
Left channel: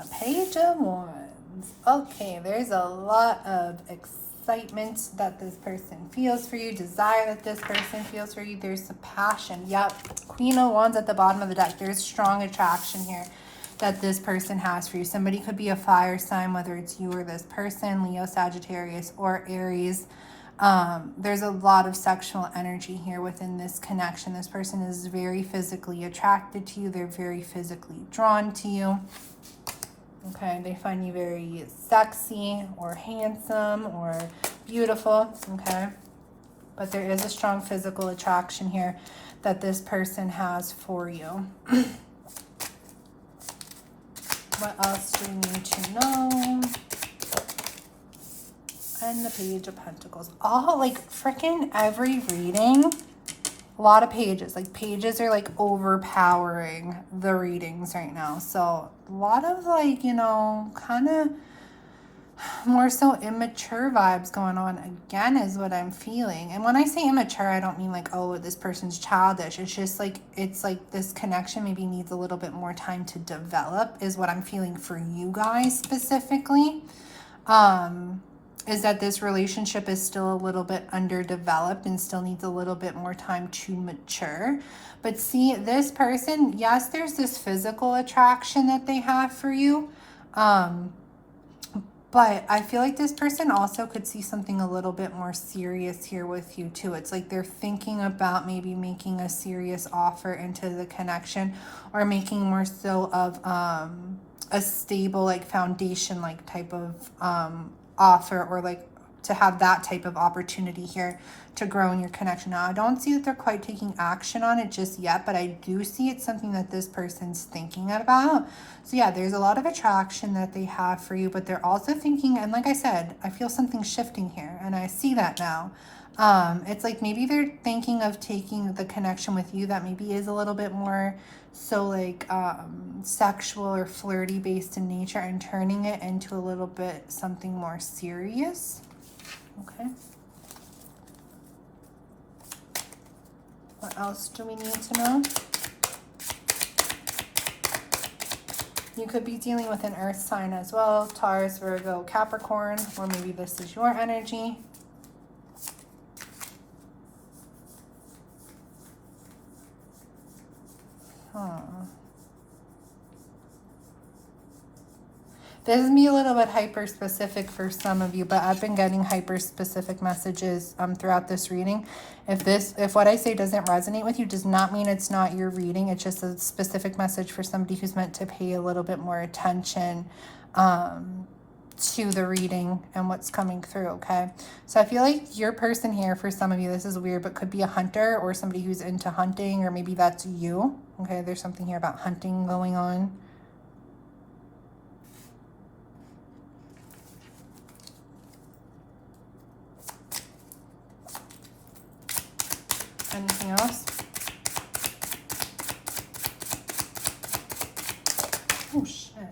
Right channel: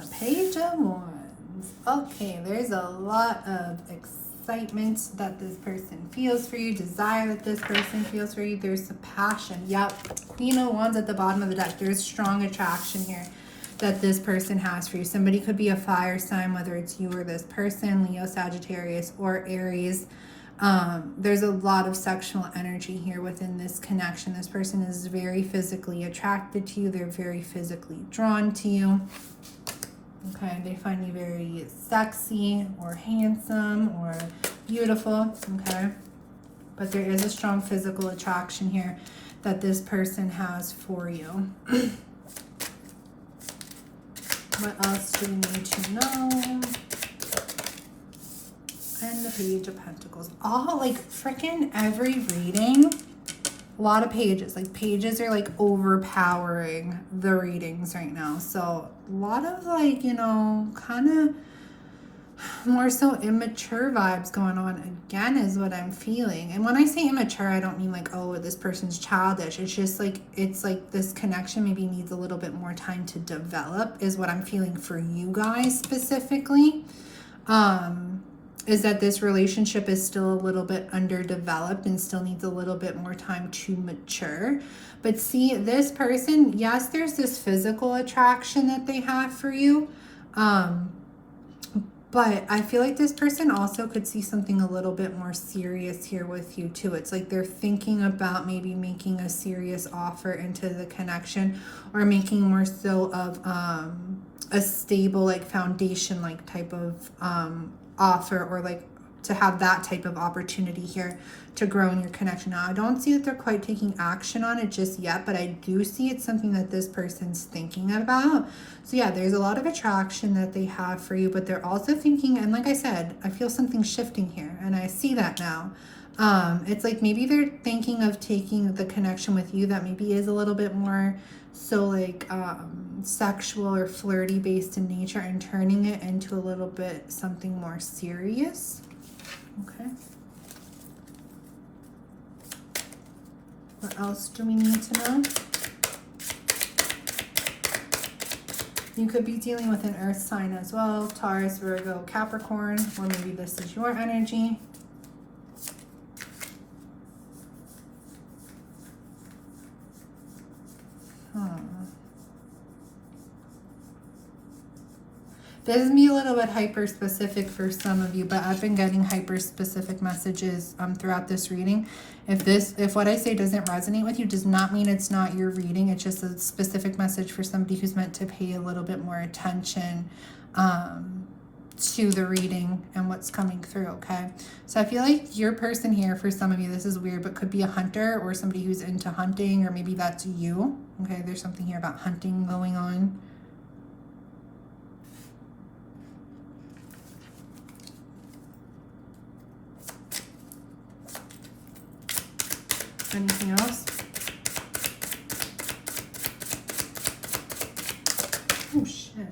A Page of Wands. Okay, there's a lot of excitement that this person feels for you, desire that this person feels for you. There's a passion. Yep. Queen of Wands at the bottom of the deck. There's strong attraction here that this person has for you. Somebody could be a fire sign, whether it's you or this person, Leo, Sagittarius, or Aries. There's a lot of sexual energy here within this connection. This person is very physically attracted to you. They're very physically drawn to you. Okay, they find you very sexy or handsome or beautiful, okay? But there is a strong physical attraction here that this person has for you. What else do we need to know? And the Page of Pentacles. All, like, freaking every reading, a lot of pages. Like, pages are, like, overpowering the readings right now. So, a lot of, like, you know, kind of more so immature vibes going on again is what I'm feeling. And when I say immature, I don't mean like, oh, this person's childish. It's just like, it's like this connection maybe needs a little bit more time to develop is what I'm feeling for you guys specifically. Is that this relationship is still a little bit underdeveloped and still needs a little bit more time to mature. But see, this person, yes, there's this physical attraction that they have for you. But I feel like this person also could see something a little bit more serious here with you too. It's like they're thinking about maybe making a serious offer into the connection, or making more so of a stable, like, foundation, like, type of offer, or like to have that type of opportunity here to grow in your connection. Now, I don't see that they're quite taking action on it just yet, but I do see it's something that this person's thinking about. So yeah, there's a lot of attraction that they have for you, but they're also thinking, and like I said, I feel something shifting here, and I see that now. It's like maybe they're thinking of taking the connection with you that maybe is a little bit more so like sexual or flirty based in nature, and turning it into a little bit something more serious. Okay. What else do we need to know? You could be dealing with an earth sign as well, Taurus, Virgo, Capricorn, or maybe this is your energy. This is me a little bit hyper specific for some of you, but I've been getting hyper specific messages throughout this reading. If what I say doesn't resonate with you, does not mean it's not your reading. It's just a specific message for somebody who's meant to pay a little bit more attention to the reading and what's coming through, okay? So I feel like your person here, for some of you, this is weird, but could be a hunter or somebody who's into hunting, or maybe that's you, okay? There's something here about hunting going on. Anything else? Oh, shit.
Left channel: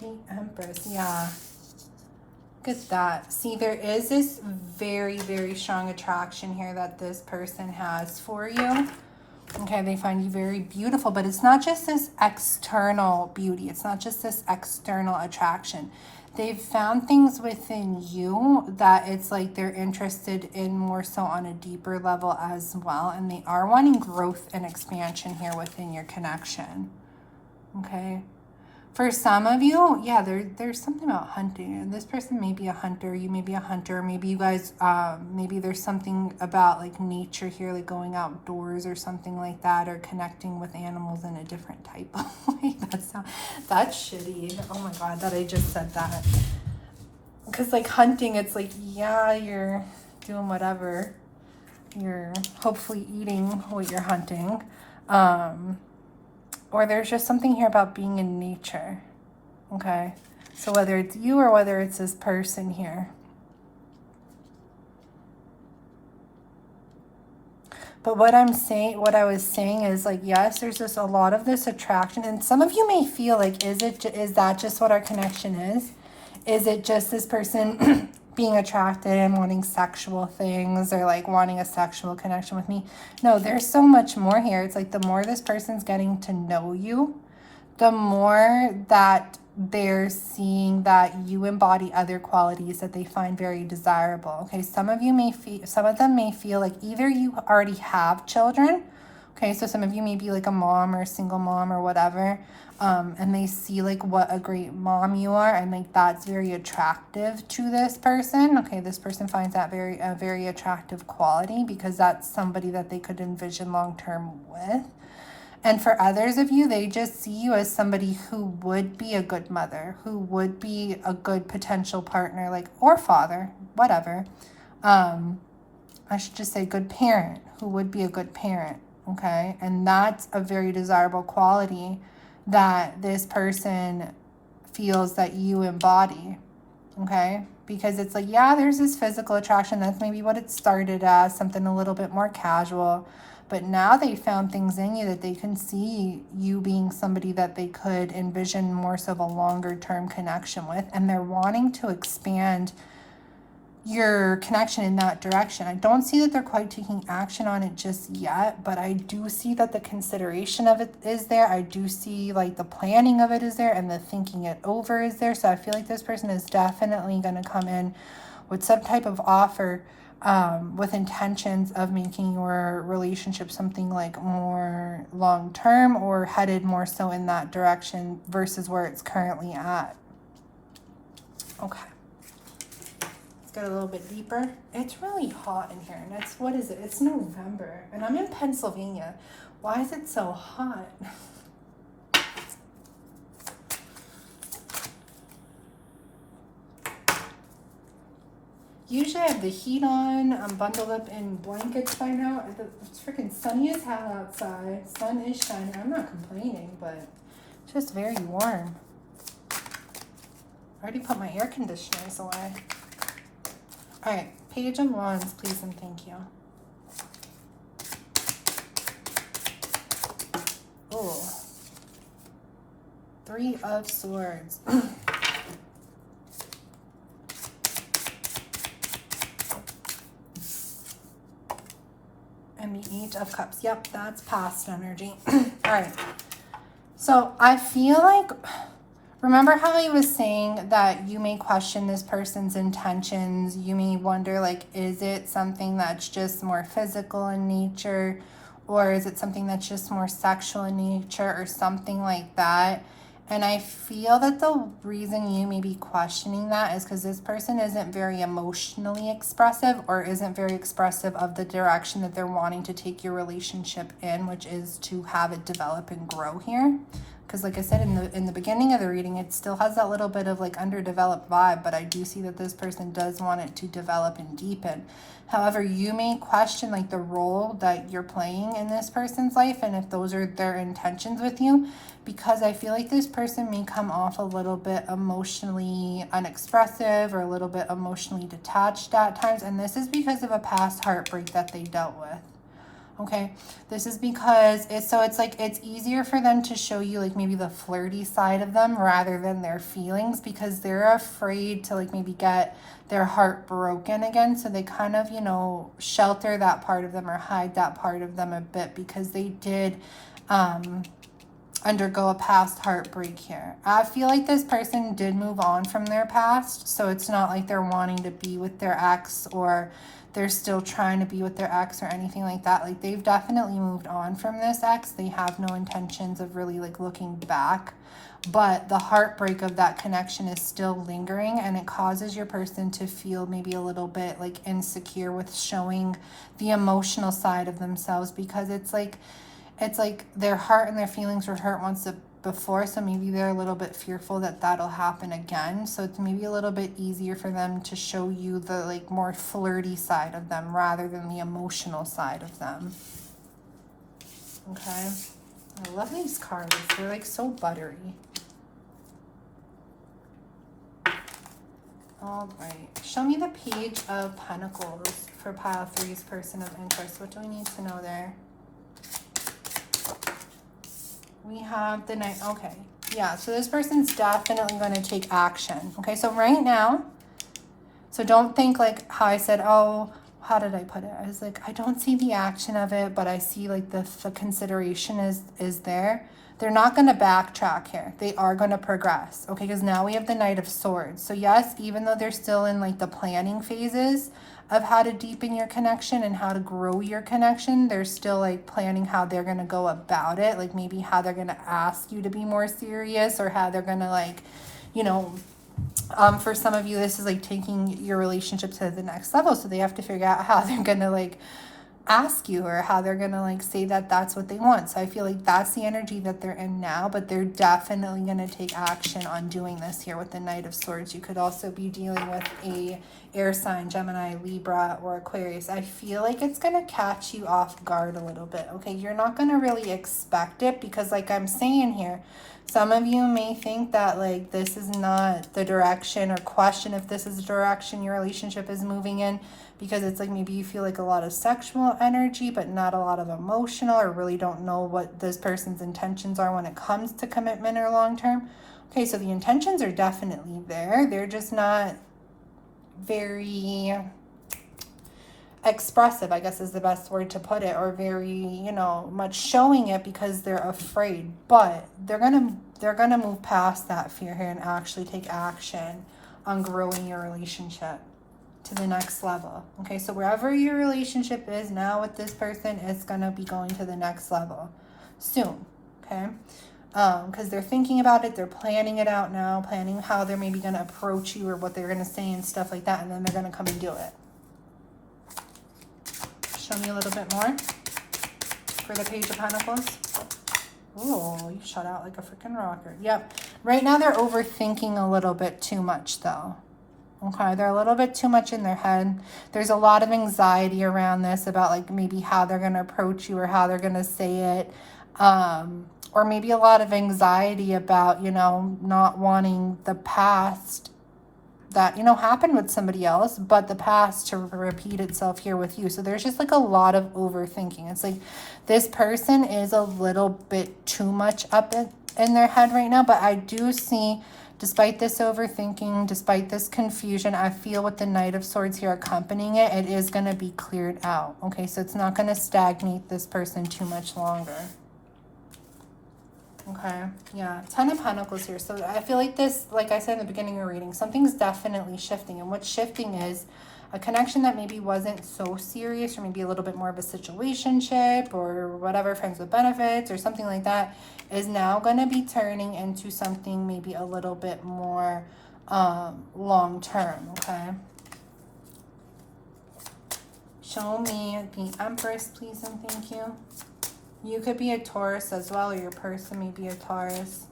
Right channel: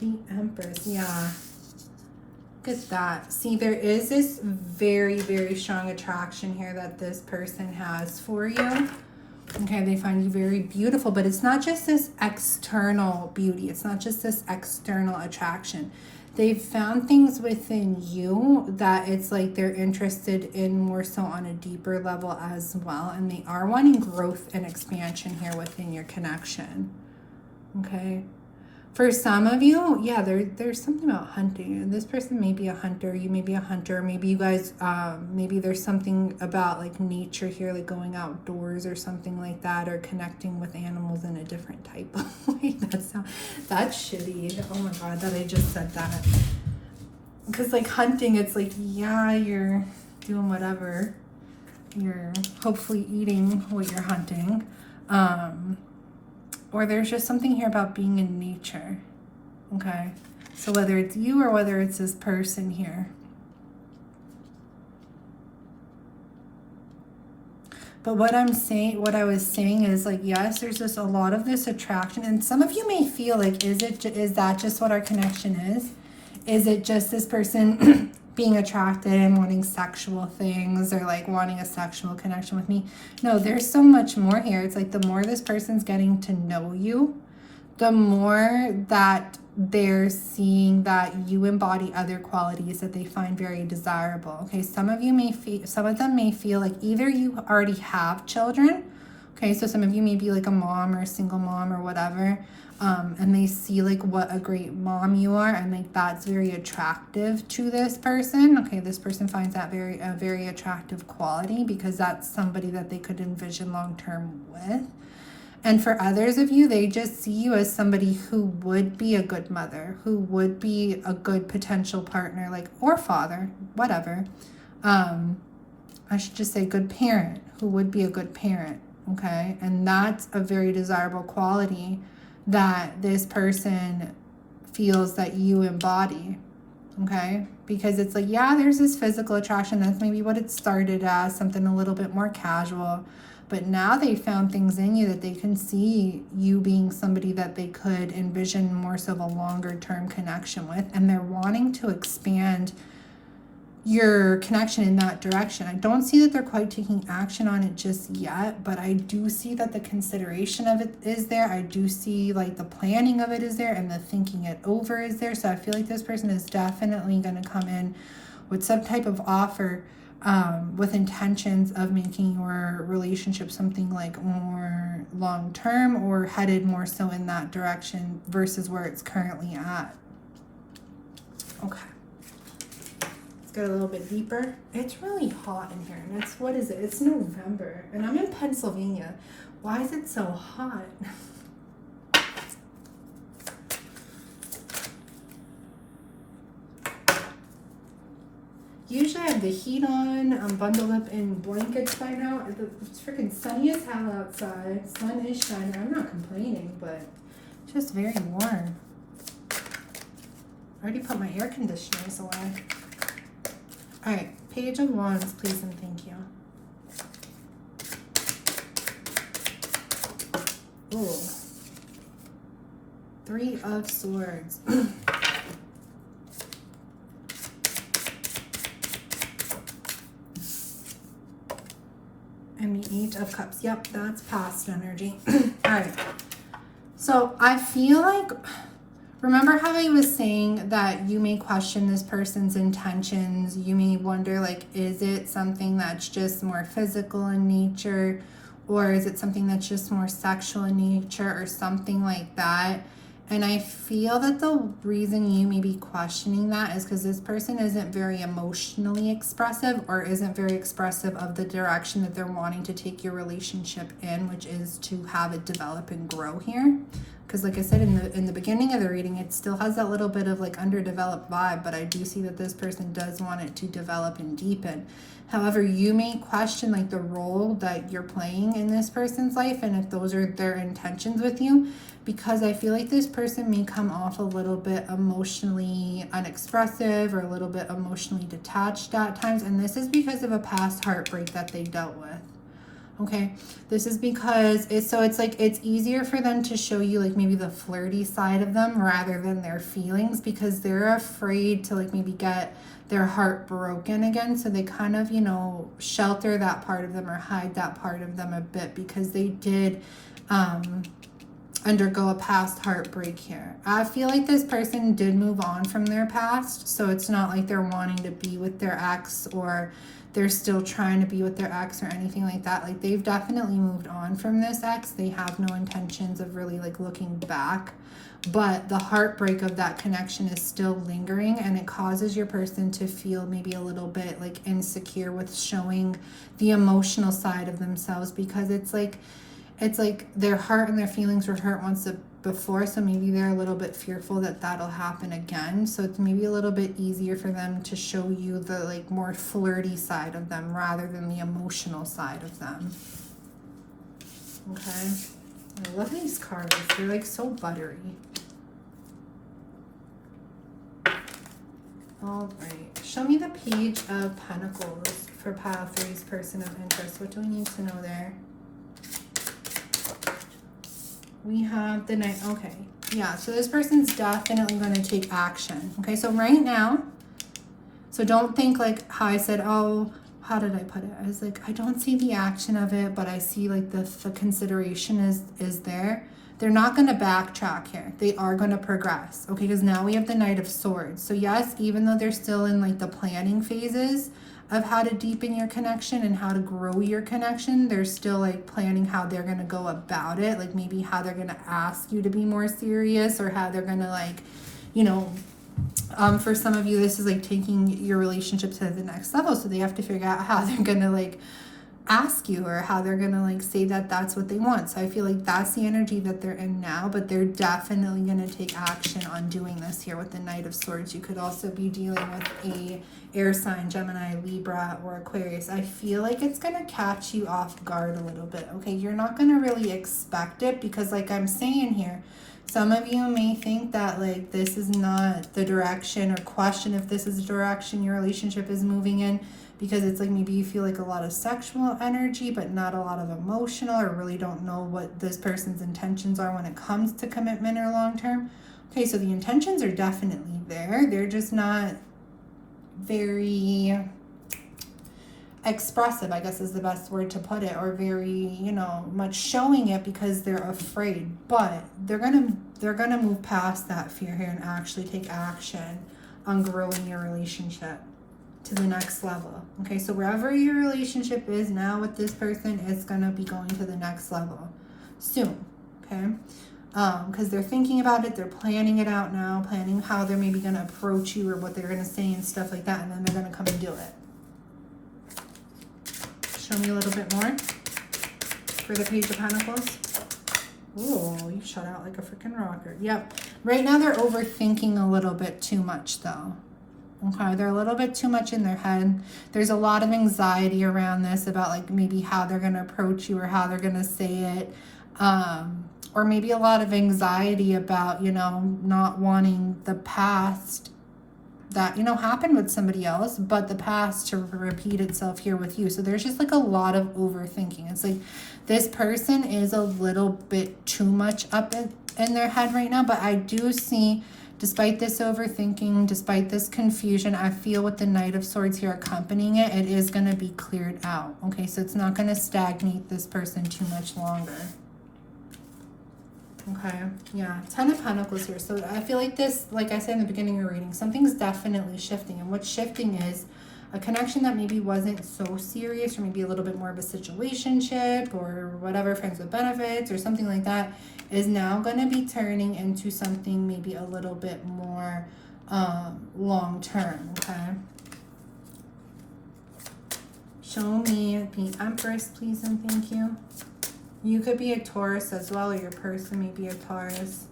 The Empress, yeah. Look at that. See, there is this very, very strong attraction here that this person has for you. Okay, they find you very beautiful, but it's not just this external beauty. It's not just this external attraction. They've found things within you that it's like they're interested in more so on a deeper level as well. And they are wanting growth and expansion here within your connection. Okay. For some of you, yeah, there's something about hunting. And this person may be a hunter. You may be a hunter. Maybe you guys, maybe there's something about like nature here, like going outdoors or something like that, or connecting with animals in a different type of way. That's shitty. Oh my God, that I just said that. Because like hunting, it's like, yeah, you're doing whatever. You're hopefully eating what you're hunting. Or there's just something here about being in nature, okay? So whether it's you or whether it's this person here. But what I'm saying, what I was saying is like, yes, there's just a lot of this attraction. And some of you may feel like, is that just what our connection is? Is it just this person being attracted and wanting sexual things, or like wanting a sexual connection with me? No, there's so much more here. It's like the more this person's getting to know you, the more that they're seeing that you embody other qualities that they find very desirable. Okay, some of them may feel like either you already have children. Okay, so some of you may be like a mom or a single mom or whatever, and they see like what a great mom you are, and like that's very attractive to this person. Okay, this person finds that a very attractive quality because that's somebody that they could envision long term with. And for others of you, they just see you as somebody who would be a good mother, who would be a good potential partner, like, or father, whatever. I should just say good parent, who would be a good parent, okay? And that's a very desirable quality that this person feels that you embody, okay? Because it's like, yeah, there's this physical attraction. That's maybe what it started as, something a little bit more casual. But now they found things in you that they can see you being somebody that they could envision more so of a longer term connection with. And they're wanting to expand your connection in that direction. I don't see that they're quite taking action on it just yet, but I do see that the consideration of it is there. I do see like the planning of it is there, and the thinking it over is there. So I feel like this person is definitely going to come in with some type of offer, with intentions of making your relationship something like more long-term, or headed more so in that direction versus where it's currently at. Okay. Let's go a little bit deeper. It's really hot in here, and it's, what is it? It's November, and I'm in Pennsylvania. Why is it so hot? Usually I have the heat on. I'm bundled up in blankets by now. It's freaking sunny as hell outside. Sun is shining. I'm not complaining, but it's just very warm. I already put my air conditioners away. All right, Page of Wands, please and thank you. Oh, Three of Swords. And the Eight of Cups. Yep, that's past energy. All right. So I feel like, remember how I was saying that you may question this person's intentions. You may wonder, like, is it something that's just more physical in nature? Or is it something that's just more sexual in nature, or something like that? And I feel that the reason you may be questioning that is because this person isn't very emotionally expressive, or isn't very expressive of the direction that they're wanting to take your relationship in, which is to have it develop and grow here. Because like I said in the beginning of the reading, it still has that little bit of like underdeveloped vibe, but I do see that this person does want it to develop and deepen. However, you may question like the role that you're playing in this person's life, and if those are their intentions with you, because I feel like this person may come off a little bit emotionally unexpressive, or a little bit emotionally detached at times, and this is because of a past heartbreak that they dealt with. Okay, this is because it's like it's easier for them to show you like maybe the flirty side of them rather than their feelings, because they're afraid to like maybe get their heart broken again. So they kind of, you know, shelter that part of them or hide that part of them a bit, because they did undergo a past heartbreak here. I feel like this person did move on from their past, so it's not like they're wanting to be with their ex, or they're still trying to be with their ex, or anything like that. Like, they've definitely moved on from this ex. They have no intentions of really like looking back, but the heartbreak of that connection is still lingering, and it causes your person to feel maybe a little bit like insecure with showing the emotional side of themselves, because it's like their heart and their feelings were hurt once before, so maybe they're a little bit fearful that that'll happen again. So it's maybe a little bit easier for them to show you the like more flirty side of them rather than the emotional side of them. Okay, I love these cards. They're like so buttery. All right, show me the Page of Pentacles for pile 3's person of interest. What do we need to know there? We have the Knight. Okay. Yeah, so this person's definitely going to take action. Okay, so right now, so don't think like how I said, oh, how did I put it? I was like, I don't see the action of it, but I see like the consideration is there. They're not going to backtrack here. They are going to progress. Okay, because now we have the Knight of Swords. So yes, even though they're still in like the planning phases of how to deepen your connection and how to grow your connection, they're still like planning how they're going to go about it. Like maybe how they're going to ask you to be more serious, or how they're going to like, you know, for some of you, this is like taking your relationship to the next level. So they have to figure out how they're going to like ask you, or how they're going to like say that that's what they want. So I feel like that's the energy that they're in now, but they're definitely going to take action on doing this here with the Knight of Swords. You could also be dealing with a air sign, Gemini, Libra, or Aquarius. I feel like it's going to catch you off guard a little bit. Okay, you're not going to really expect it, because like I'm saying here, some of you may think that like this is not the direction, or question if this is the direction your relationship is moving in, because it's like maybe you feel like a lot of sexual energy but not a lot of emotional, or really don't know what this person's intentions are when it comes to commitment or long term. Okay, so the intentions are definitely there. They're just not very expressive, I guess is the best word to put it, or very, you know, much showing it, because they're afraid. But they're gonna move past that fear here and actually take action on growing your relationship to the next level. Okay, so wherever your relationship is now with this person, it's gonna be going to the next level soon. Okay, because they're thinking about it, they're planning it out now, planning how they're maybe gonna approach you, or what they're gonna say and stuff like that, and then they're gonna come and do it. Show me a little bit more for the Page of Pentacles. Ooh, you shot out like a freaking rocket. Yep. Right now they're overthinking a little bit too much though. Okay, they're a little bit too much in their head. There's a lot of anxiety around this, about like maybe how they're going to approach you, or how they're going to say it. Or maybe a lot of anxiety about, you know, not wanting the past that, you know, happened with somebody else, but the past to repeat itself here with you. So there's just like a lot of overthinking. It's like this person is a little bit too much up in their head right now, but I do see, despite this overthinking, despite this confusion, I feel with the Knight of Swords here accompanying it, it is going to be cleared out. Okay, so it's not going to stagnate this person too much longer. Okay, yeah, 10 of Pentacles here. So I feel like this, like I said in the beginning of reading, something's definitely shifting. And what's shifting is a connection that maybe wasn't so serious, or maybe a little bit more of a situationship, or whatever, friends with benefits, or something like that, is now going to be turning into something maybe a little bit more long term. Okay. Show me the Empress, please, and thank you. You could be a Taurus as well, or your person may be a Taurus.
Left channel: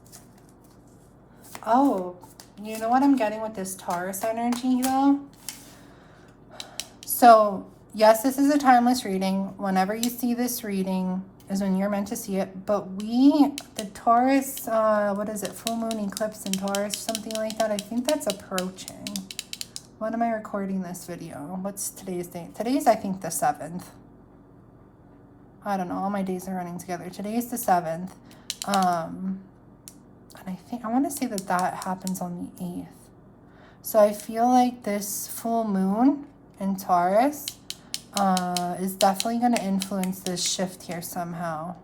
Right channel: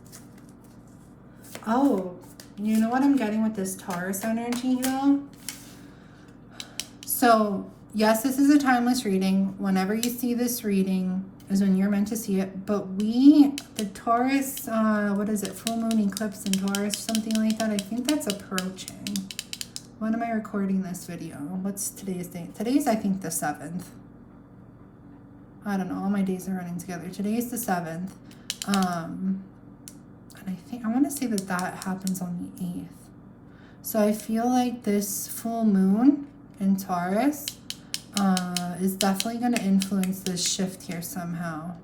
Oh, you know what I'm getting with this Taurus energy though? So yes, this is a timeless reading. Whenever you see this reading is when you're meant to see it. But the Taurus, what is it? Full moon eclipse in Taurus, something like that. I think that's approaching. When am I recording this video? What's today's date? Today's, I think, the 7th. I don't know, all my days are running together. Today is the 7th. And I want to say that happens on the 8th. So I feel like this full moon in Taurus is definitely going to influence this shift here somehow.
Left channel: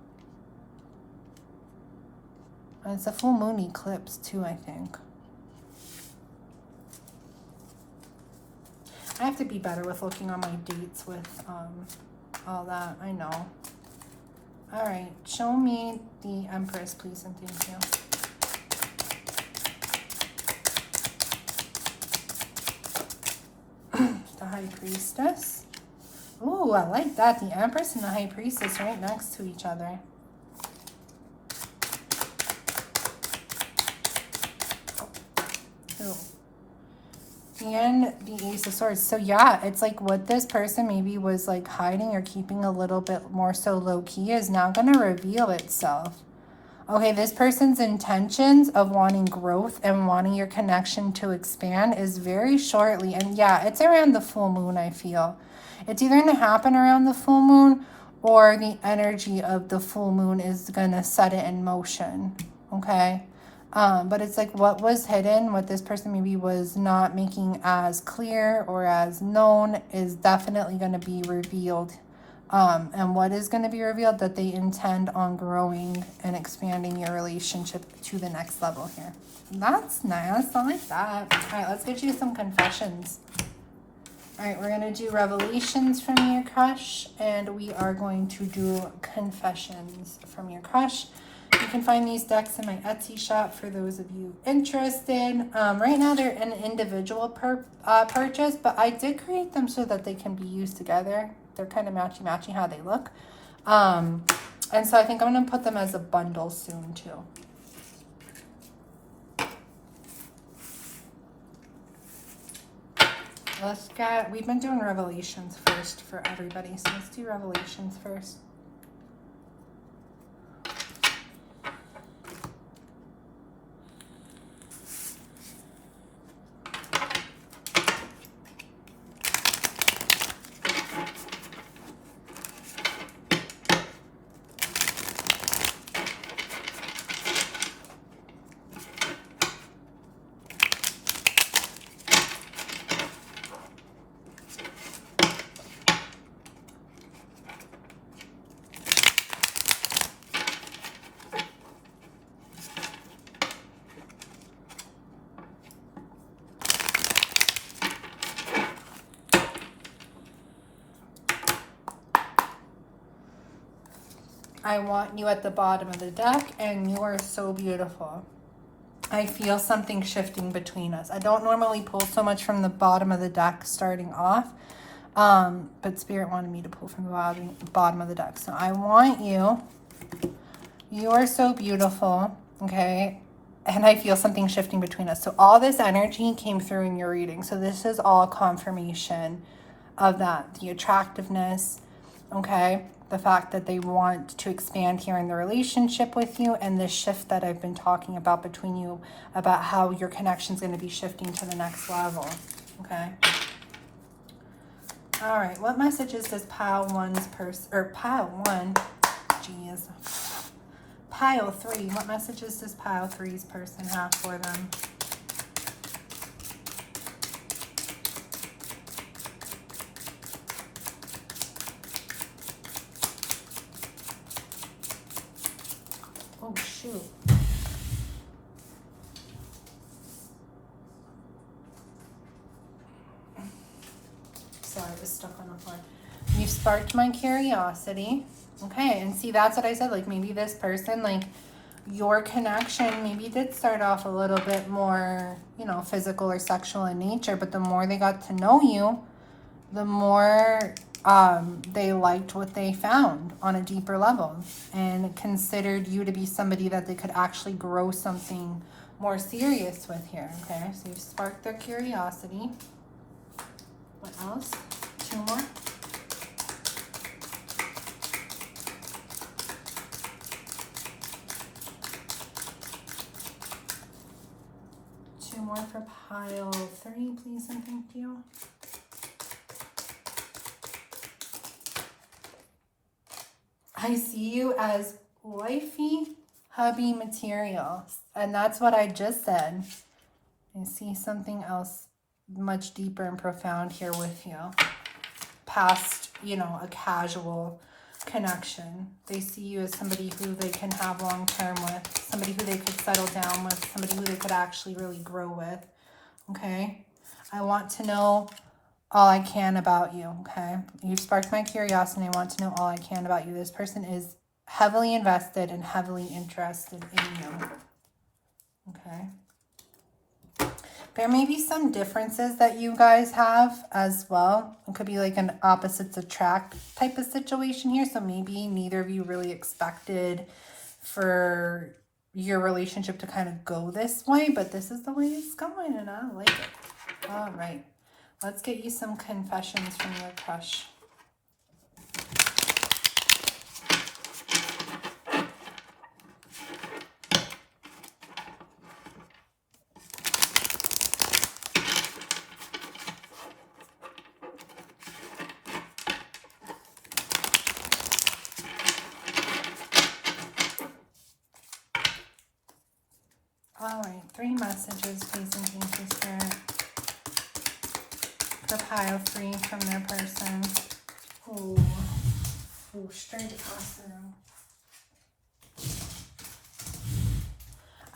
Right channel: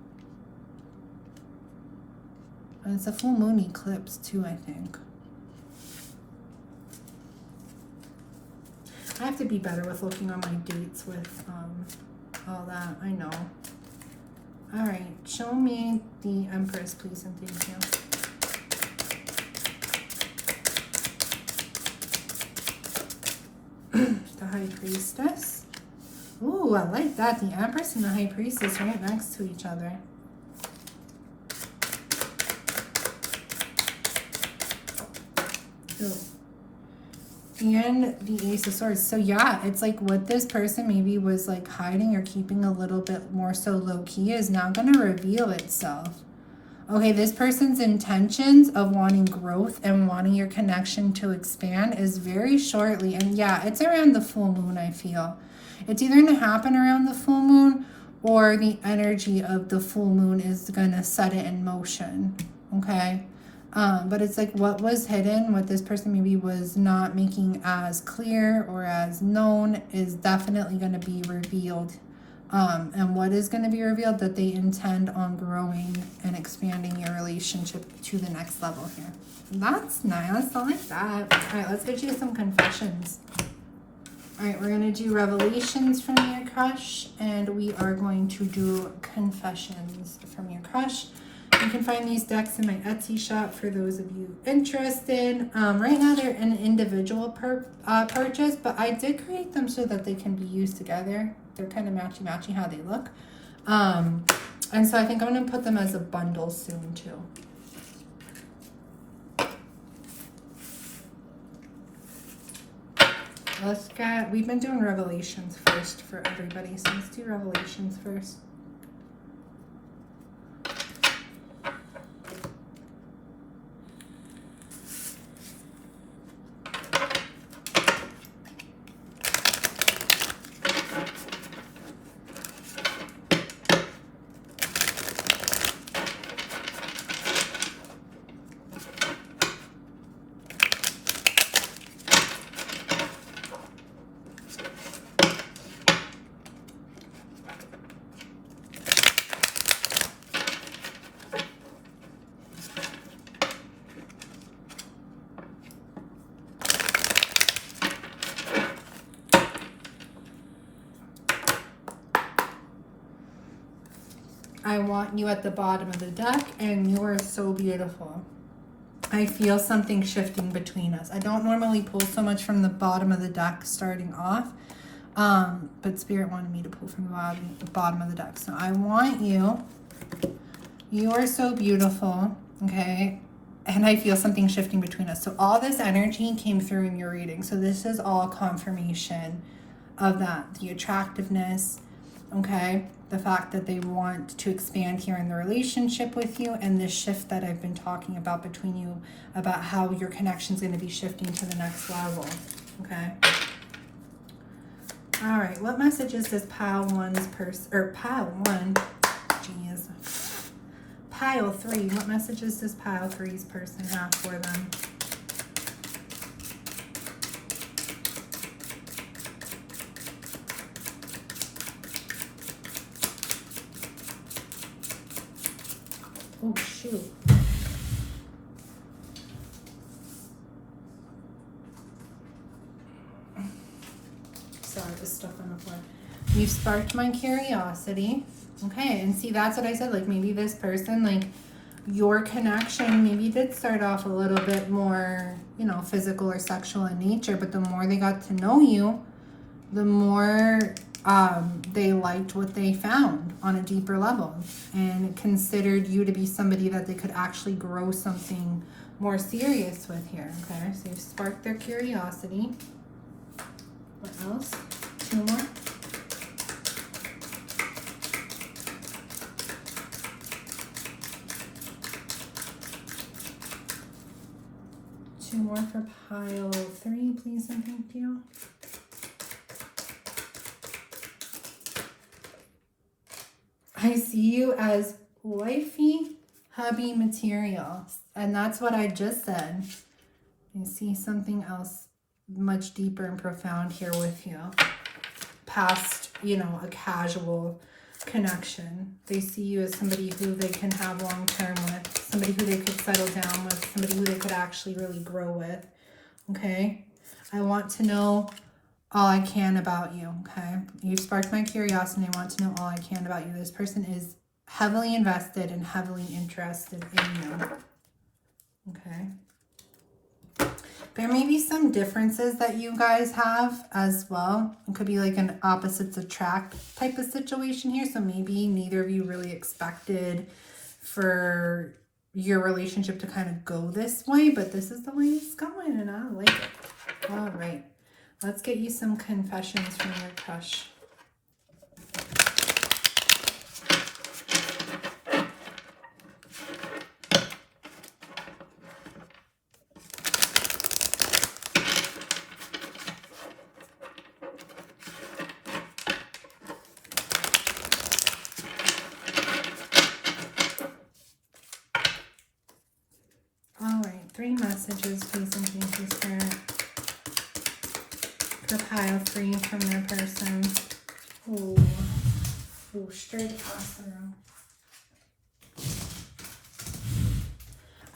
And it's a full moon eclipse too, I think. I have to be better with looking on my dates with all that, I know. All right, show me the Empress, please, and thank you. The High Priestess. Ooh, I like that. The Empress and the High Priestess right next to each other. Ooh. And the Ace of Swords. So yeah, it's like what this person maybe was like hiding or keeping a little bit more so low-key is now going to reveal itself. Okay, this person's intentions of wanting growth and wanting your connection to expand is very shortly. And yeah, it's around the full moon, I feel. It's either going to happen around the full moon or the energy of the full moon is going to set it in motion. Okay? But it's like what was hidden, what this person maybe was not making as clear or as known is definitely going to be revealed. And what is going to be revealed? That they intend on growing and expanding your relationship to the next level here. That's nice. I like that. All right, let's get you some confessions. All right, we're going to do revelations from your crush, and we are going to do confessions from your crush. You can find these decks in my Etsy shop for those of you interested. Right now they're an individual purchase, but I did create them so that they can be used together. They're kind of matchy how they look. And so I think I'm going to put them as a bundle soon too. We've been doing revelations first for everybody, so let's do revelations first. I want you at the bottom of the deck, and you are so beautiful. I feel something shifting between us. I don't normally pull so much from the bottom of the deck starting off, but Spirit wanted me to pull from the bottom of the deck. So I want you. You are so beautiful, okay? And I feel something shifting between us. So all this energy came through in your reading. So this is all confirmation of that. The attractiveness, okay? The fact that they want to expand here in the relationship with you, and the shift that I've been talking about between you, about how your connection is going to be shifting to the next level. Okay. All right. What messages does pile 1's person, or pile 1, geez, pile 3, what messages does pile 3's person have for them? Oh, shoot. Sorry, I was stuck on the floor. You've sparked my curiosity. Okay, and see, that's what I said. Like, maybe this person, like, your connection maybe did start off a little bit more, you know, physical or sexual in nature, but the more they got to know you, the more they liked what they found on a deeper level and considered you to be somebody that they could actually grow something more serious with here. Okay, so you've sparked their curiosity. What else? 2 more. More for pile 3, please and thank you. I see you as wifey, hubby material, and that's what I just said. I see something else much deeper and profound here with you, past, you know, a casual connection. They see you as somebody who they can have long term with, somebody who they could settle down with, somebody who they could actually really grow with. Okay, I want to know all I can about you. Okay, you've sparked my curiosity. I want to know all I can about you. This person is heavily invested and heavily interested in you. Okay, there may be some differences that you guys have as well. It could be like an opposites attract type of situation here. So maybe neither of you really expected for your relationship to kind of go this way, but this is the way it's going, and I like it. All right, let's get you some confessions from your crush. the pile free from their person. Ooh. Ooh, straight across the room.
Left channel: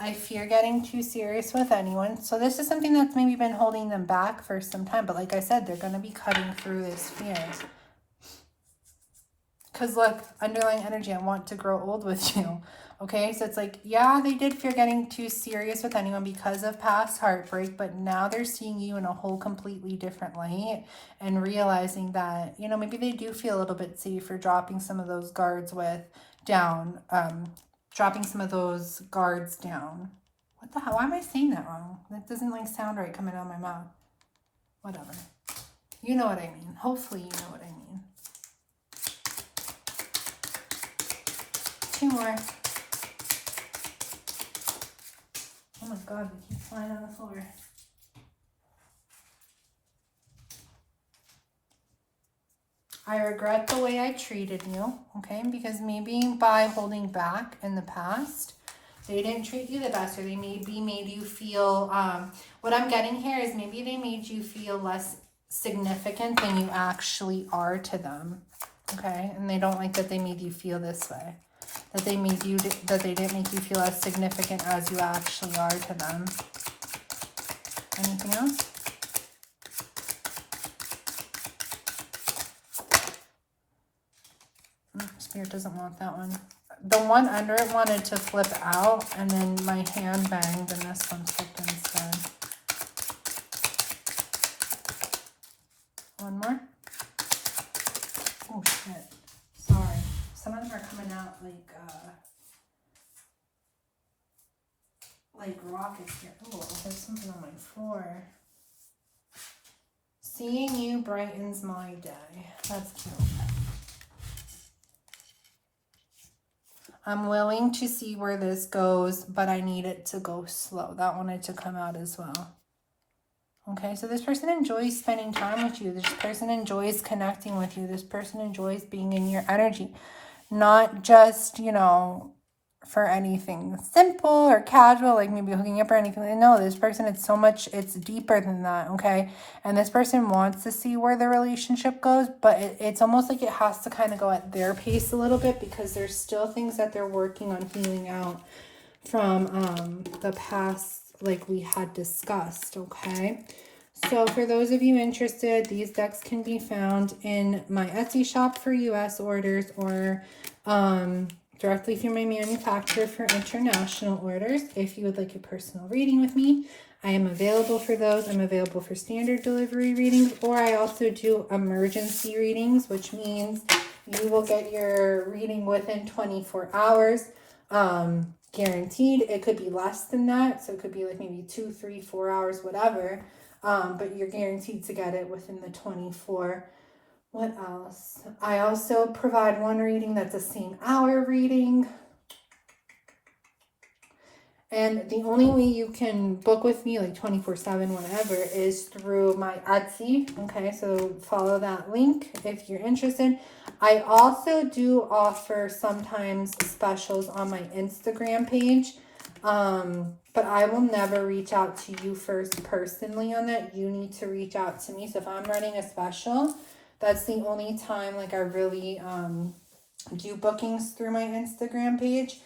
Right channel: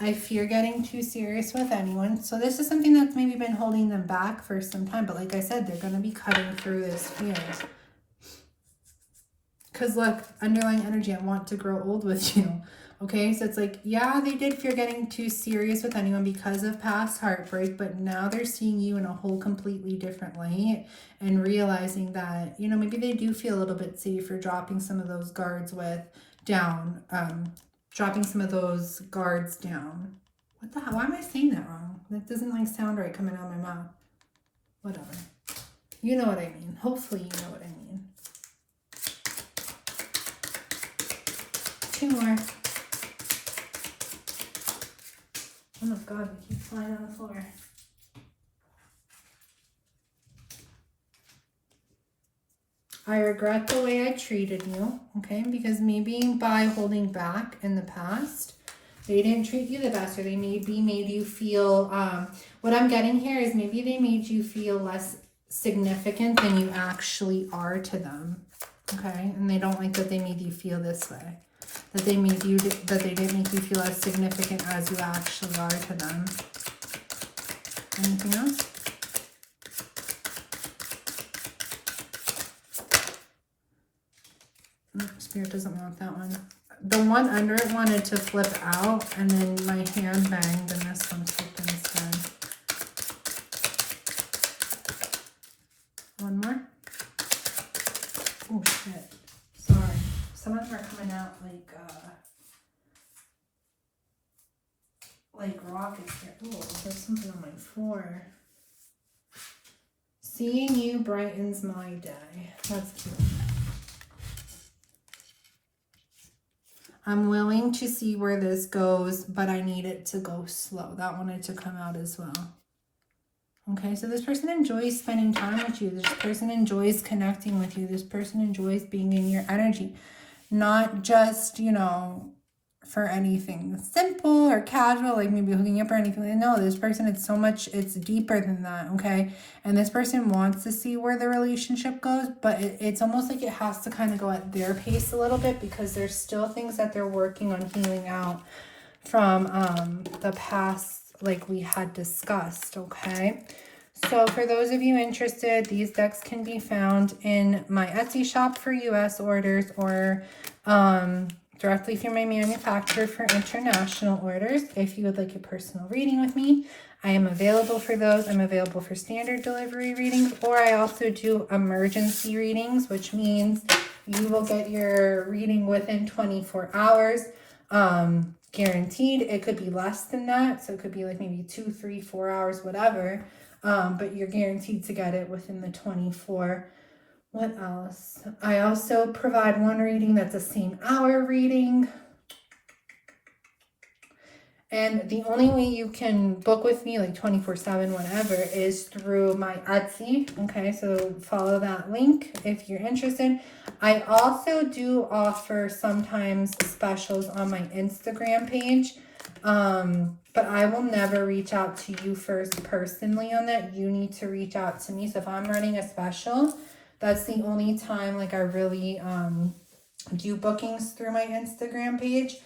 I fear getting too serious with anyone. So this is something that's maybe been holding them back for some time. But like I said, they're going to be cutting through this fear. Because look, underlying energy, I want to grow old with you. Okay, so it's like, yeah, they did fear getting too serious with anyone because of past heartbreak, but now they're seeing you in a whole completely different light and realizing that, you know, maybe they do feel a little bit safer dropping some of those guards dropping some of those guards down. What the hell? Why am I saying that wrong? That doesn't like sound right coming out of my mouth. Whatever. You know what I mean. Hopefully you know what I mean. 2 more. Oh my God, we keep flying on the floor. I regret the way I treated you, okay? Because maybe by holding back in the past, they didn't treat you the best, or they maybe made you feel, what I'm getting here is maybe they made you feel less significant than you actually are to them, okay? And they don't like that they made you feel this way. That they didn't make you feel as significant as you actually are to them. Anything else? Spirit doesn't want that one. The one under it wanted to flip out, and then my hand banged, and this one flipped instead. One more. Oh shit. Sorry. Some of them are coming out like rockets here. Oh, there's something on my floor. Seeing you brightens my day. That's cute. I'm willing to see where this goes, but I need it to go slow. That wanted to come out as well. Okay, so this person enjoys spending time with you. This person enjoys connecting with you. This person enjoys being in your energy. Not just, you know, for anything simple or casual, like maybe hooking up or anything. No, this person, it's deeper than that, okay? And this person wants to see where the relationship goes, but it's almost like it has to kind of go at their pace a little bit, because there's still things that they're working on healing out from the past, like we had discussed, okay? So for those of you interested, these decks can be found in my Etsy shop for US orders, or directly through my manufacturer for international orders. If you would like a personal reading with me, I am available for those. I'm available for standard delivery readings, or I also do emergency readings, which means you will get your reading within 24 hours, guaranteed. It could be less than that, so it could be like maybe 2, 3, 4 hours, whatever, but you're guaranteed to get it within the 24. What else? I also provide one reading that's a same hour reading. And the only way you can book with me, like 24/7, whatever, is through my Etsy. Okay, so follow that link if you're interested. I also do offer sometimes specials on my Instagram page. But I will never reach out to you first personally on that. You need to reach out to me. So if I'm running a special, that's the only time like I really do bookings through my Instagram page.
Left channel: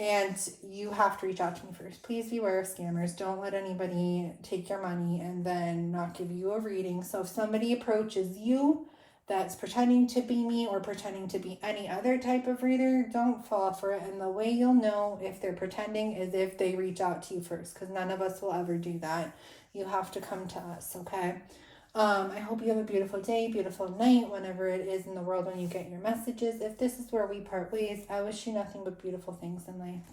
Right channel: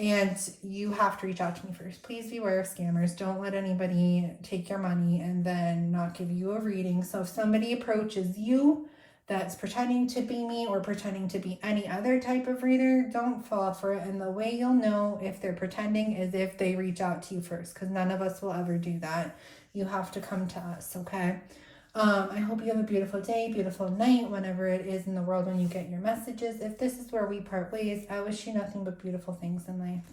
And you have to reach out to me first. Please beware of scammers. Don't let anybody take your money and then not give you a reading. So if somebody approaches you that's pretending to be me or pretending to be any other type of reader, don't fall for it. And the way you'll know if they're pretending is if they reach out to you first, because none of us will ever do that. You have to come to us, okay? I hope you have a beautiful day, beautiful night, whenever it is in the world when you get your messages. If this is where we part ways, I wish you nothing but beautiful things in life.